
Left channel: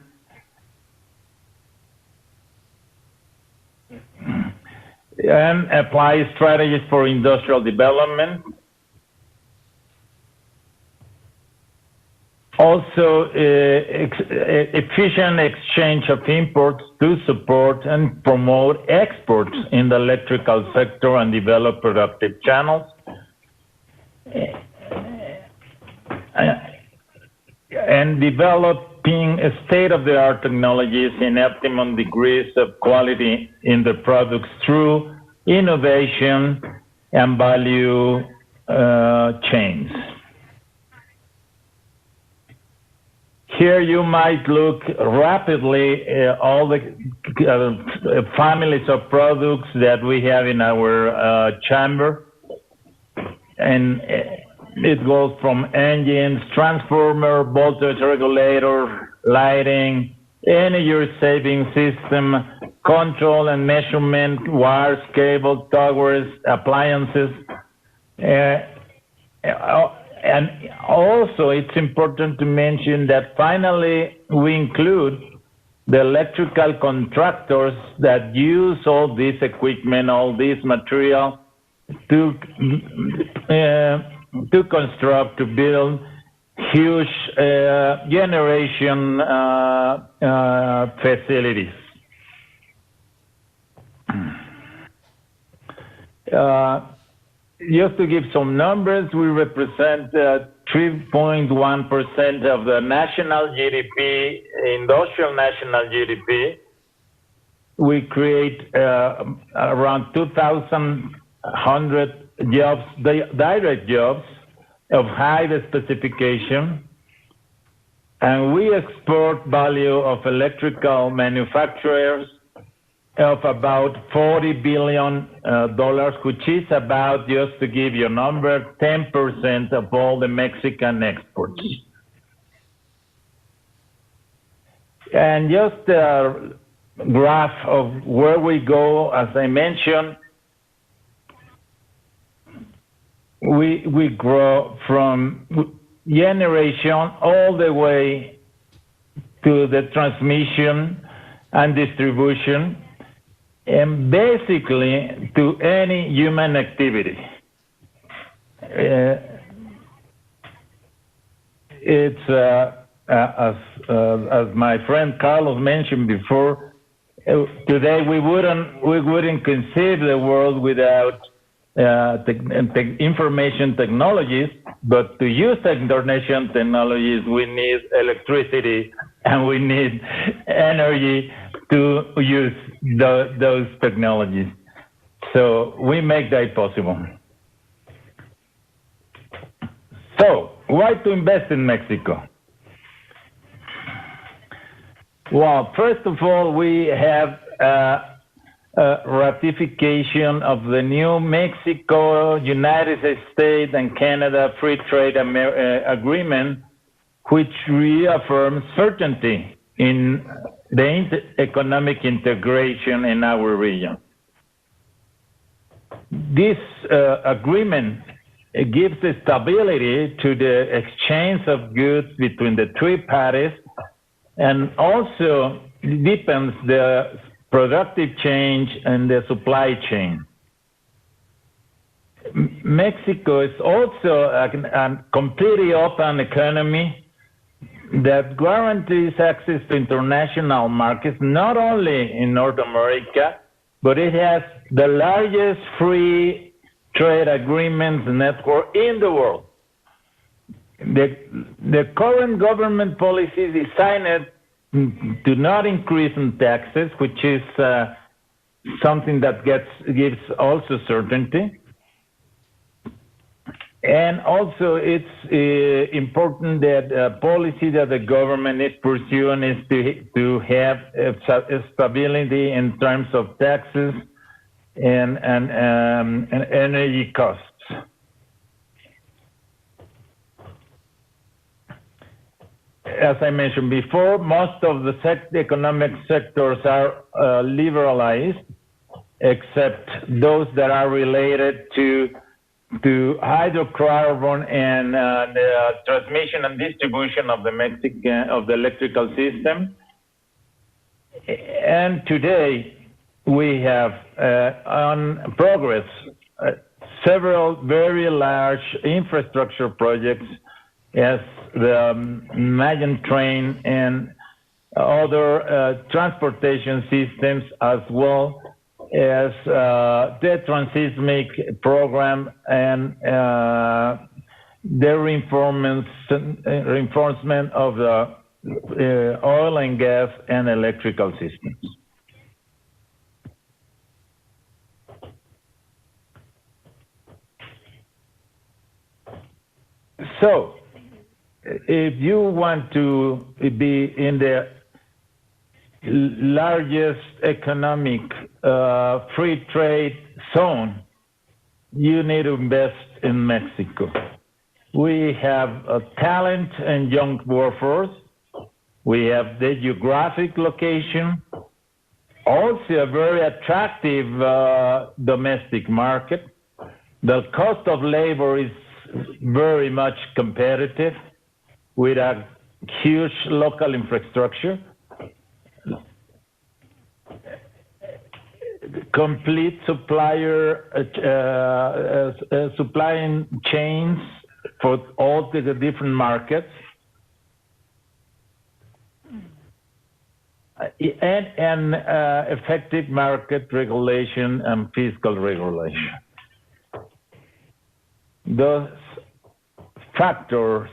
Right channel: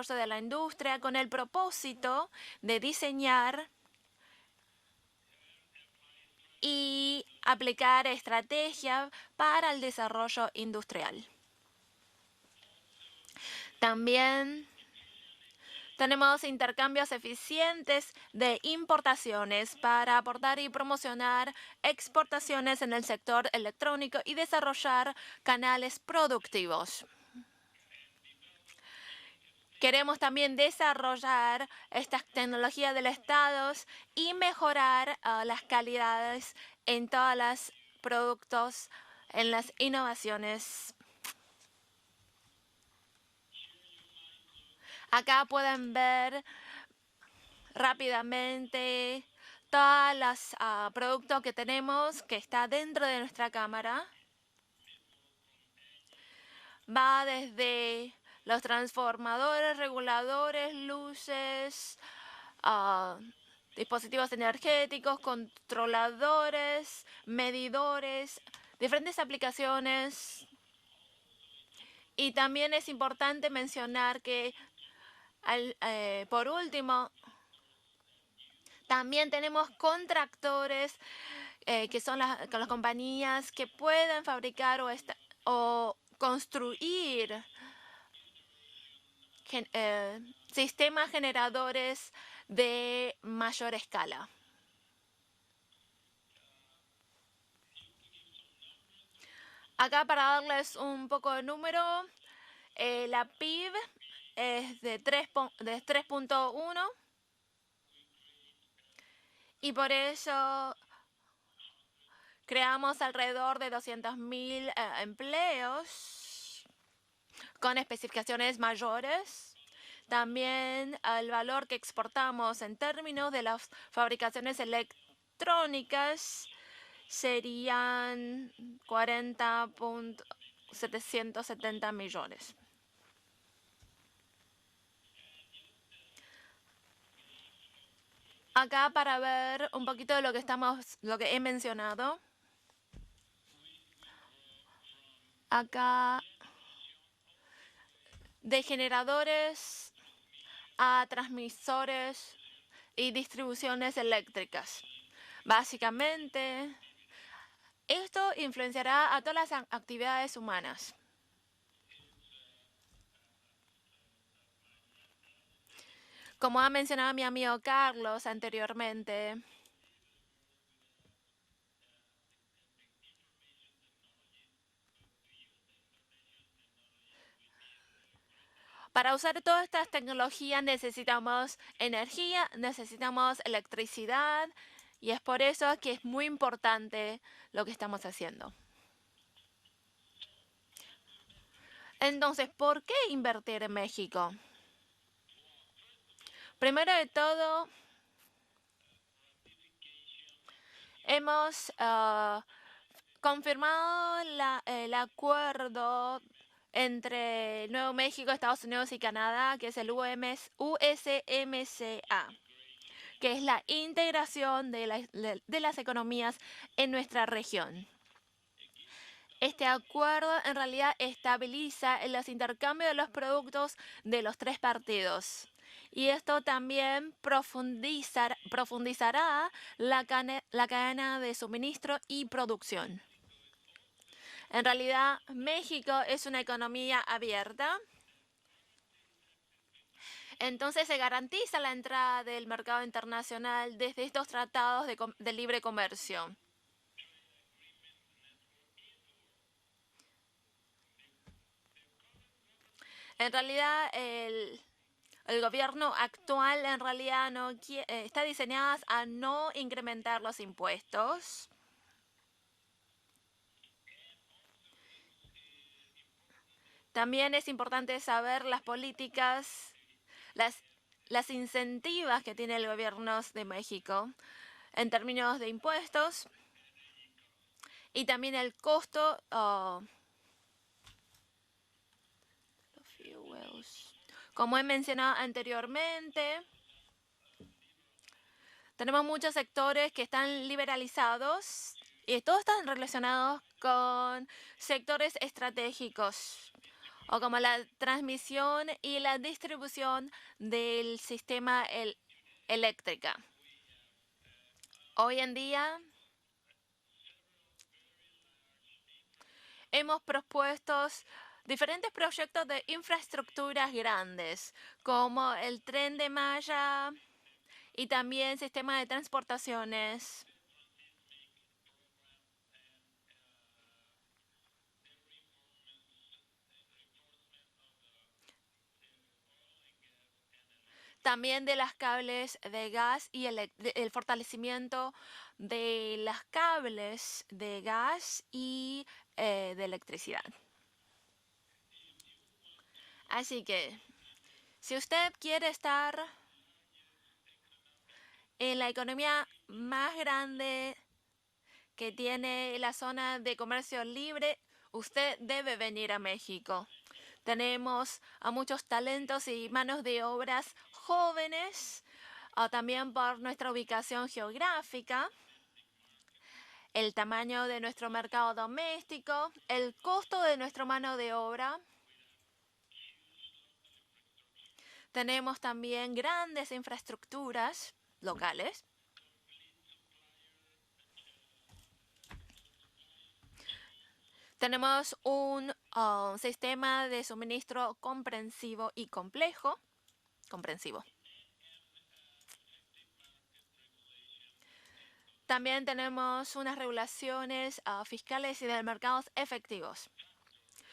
and apply strategies for industrial development. Also, efficient exchange of imports to support and promote exports in the electrical sector and develop productive channels. And developing state-of-the-art technologies in optimum degrees of quality in the products through innovation and value chain. Here you might look rapidly at all the families of products that we have in our chamber. And it goes from engines, transformer, voltage regulator, lighting, energy saving system, control and measurement, wires, cables, towers, appliances. And also it's important to mention that finally we include the electrical contractors that use all this equipment, all this material to construct, to build huge generation facilities. Just to give some numbers, we represent 3.1% of the national GDP, industrial national GDP. We create around 2,100 jobs, direct jobs of high specification. And we export value of electrical manufacturers of about $40 billion, which is about, just to give you a number, 10% of all the Mexican exports. And just a graph of where we go, as I mentioned, we grow from generation all the way to the transmission and distribution, and basically to any human activity. It's as my friend Carlos mentioned before, today we wouldn't conceive the world without information technologies, but to use information technologies, we need electricity and we need energy to use those technologies. So we make that possible. So, why to invest in Mexico? Entonces, ¿por qué invertir en México? Well, first of all, we have ratification of the new Mexico, United States and Canada Free Trade Agreement, which reaffirms certainty in the economic integration in our region. This agreement gives stability to the exchange of goods between the three parties and also deepens the productive change and the supply chain. Mexico is also a completely open economy that guarantees access to international markets, not only in North America, but it has the largest free trade agreements network in the world. The current government policy designed to not increase in taxes, which is something that gives also certainty. And also it's important that policy that the government is pursuing is to have stability in terms of taxes and energy costs. As I mentioned before, most of the economic sectors are liberalized, except those that are related to hydrocarbon and the transmission and distribution of the electrical system. And today we have on progress several very large infrastructure projects as the Mayan Train and other transportation systems, as well as the Transseismic program and the reinforcement of the oil and gas and electrical systems. So, if you want to be in the largest economic free trade zone, you need to invest in Mexico. We have a talent and young workforce. We have the geographic location, also a very attractive domestic market. The cost of labor is very much competitive with a huge local infrastructure. Complete supplying chains for all the different markets. And effective market regulation and fiscal regulation. Those factors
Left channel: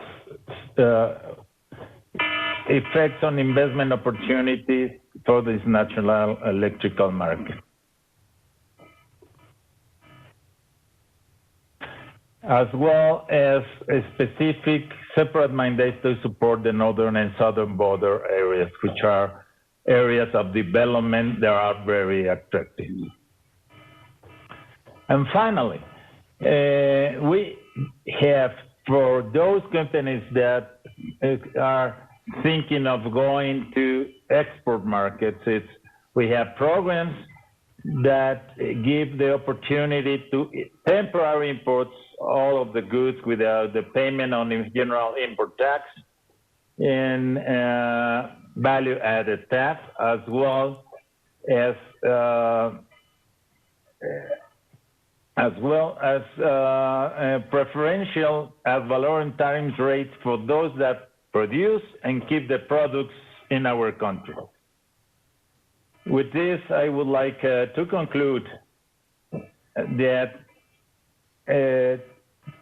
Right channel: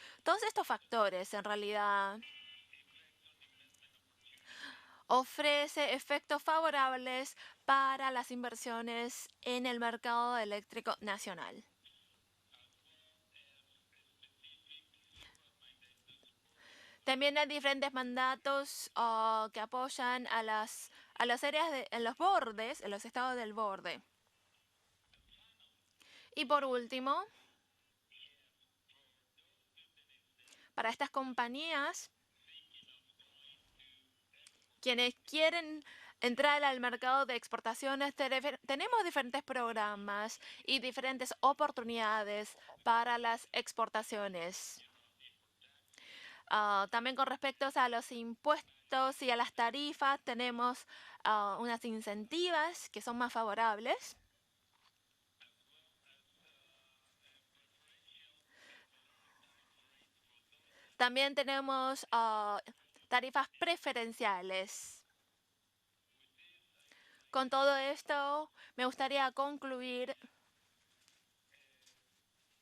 effects on investment opportunities for this national electrical market. As well as a specific separate mandates to support the northern and southern border areas, which are areas of development that are very attractive. And finally, we have, for those companies that are thinking of going to export markets, we have programs that give the opportunity to temporarily import all of the goods without the payment on the general import tax, in value-added tax, as well as preferential ad valorem tariff rates for those that produce and keep the products in our country. With this, I would like to conclude that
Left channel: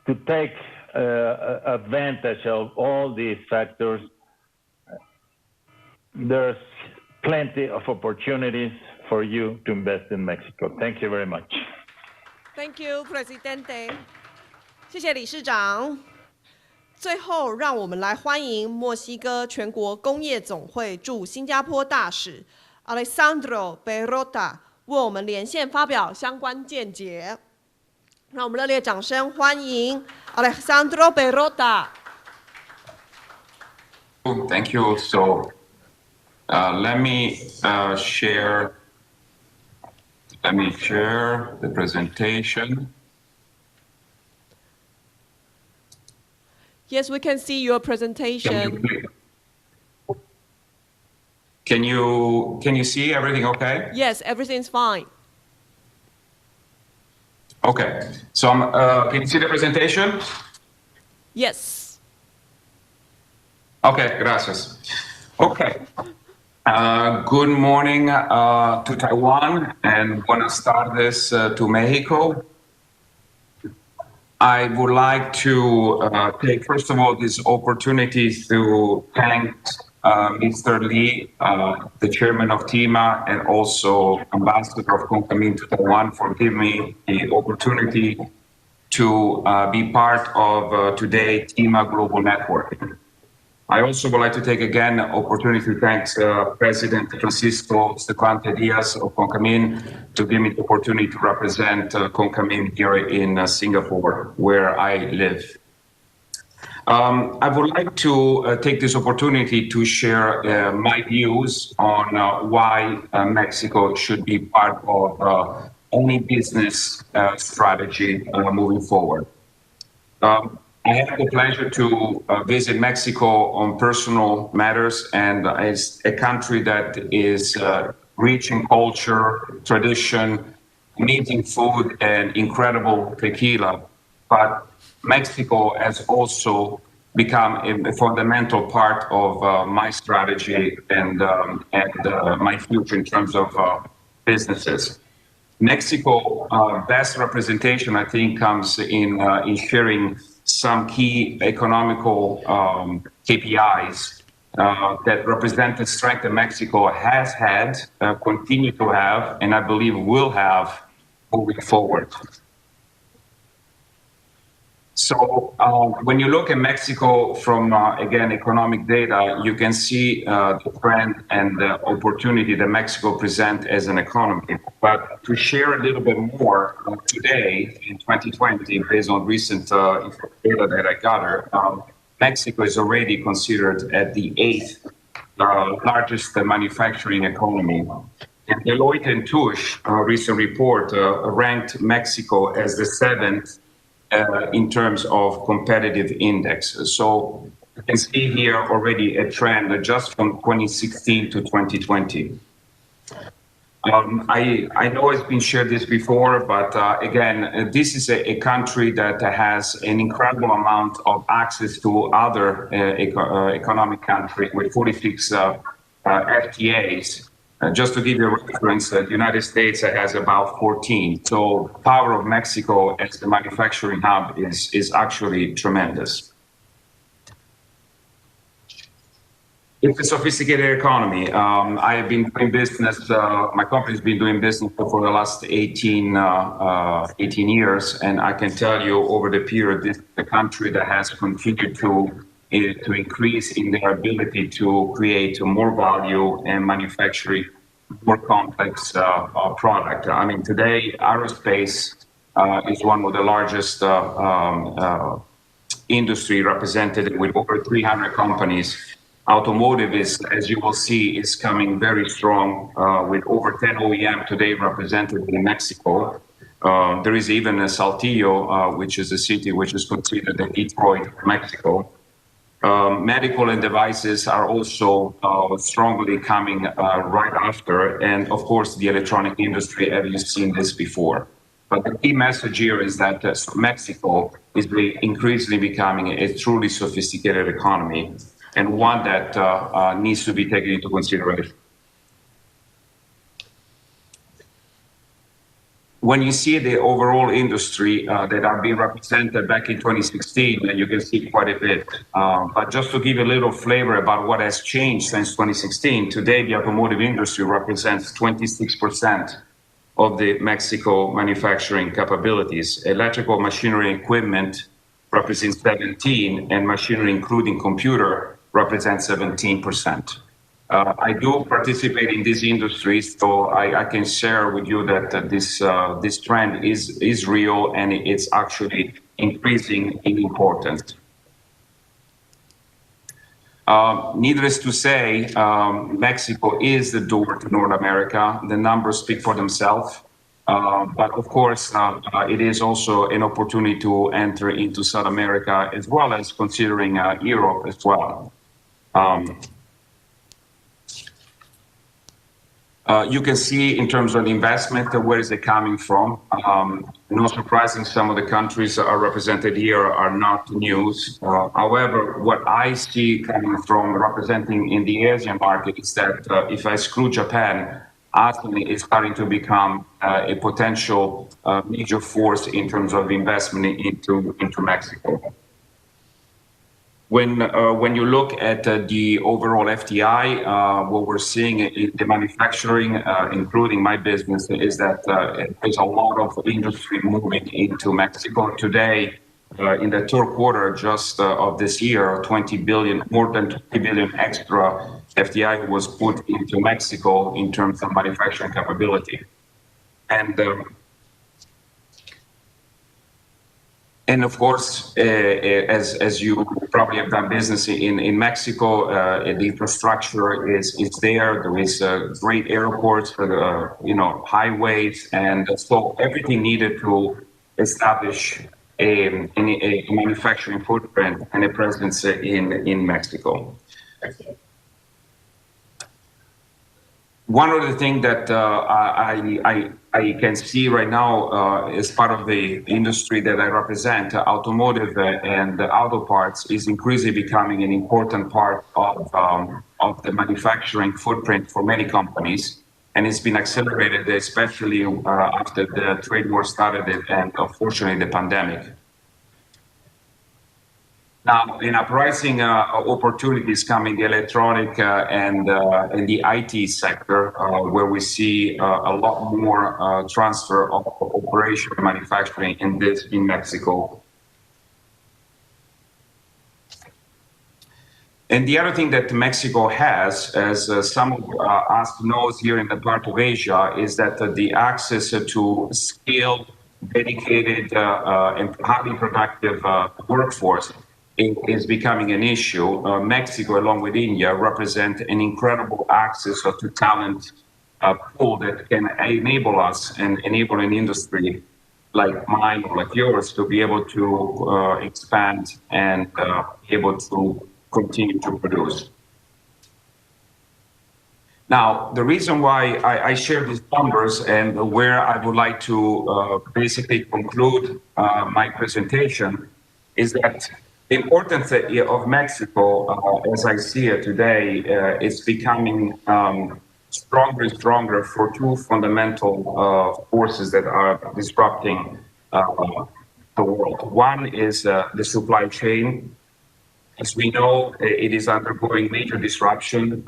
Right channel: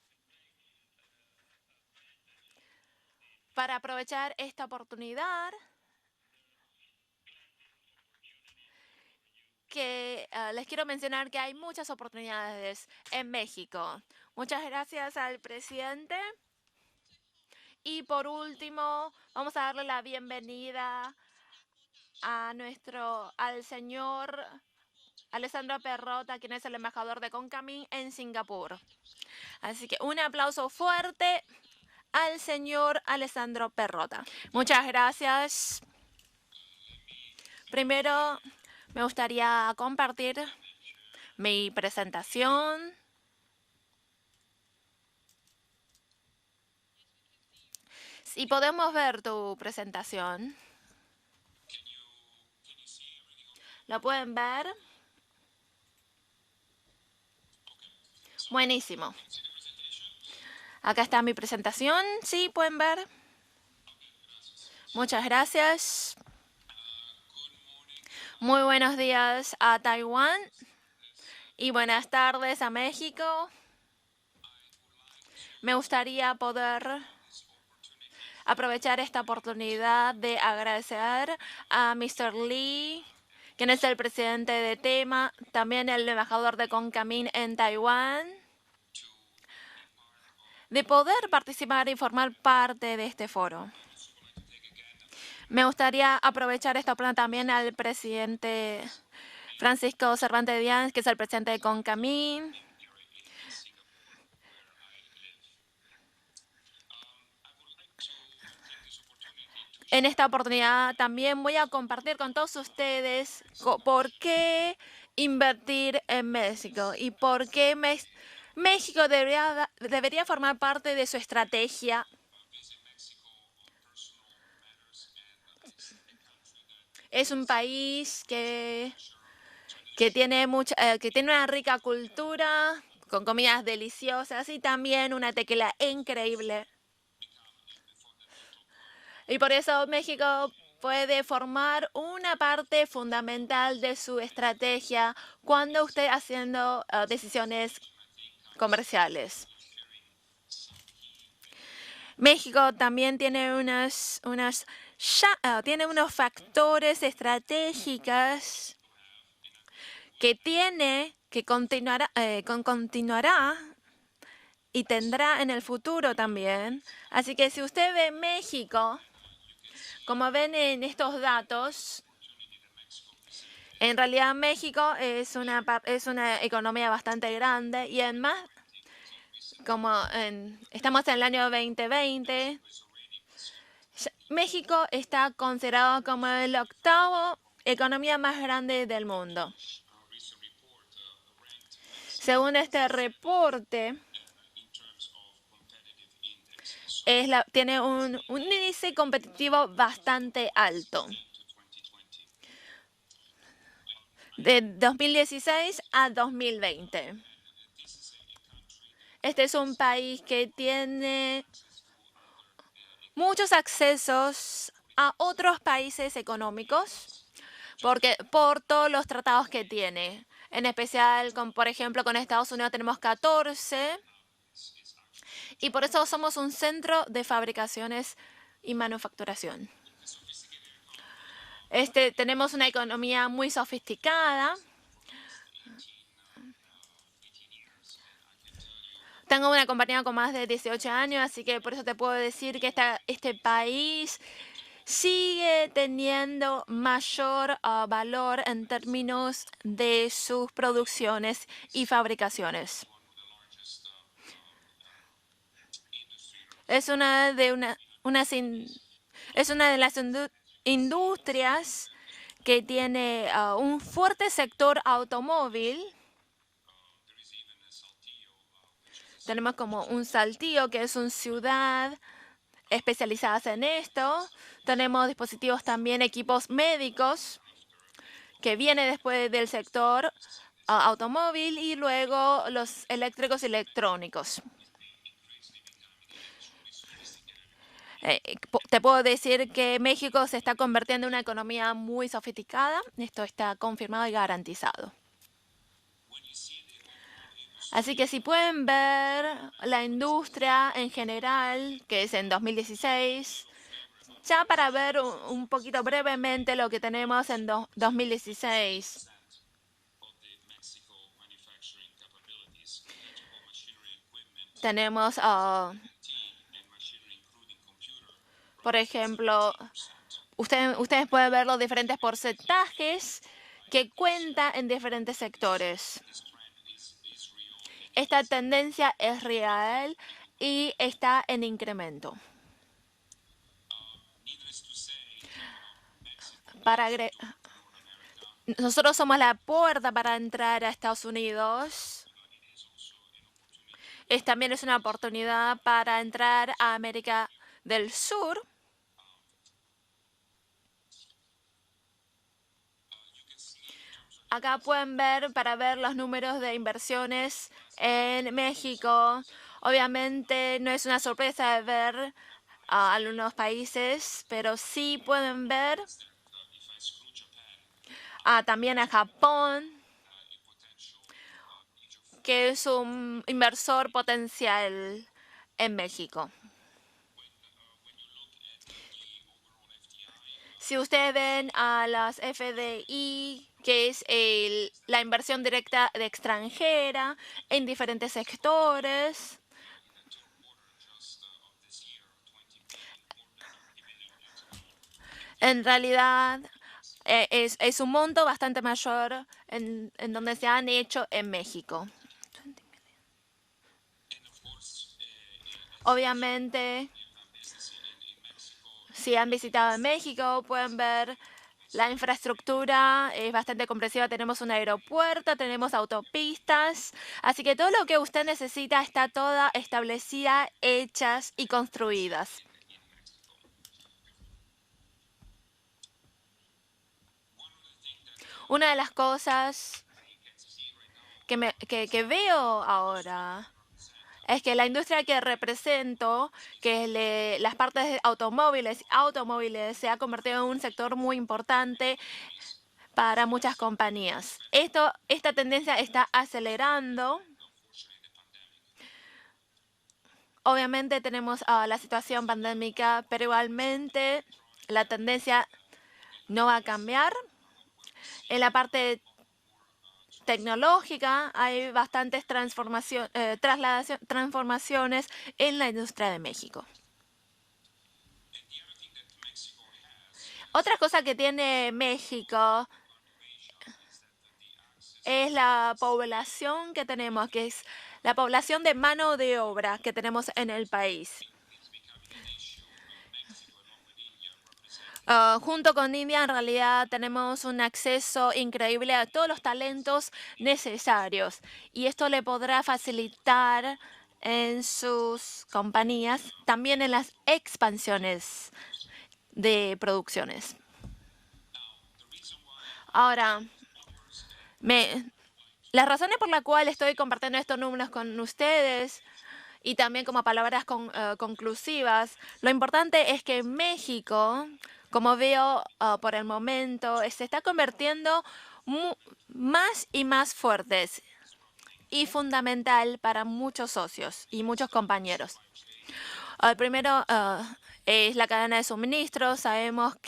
to take advantage of all these factors, there's plenty of opportunities for you to invest in Mexico. Thank you very much. Thank you, Presidente. 谢谢理事长。最后，让我们来欢迎墨西哥全国工业总会驻新加坡大使 Alessandro Perrota 为我们连线发表相关见解。让我们热烈掌声欢迎 Alessandro Perrota。Thank you. So, let me share the presentation. Yes, we can see your presentation. Can you see everything okay? Yes, everything's fine. Okay. So, can you see the presentation? Acá está mi presentación. Sí, pueden ver. Okay, gracias. Muchas gracias. Okay. Good morning to Taiwan and buenas tardes to Mexico. Buenas tardes a México. I would like to take, first of all, this opportunity to thank Mr. Lee, the chairman of TIMA, and also Ambassador of Concamin to Taiwan for giving me the opportunity to be part of today's TIMA Global Network. I also would like to take again the opportunity to thank President Francisco Stefante Diaz of Concamin to give me the opportunity to represent Concamin here in Singapore, where I live. I would like to take this opportunity to share my views on why Mexico should be part of any business strategy moving forward. I have the pleasure to visit Mexico on personal matters, and it's a country that is rich in culture, tradition, amazing food, and incredible tequila. But Mexico has also become a fundamental part of my strategy and my future in terms of businesses. Mexico's best representation, I think, comes in sharing some key economical KPIs that represent the strength that Mexico has had, continue to have, and I believe will have moving forward. So when you look at Mexico from, again, economic data, you can see the trend and the opportunity that Mexico presents as an economy. But to share a little bit more, today, in 2020, based on recent data that I gathered, Mexico is already considered at the 8th largest manufacturing economy. And Deloitte and Touche, a recent report, ranked Mexico as the 7th in terms of competitive index. So you can see here already a trend just from 2016 to 2020. I know it's been shared this before, but again, this is a country that has an incredible amount of access to other economic countries with 46 FTAs. Just to give you a reference, the United States has about 14. So power of Mexico as a manufacturing hub is actually tremendous. It's a sophisticated economy. I've been doing business, my company's been doing business for the last 18 years, and I can tell you over the period, this is a country that has continued to increase in their ability to create more value and manufacturing more complex products. I mean, today, aerospace is one of the largest industry represented with over 300 companies. Automotive is, as you will see, is coming very strong with over 10 OEM today represented in Mexico. There is even a Saltillo, which is a city which is considered the Detroit of Mexico. medical and devices are also strongly coming right after, and of course the electronic industry, as you've seen this before. But the key message here is that Mexico is increasingly becoming a truly sophisticated economy, and one that needs to be taken into consideration. When you see the overall industry that are being represented back in 2016, you can see quite a bit. But just to give you a little flavor about what has changed since 2016, today the automotive industry represents 26% of the Mexico manufacturing capabilities. Electrical machinery and equipment represents 17%, and machinery including computer represents 17%. I do participate in this industry, so I can share with you that this trend is real and it's actually increasing in importance. Needless to say, Mexico is the door to North America. The numbers speak for themselves, but of course, it is also an opportunity to enter into South America as well as considering Europe as well. You can see in terms of the investment, where is it coming from? Not surprising, some of the countries are represented here are not news. However, what I see coming from representing in the Asian market is that if I exclude Japan, actually it's starting to become a potential major force in terms of investment into Mexico. When you look at the overall FDI, what we're seeing in the manufacturing, including my business, is that there's a lot of industry moving into Mexico. Today, in the third quarter just of this year, more than 20 billion extra FDI was put into Mexico in terms of manufacturing capability. And of course, as you probably have done business in Mexico, the infrastructure is there. There is great airports, highways, and so everything needed to establish a manufacturing footprint and a presence in Mexico. One of the things that I can see right now as part of the industry that I represent, automotive and auto parts, is increasingly becoming an important part of the manufacturing footprint for many companies. And it's been accelerated, especially after the trade war started and unfortunately the pandemic. Now, in uprising opportunities coming the electronic and the IT sector, where we see a lot more transfer of operation manufacturing in Mexico. And the other thing that Mexico has, as some of us know here in the part of Asia, is that the access to skilled, dedicated, and highly productive workforce is becoming an issue. Mexico, along with India, represent an incredible access to talent pool that can enable us and enable an industry like mine, like yours, to be able to expand and be able to continue to produce. Now, the reason why I share these numbers and where I would like to basically conclude my presentation is that the importance of Mexico, as I see it today, is becoming stronger and stronger for two fundamental forces that are disrupting. One is the supply chain. As we know, it is undergoing major disruption.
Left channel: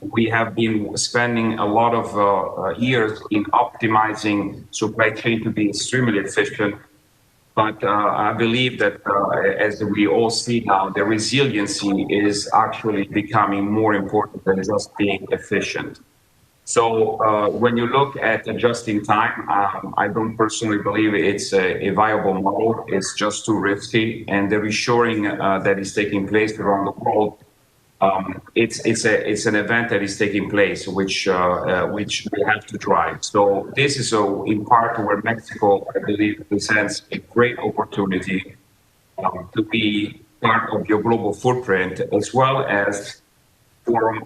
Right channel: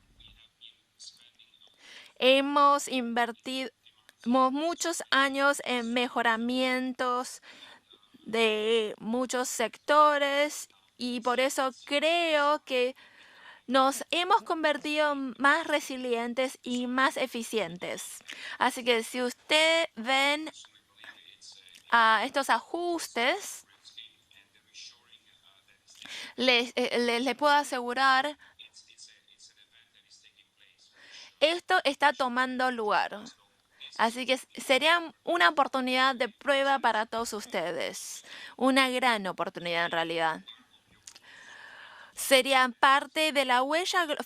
We have been spending a lot of years in optimizing supply chain to be extremely efficient. But I believe that, as we all see now, the resiliency is actually becoming more important than just being efficient. So when you look at just in time, I don't personally believe it's a viable model. It's just too risky, and the reshoring that is taking place around the world, it's an event that is taking place, which we have to drive. So this is in part where Mexico, I believe, presents great opportunity to be part of your global footprint, as well as from a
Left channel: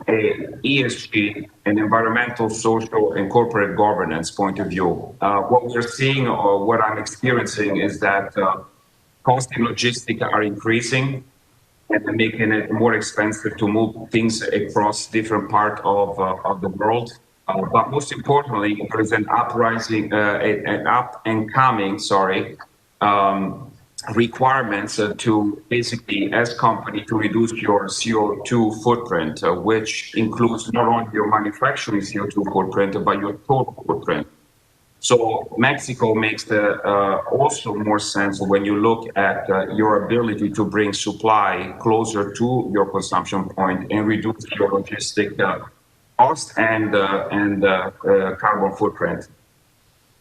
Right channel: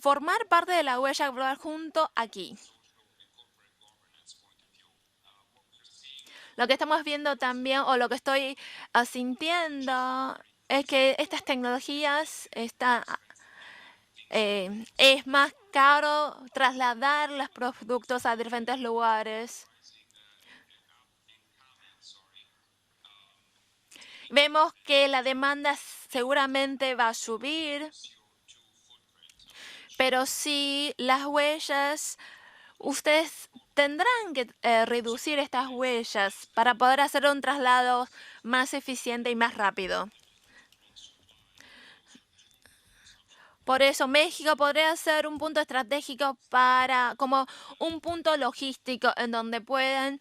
ESG, an environmental, social, and corporate governance point of view. What we're seeing, or what I'm experiencing, is that cost and logistics are increasing and making it more expensive to move things across different parts of the world. But most importantly, there is an uprising, an up and coming, requirements to basically, as company, to reduce your CO2 footprint, which includes not only your manufacturing CO2 footprint, but your total footprint. So Mexico makes also more sense when you look at your ability to bring supply closer to your consumption point and reduce your logistic cost and carbon footprint.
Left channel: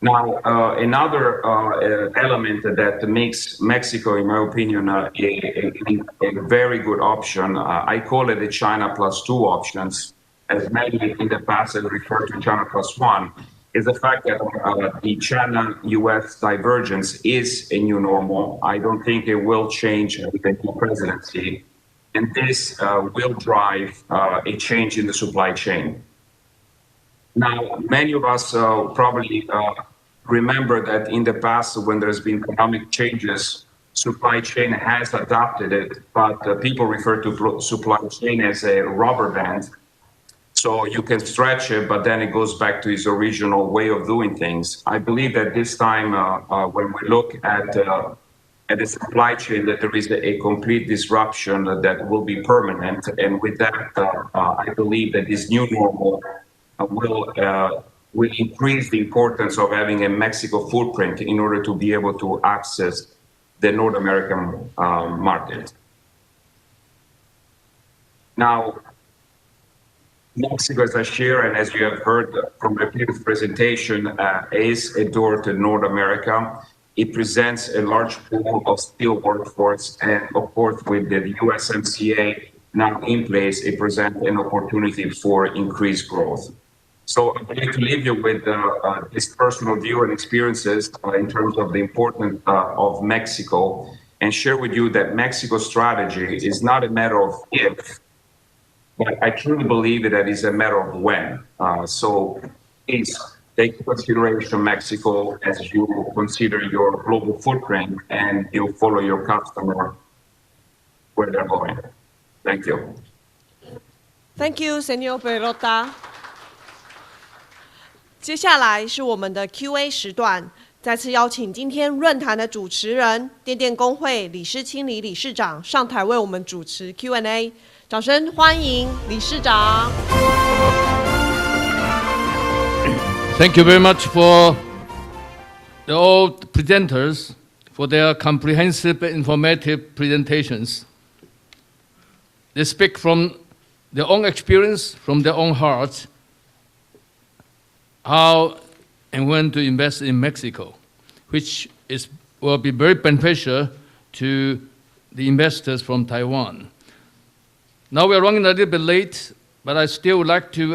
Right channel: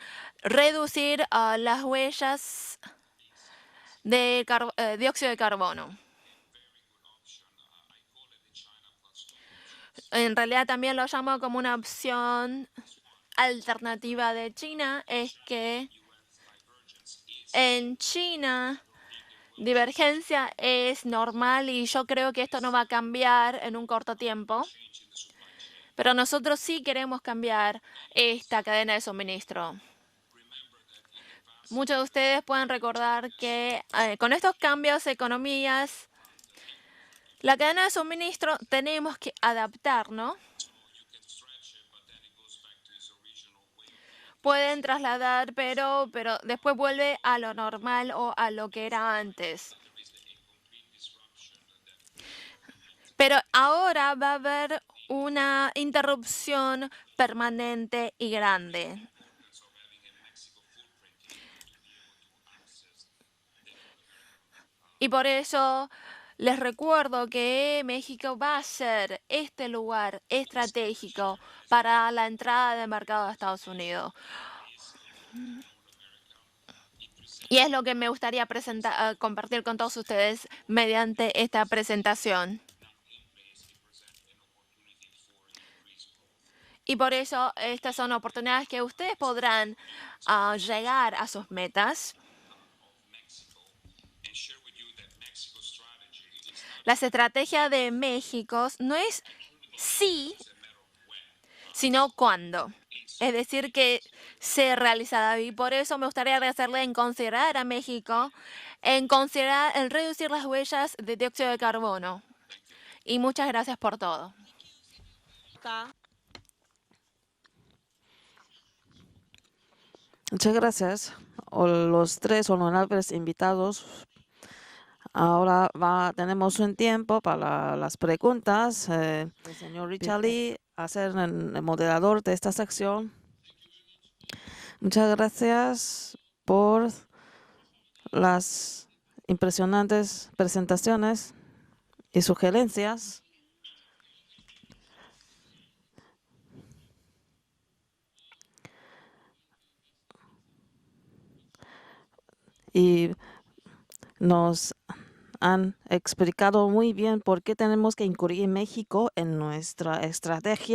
Now, another element that makes Mexico, in my opinion, a very good option. I call it a China plus two options, as many in the past have referred to China plus one, is the fact that the China-US divergence is a new normal. I don't think it will change with the new presidency, and this will drive a change in the supply chain. Now, many of us probably remember that in the past, when there's been economic changes, supply chain has adopted it, but people refer to supply chain as a rubber band. So you can stretch it, but then it goes back to its original way of doing things. I believe that this time, when we look at the supply chain, that there is a complete disruption that will be permanent. And with that, I believe that this new normal will increase the importance of having a Mexico footprint in order to be able to access the North American market. Les recuerdo que México va a ser este lugar Mexico, as I share, and as you have heard from the previous presentation, is a door to North America. It presents a large pool of skilled workforce, and of course, with the USMCA now in place, it presents an opportunity for increased growth. So I'm going to leave you with this personal view and experiences in terms of the importance of Mexico, and share with you that Mexico's strategy is not a matter of if, but I truly believe that it's a matter of when. So please take into consideration Mexico as you consider your global footprint and you follow your customer. Thank you. Thank you, Señor Perota. 接下来是我们的 Q&A 时段，再次邀请今天论坛的主持人、电电工会李诗清李理事长上台为我们主持 Q&A， 掌声欢迎理事长。Thank you very much for all presenters for their comprehensive, informative presentations. They speak from their own experience, from their own hearts, how and when to invest in Mexico, which will be very beneficial to the investors from Taiwan. Now we are running a little bit late, but I still would like to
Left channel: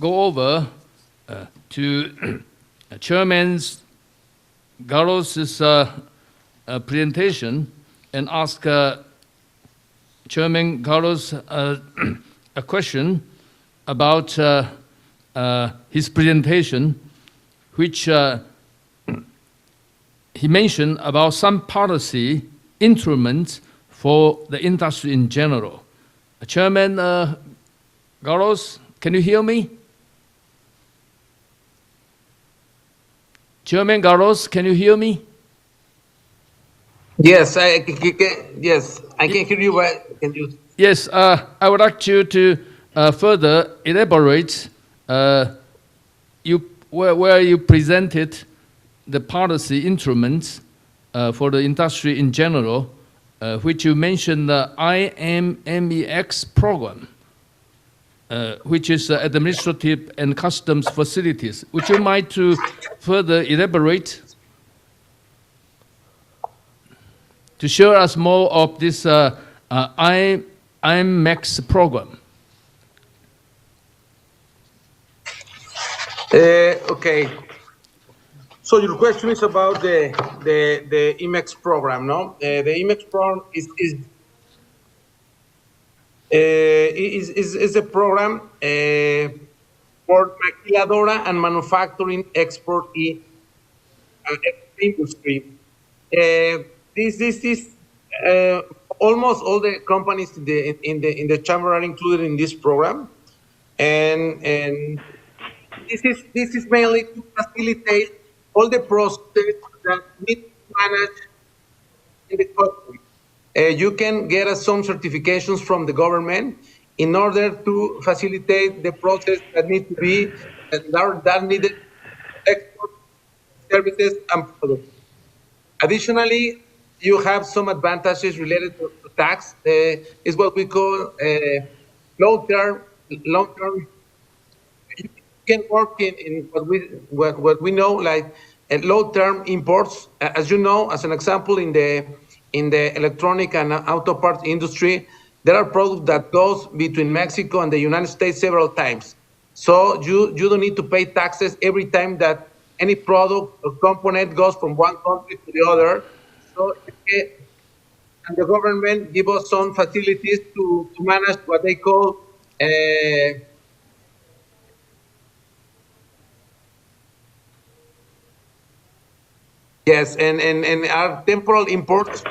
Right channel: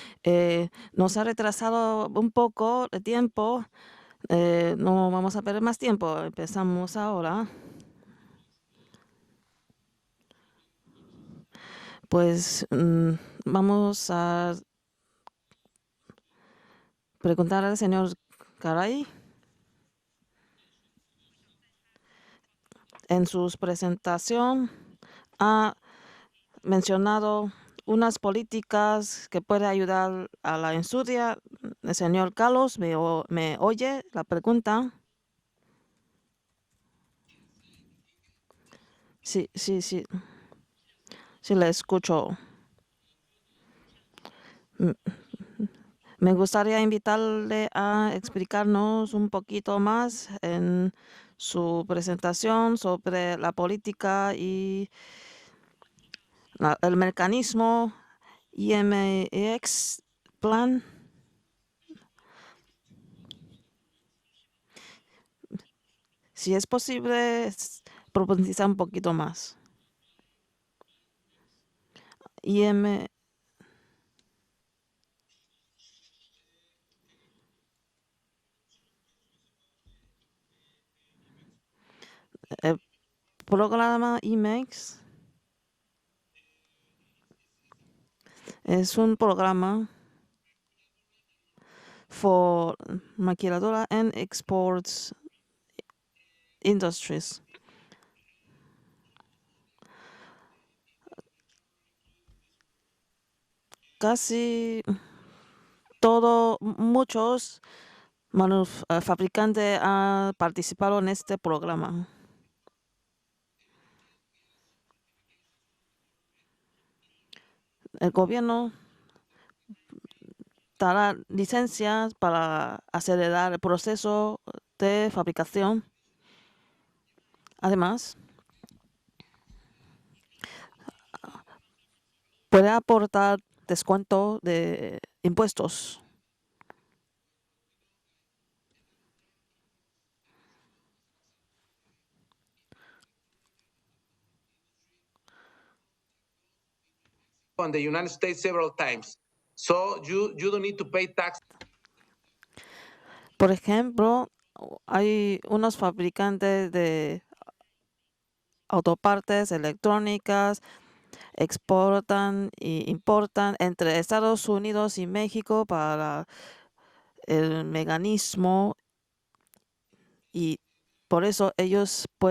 go over to Chairman Carlos's presentation and ask Chairman Carlos a question about his presentation, which he mentioned about some policy instruments for the industry in general. Chairman Carlos, can you hear me? Chairman Carlos, can you hear me? Yes, I can hear you. Can you? Yes, I would like you to further elaborate where you presented the policy instruments for the industry in general, which you mentioned the IMMEX program, which is administrative and customs facilities. Would you mind to further elaborate to show us more of this IMMEX program? Okay. So your question is about the IMEX program, no? The IMEX program is a program for maquiladora and manufacturing export maquiladora and exports industry. This is almost all the companies in the chamber are included in this program, and this is mainly to facilitate all the processes that participado en este programa. You can get some certifications from the government in order to facilitate the process that need to be licencias para acelerar el proceso de fabricación. Additionally, you have some advantages related to tax. Is what we call long-term descuento de impuestos. You can work in what we know like low-term imports. As you know, as an example, in the electronic and auto parts industry, there are products that goes between Mexico and the United States several times. So you don't need to pay taxes every time that any product or component goes from one country to the other. And the government gives us some facilities to manage what they call importan entre Estados Unidos y México para el mecanismo. Yes, and our temporal imports, so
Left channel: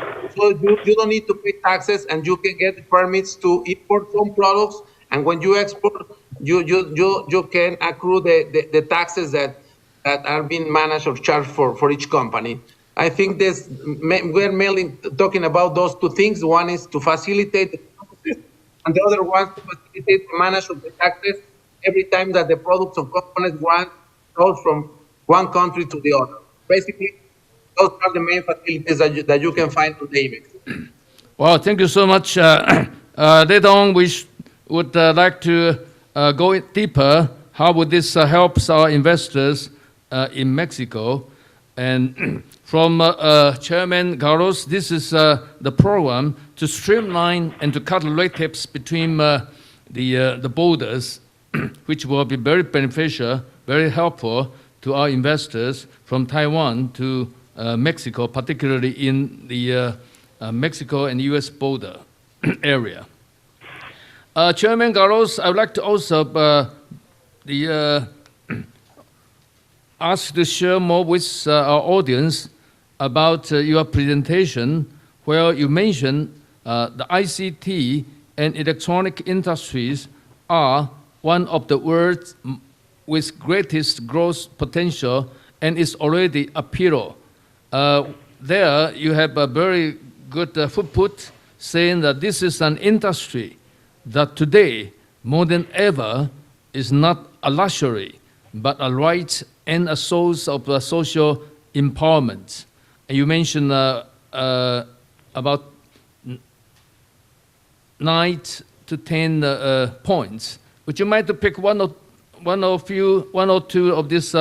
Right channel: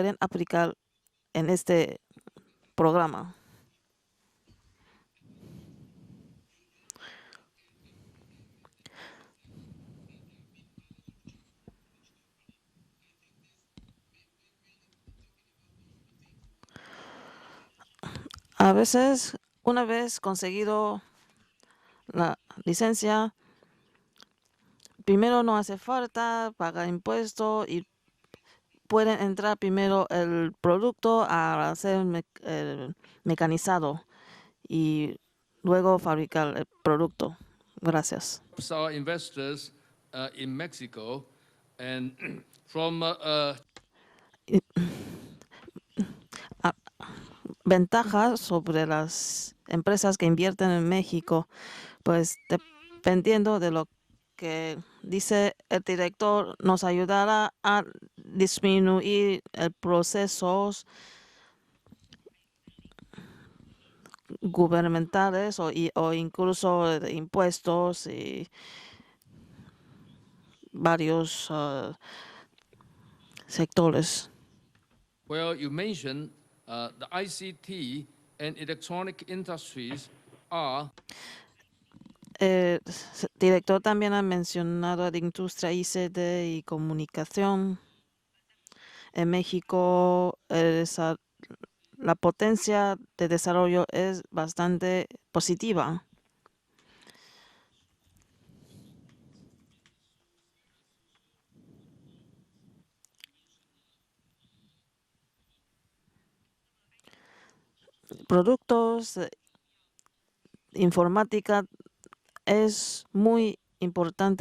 you don't need to pay taxes, and you can get permits to import some products. And when you export, you can accrue the taxes that are being managed or charged for each company. I think we're mainly talking about those two things. One is to facilitate, and the other one is to manage the taxes every time that the product or component goes from one country to the other. Basically, those are the main facilities that you can find today. Well, thank you so much. Later on, we would like to go deeper. How would this help our investors in Mexico? And from Chairman Carlos, this is the program to streamline and to cut red tapes between the borders, which will be very beneficial, very helpful to our investors from Taiwan to Mexico, particularly in the Mexico and U.S. border area. Chairman Carlos, I would like to also ask you to share more with our audience about your presentation, where you mentioned the ICT and electronic industries are one of the worlds with greatest growth potential and is already a pillar. There you have a very good footnote saying that this is an industry that today, more than ever, is not a luxury, but a right and a source of social empowerment. And you mentioned about 9 to 10 points. Would you mind to pick one or two of these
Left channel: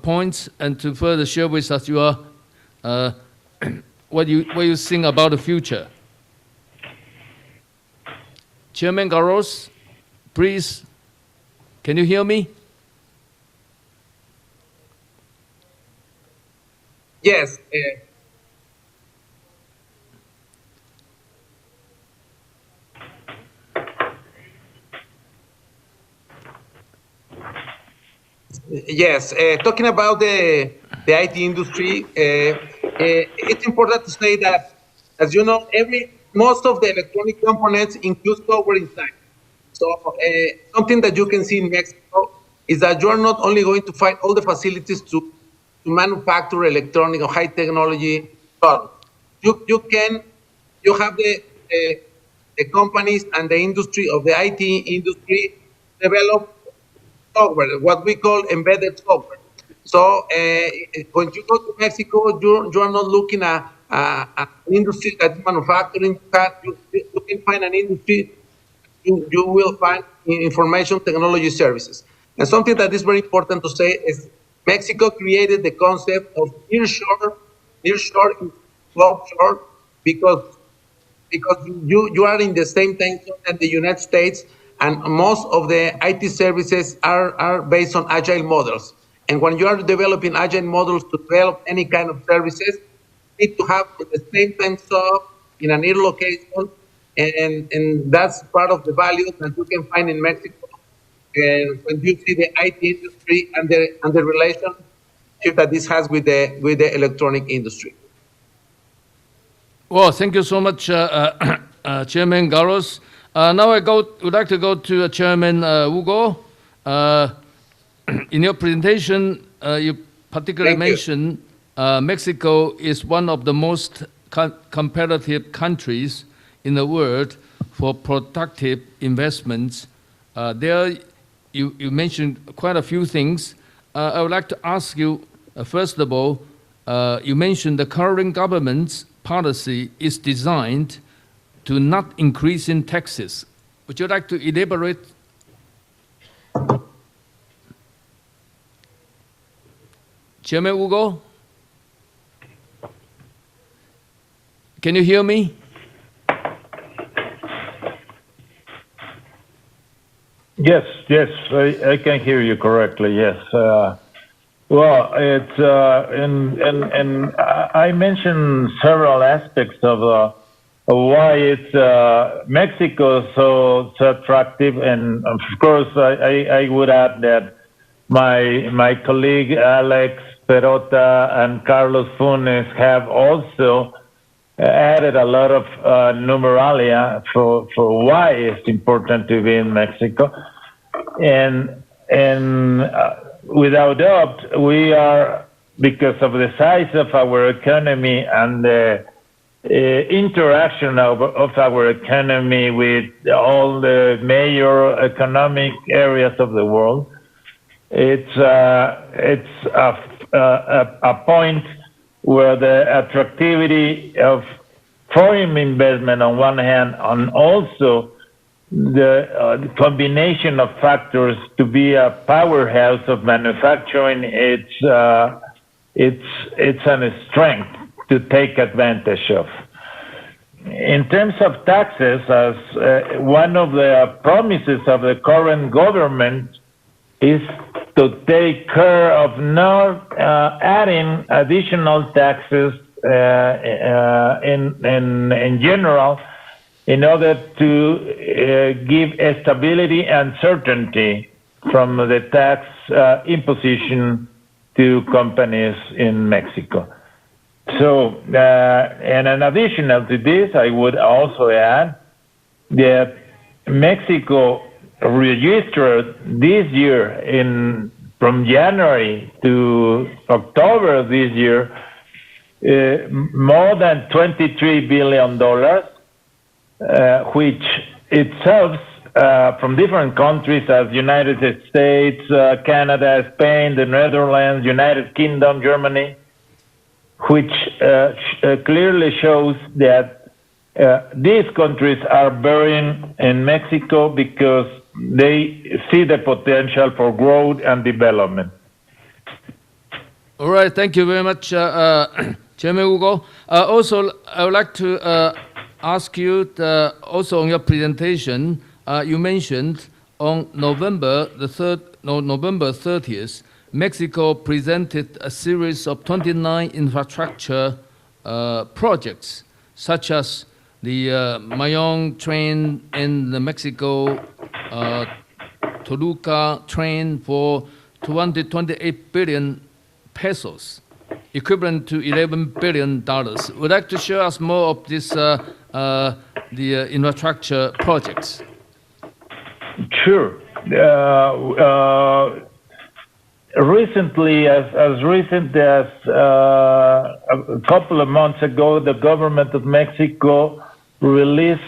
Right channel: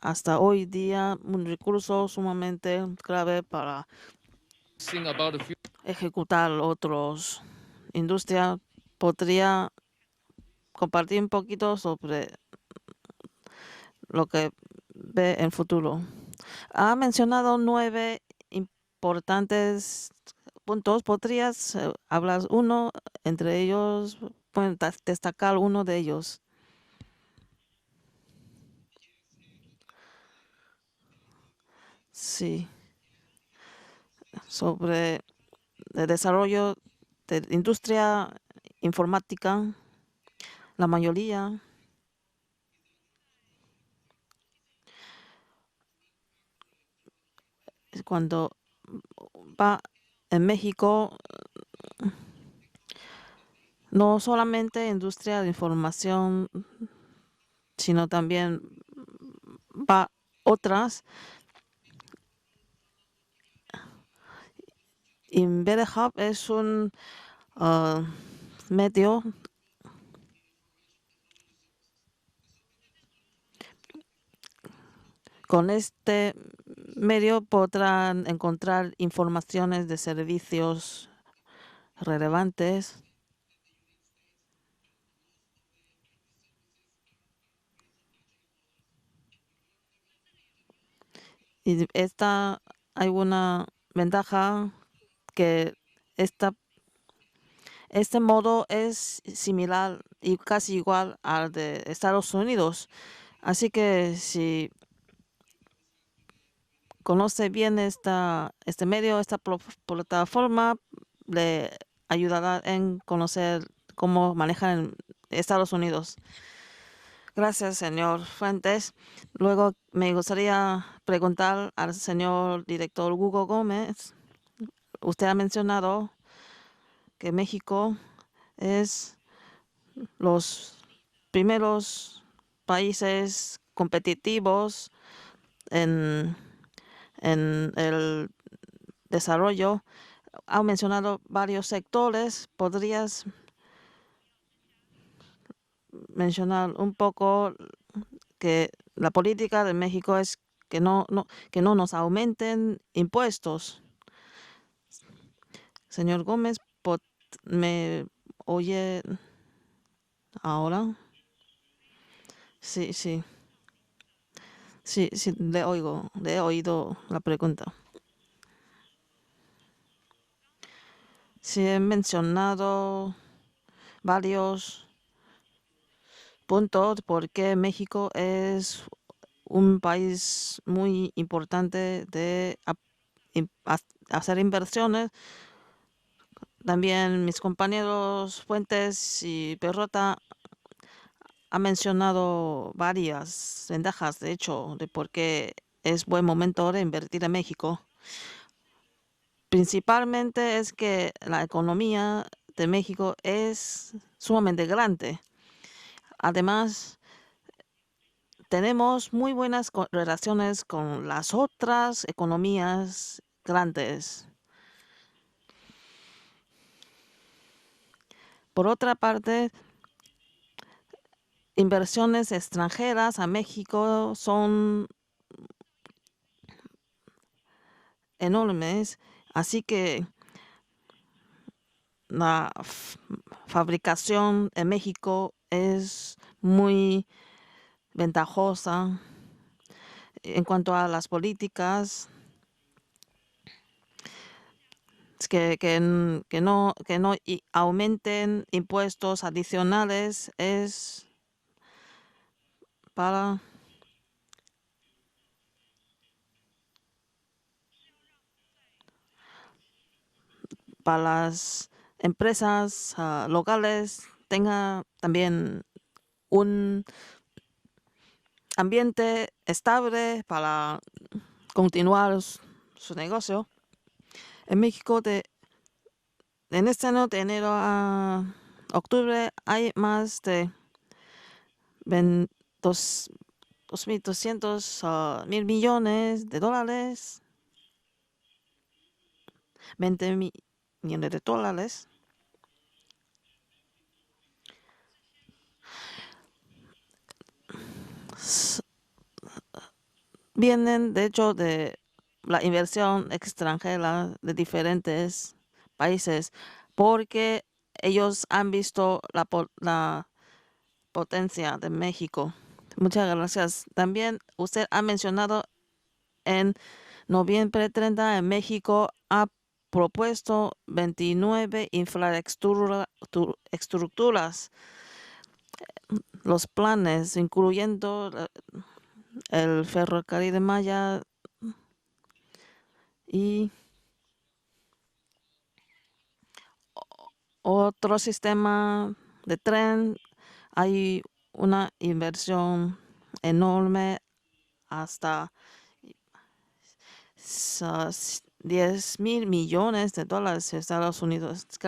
points and to further share with us your what you think about the future? Chairman Garros, please. Can you hear me? Lo que ve en futuro. Ha mencionado 9 importantes puntos. ¿Podrías hablar uno entre ellos? Pueden destacar uno de ellos. Yes, talking about the IT industry, it's important to say that, as you know, most of the electronic components include software informatica. So something that you can see in Mexico is that you're not only going to find all the facilities to manufacture electronic or high technology products. You have the companies and the industry of the IT industry develop software, what we call embedded software. So when you go to Mexico, you're not looking at an industry that is manufacturing. You can find an industry. You will find information technology services. And something that is very important to say is Mexico created the concept of nearshore because you are in the same time zone as the United States, and most of the IT services are based on agile models. And when you are developing agile models to develop any kind of services, you need to have the same time zone in a near location. And that's part of the value that you can find in Mexico. When you see the IT industry and the relationship that this has with the electronic industry. Well, thank you so much, Chairman Garros. Now would like to go to Chairman Hugo. In your presentation, you particularly mentioned Mexico is one of the most competitive countries in the world for productive investments. There, you mentioned quite a few things. I would like to ask you, first of all, you mentioned the current government's policy is designed to not increase in taxes. Would you like to elaborate? Mencionar un poco que la política de México es que no nos aumenten impuestos. Can you hear me? Señor Gómez, ¿me oye ahora? Yes, I can hear you correctly, yes. Well, it's, and I mentioned several aspects of why Mexico is so attractive, and of course I would add that my colleague Alex Perota and Carlos Funes have also added a lot of numeralia for why it's important to be in Mexico. And without doubt, we are, because of the size of our economy and the interaction of our economy with all the major economic areas of the world, it's a point where the attractivity of foreign investment on one hand, and also the combination of factors to be a powerhouse of manufacturing, it's a strength to take advantage of. In terms of taxes, as one of the promises of the current government is to take care of not adding additional taxes in general, in order to give stability and certainty from the tax imposition to companies in Mexico. So, and in addition to this, I would also add that Mexico registered this year, from January to October this year, more than $23 billion, which itself from different countries as United States, Canada, Spain, the Netherlands, United Kingdom, Germany, which clearly shows that these countries are bearing in Mexico because they see the potential for growth and development. All right, thank you very much, Chairman Hugo. Also, I would like to ask you, also on your presentation, you mentioned on November 30th, Mexico presented a series of 29 infrastructure projects, such as the Mayong train in Mexico, Toluca train for 228 billion pesos, equivalent to $11 billion. Would you like to share us more of this, the infrastructure projects? Sure. Recently, as recent as a couple of months ago, the government of Mexico released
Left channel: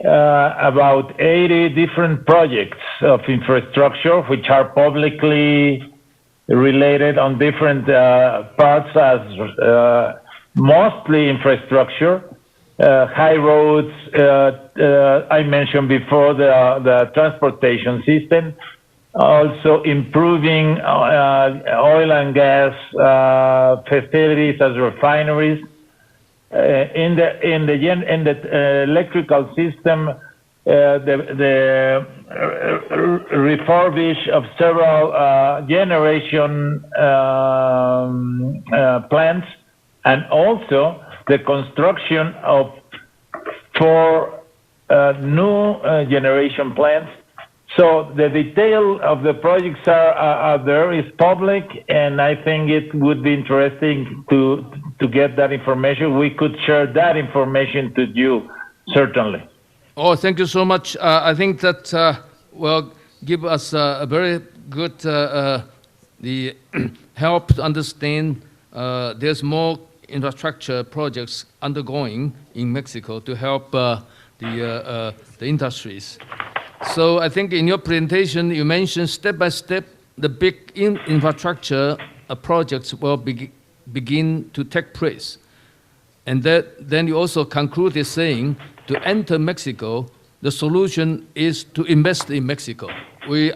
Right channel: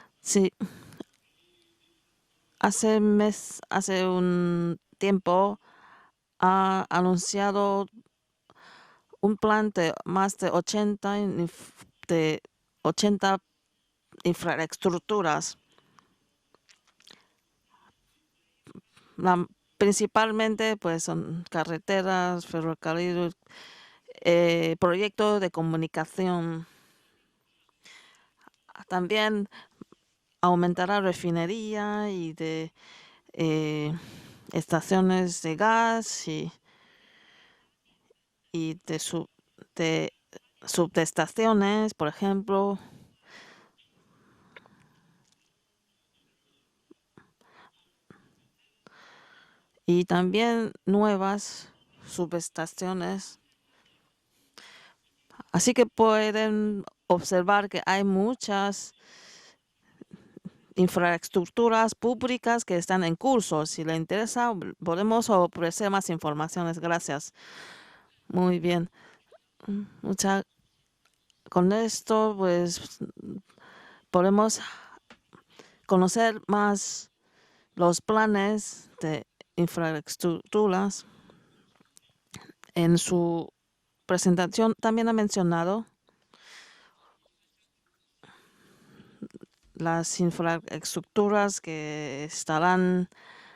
about 80 different projects of infrastructure, which are publicly related on different parts, as mostly infrastructure, high roads, I mentioned before the transportation system, also improving oil and gas facilities as refineries. In the electrical system, refurbish of several generation plants, and also the construction of 4 new generation plants. So the detail of the projects are there, it's public, and I think it would be interesting to get that information. We could share that information to you, certainly. Oh, thank you so much. I think that will give us a very good help to understand there's more infrastructure projects undergoing in Mexico to help the industries. So I think in your presentation you mentioned step by step the big infrastructure projects will begin to take place. And then you also concluded saying to enter Mexico, the solution is to invest in Mexico.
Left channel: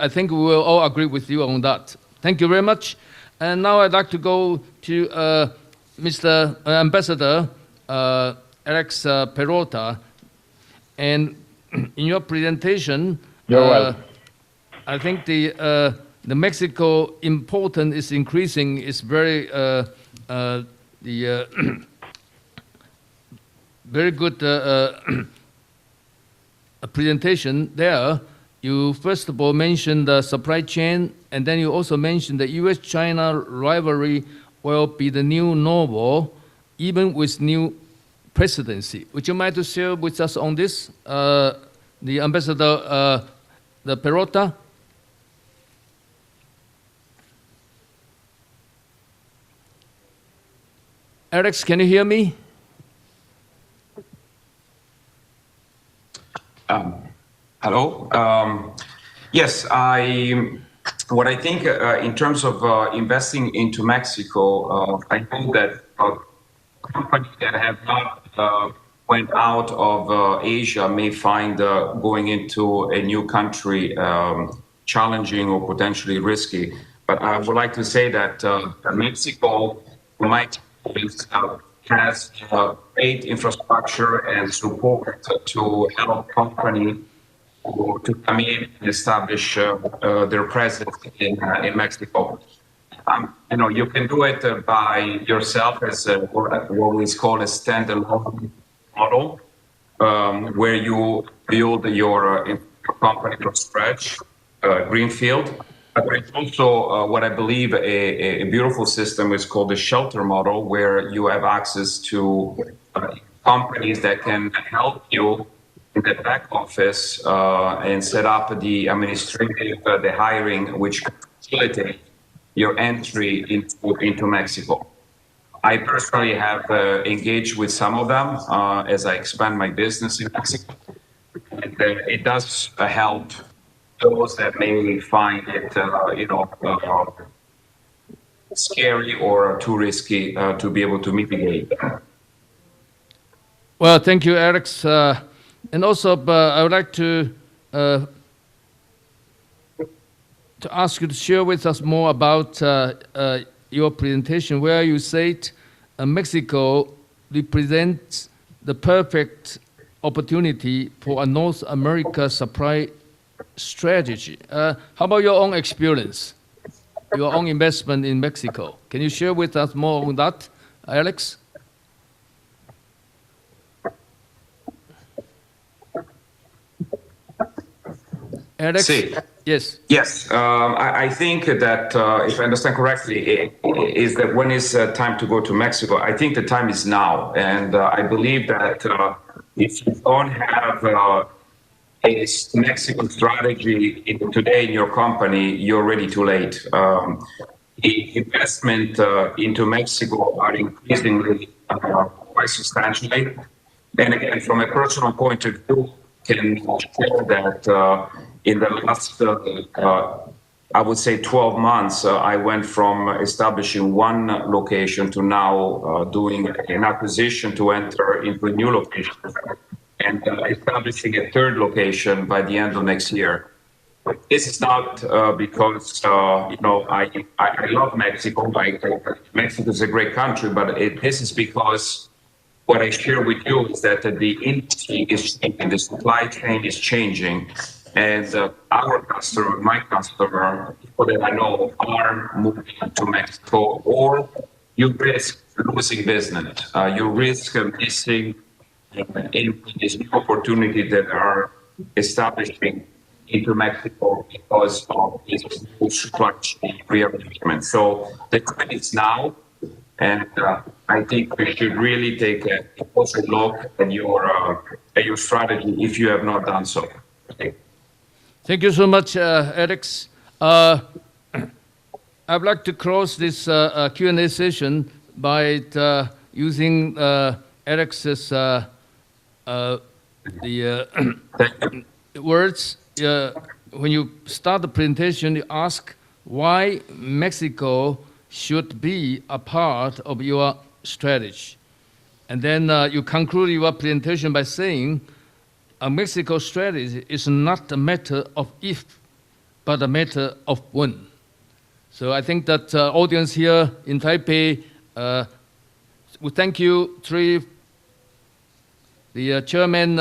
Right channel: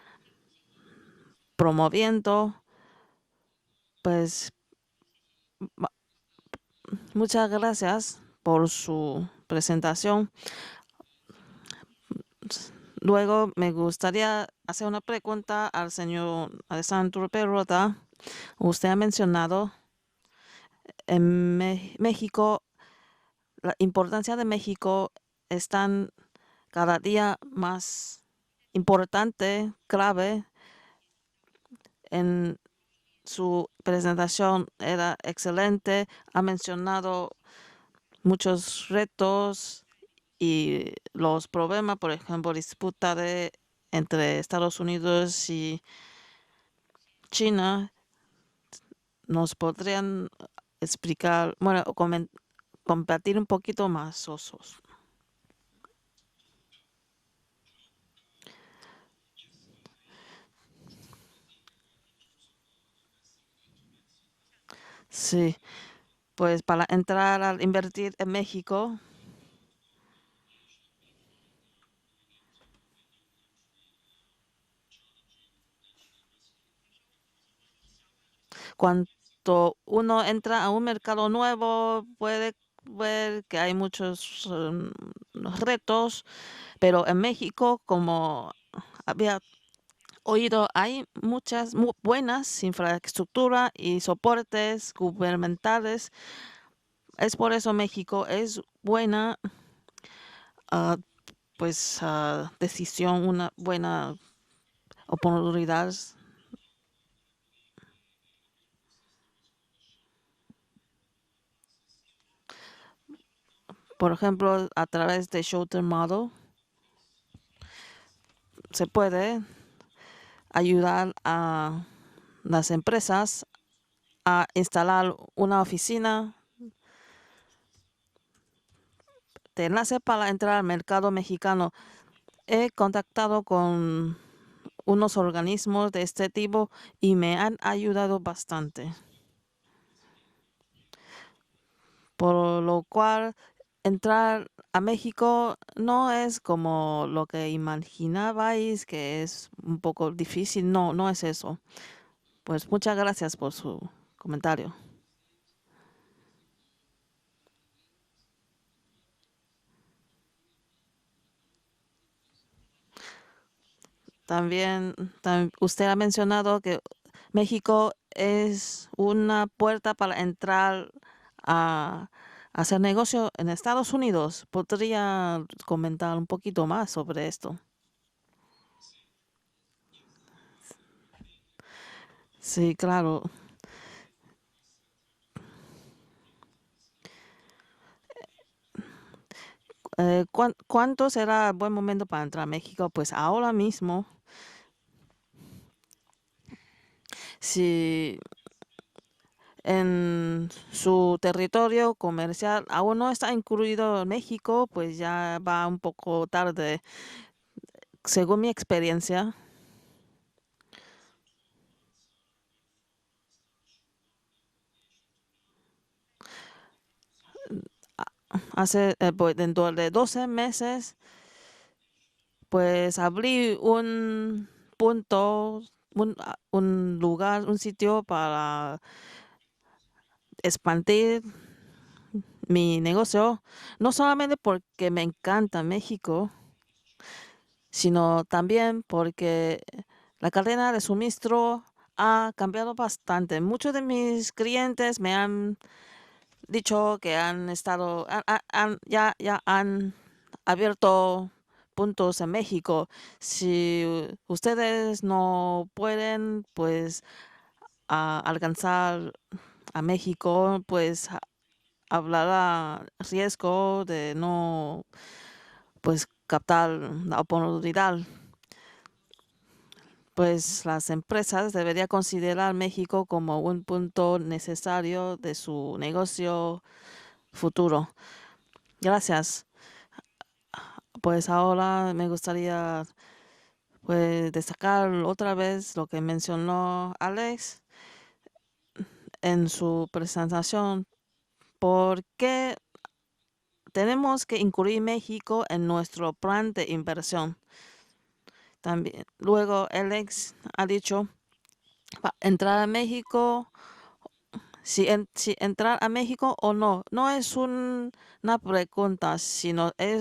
I think we will all agree with you on that. Thank you very much. And now I'd like to go to Mr. Ambassador Alex Peralta. And in your presentation, I think the Mexico importance is increasing. It's very very good presentation there. You first of all mentioned the supply chain, and then you also mentioned the U.S.-China rivalry will be the new normal, even with new presidency. Would you mind to share with us on this, the Ambassador the Peralta? Alex, can you hear me? Compartir un poquito más. Hello. Yes, what I think in terms of investing into Mexico, I think that companies that have not went out of Asia may find going into a new country challenging or potentially risky. But I would like to say that Mexico has great infrastructure and support to help companies to come in and establish their presence in Mexico. You can do it by yourself as what is called a standalone model, where you build your company from scratch. Greenfield, but it's also what I believe a beautiful system is called the shelter model, where you have access to companies that can help you in the back office and set up the administrative, the hiring, which facilitate your entry into Mexico. I personally have engaged with some of them as I expand my business in Mexico. And it does help those that may find it scary or too risky to be able to mitigate. Well, thank you, Alex. And also, I would like to ask you to share with us more about your presentation, where you said Mexico represents the perfect opportunity for a North America supply strategy. How about your own experience, your own investment in Mexico? Can you share with us more on that, Alex? Hacer negocio en Estados Unidos. ¿Podría comentar un poquito más sobre esto? Alex? Yes. Yes. I think that, if I understand correctly, is that when is time to go to Mexico? I think the time is now. And I believe that if you don't have a Mexican strategy today in your company, you're already too late. The investment into Mexico are increasingly quite substantially. And again, from a personal point of view, can show that in the last I would say 12 months, I went from establishing one location to now doing an acquisition to enter into a new location and establishing a third location by the end of next year. But this is not because, I love Mexico. Mexico is a great country, but this is because what I share with you is that the industry is changing, the supply chain is changing, and our customer, my customer, for that I know, are moving to Mexico, or you risk losing business. You risk missing these new opportunities that are establishing into Mexico because of this supply chain rearrangement. So the time is now. And I think we should really take a closer look at your strategy if you have not done so. Thank you so much, Alex. I'd like to close this Q&A session by using Alex's words. When you start the presentation, you ask why Mexico should be a part of your strategy. And then you conclude your presentation by saying a Mexico strategy is not a matter of if, but a matter of when. So I think that the audience here in Taipei, we thank you, the Chairman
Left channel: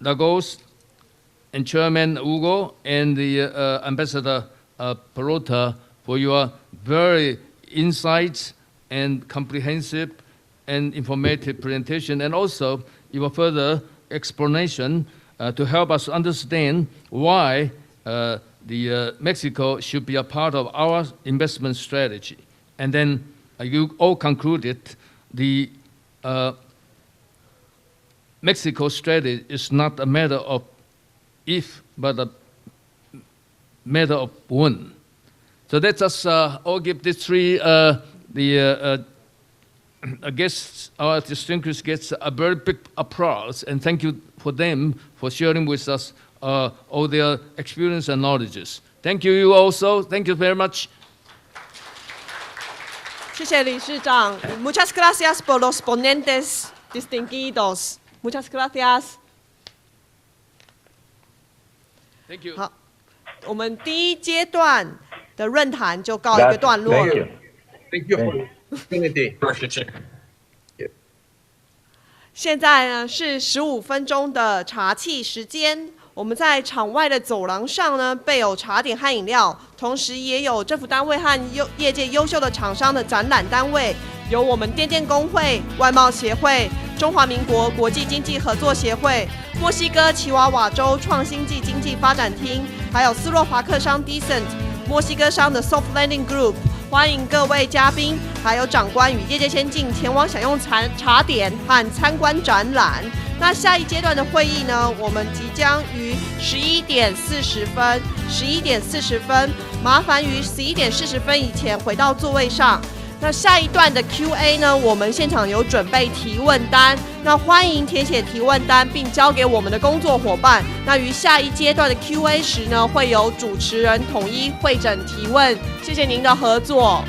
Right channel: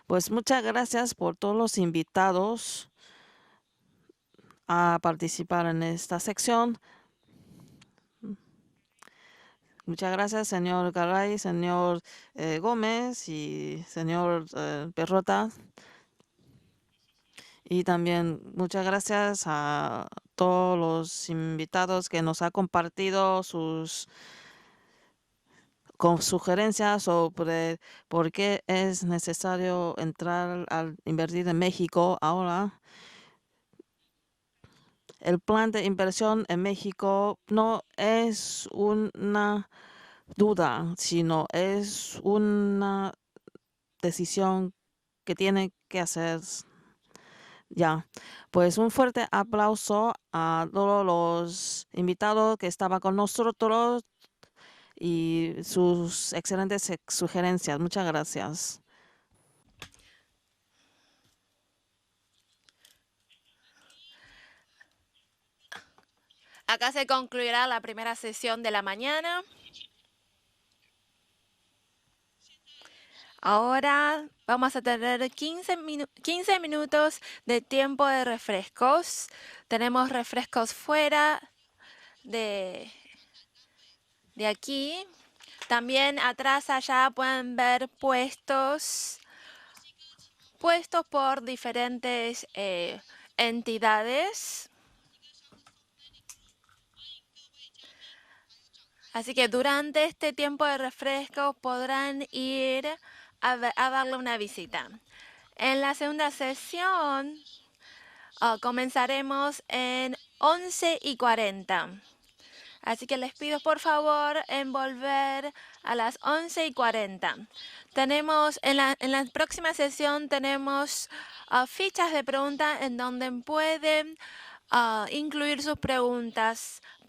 Lagos, and Chairman Hugo, and the Ambassador Perota for your very insights and comprehensive and informative presentation, and also your further explanation to help us understand why Mexico should be a part of our investment strategy. And then you all concluded the Mexico strategy is not a matter of if, but a matter of when. So let us all give the three guests, our distinguished guests, a very big applause, and thank you for them for sharing with us all their experience and knowledge. Thank you also. Thank you very much. Muchas gracias por los ponentes distinguidos. Muchas gracias. Thank you. 好，我们第一阶段的论坛就告一个段落了。现在呢是15分钟的茶气时间，我们在场外的走廊上呢备有茶点和饮料，同时也有政府单位和业界优秀的厂商的展览单位，有我们电电工会、外贸协会、中华民国国际经济合作协会、墨西哥奇瓦瓦州创新暨经济发展厅，还有斯洛伐克商 Decent、墨西哥商的 Soft Landing Group。欢迎各位嘉宾，还有长官与业界先进前往享用茶点和参观展览。那下一阶段的会议呢，我们即将于11点40分，麻烦于11点40分以前回到座位上。那下一段的 Q&A 呢，我们现场有准备提问单，那欢迎填写提问单并交给我们的工作伙伴。那于下一阶段的 Q&A 时呢，会由主持人统一会诊提问。谢谢您的合作。